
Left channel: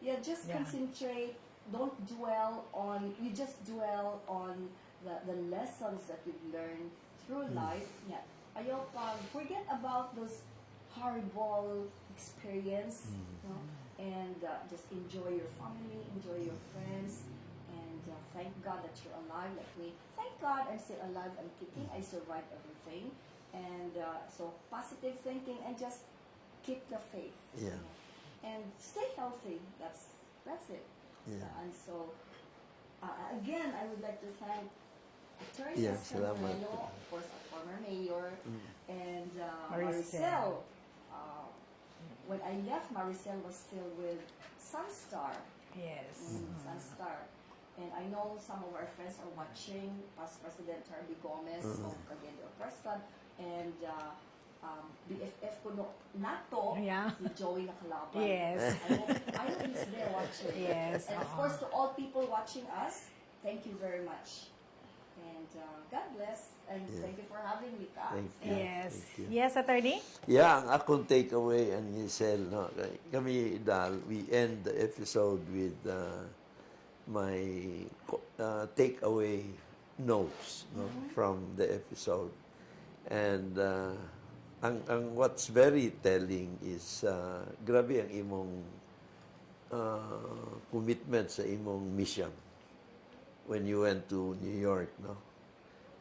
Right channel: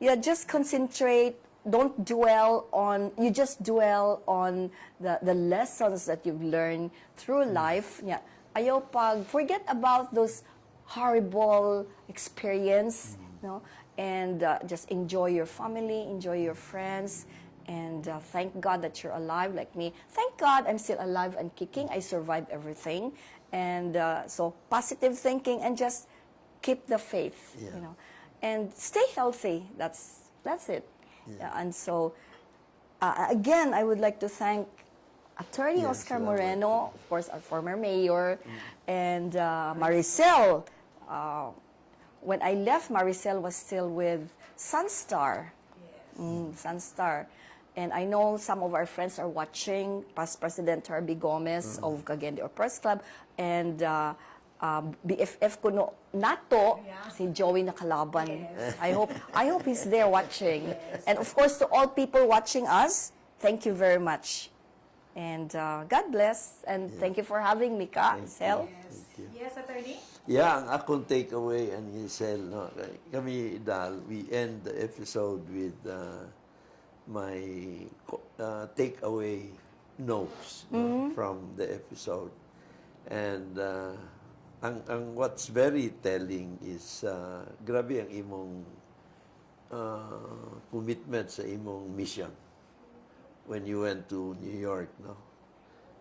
yeah, just concentrate. Don't dwell on. You just dwell on the lessons that you've learned through life. Yeah, ayaw pag forget about those horrible experience, you know, and just enjoy your family, enjoy your friends. And thank God that you're alive like me. Thank God I'm still alive and kicking. I survived everything. And so positive thinking and just keep the faith. Yeah. You know, and stay healthy. That's it. Yeah. And so, again, I would like to thank Attorney Yes, Oscar salamat. Moreno, of course, our former mayor, and Maricel. When I left, Maricel was still with Sunstar. Yes. Sunstar. And I know some of our friends are watching, past President Herbie Gomez of Cagayan de Oro Press Club, and BFF ko nato, Yeah. si Joey Nakalaban. Yes. I hope he's there watching. Yes. And of course, to all people watching us, thank you very much. And God bless, and thank you for having me, Ka. Thank Sel. you. Yes. Thank you. Yes, attorney? Yeah, ang akong takeaway, and Giselle, no, kami, Dal, we end the episode with my takeaway notes no, from the episode. And ang what's very telling is grabe ang imong commitment sa imong mission when you went to New York, no?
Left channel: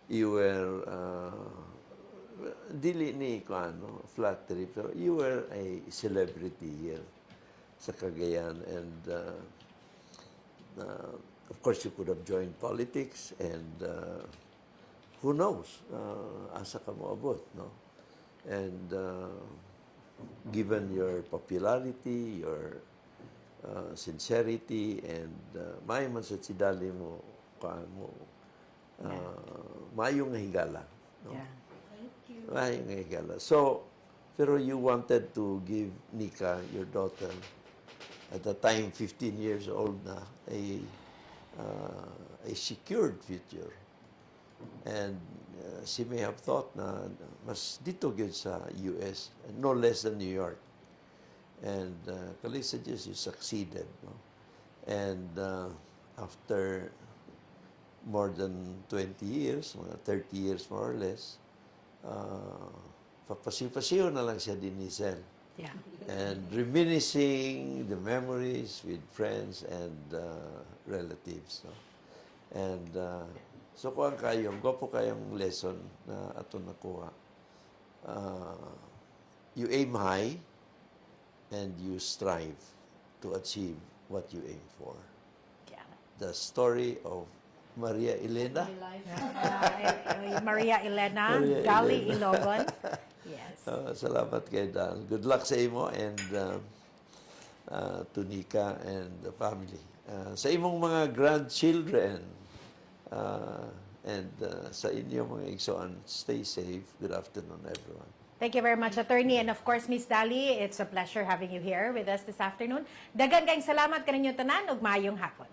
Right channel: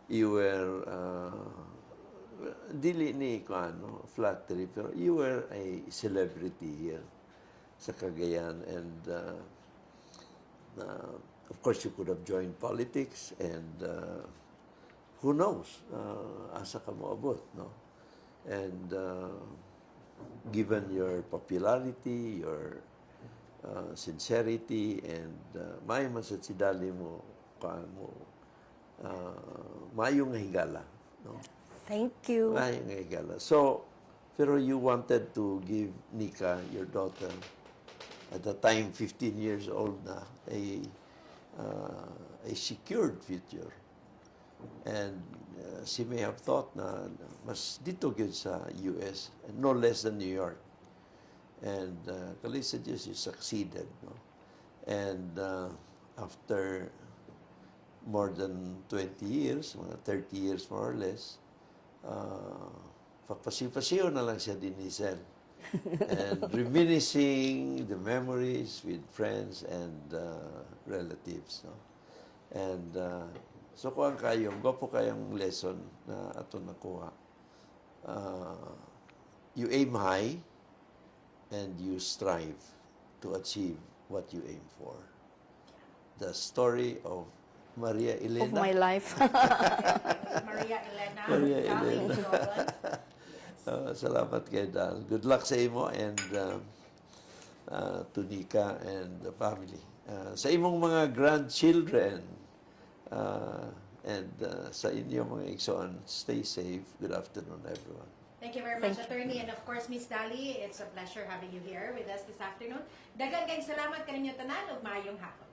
You were dili ni ko ano flattery, pero you were a celebrity here sa Cagayan, and of course you could have joined politics, and who knows asa ka moabot, no? And given your popularity, your sincerity, and maayo man sa sidali mo mo maayo nga higala, no? Thank you. Maayo nga higala. So, pero you wanted to give Nika, your daughter, at the time 15 years old na, a secured future. And she may have thought na mas dito gyud sa US, no less than New York. And kalisa Diyos, you succeeded, no? And after more than 20 years, mga 30 years more or less, papasiw-pasiw na lang siya din ni Giselle. Yeah. And reminiscing the memories with friends and relatives, no? And so kuang kayong, gwapo kayong lesson na ato nakuha. You aim high and you strive to achieve what you aim for. Yeah. The story of Maria Of Elena. my life. Maria Elena, Maria Dolly Elena. Ilogon. Yes. Salamat kay Dal. Good luck sa imo, and to Nika and the family. Sa imong mga grandchildren, and sa inyong mga igsoon, stay safe. Good afternoon, everyone. Thank you very much, Attorney. And of course, Miss Dolly, it's a pleasure having you here with us this afternoon. Daghang kayong salamat kaninyong tanan ug maayong hapon.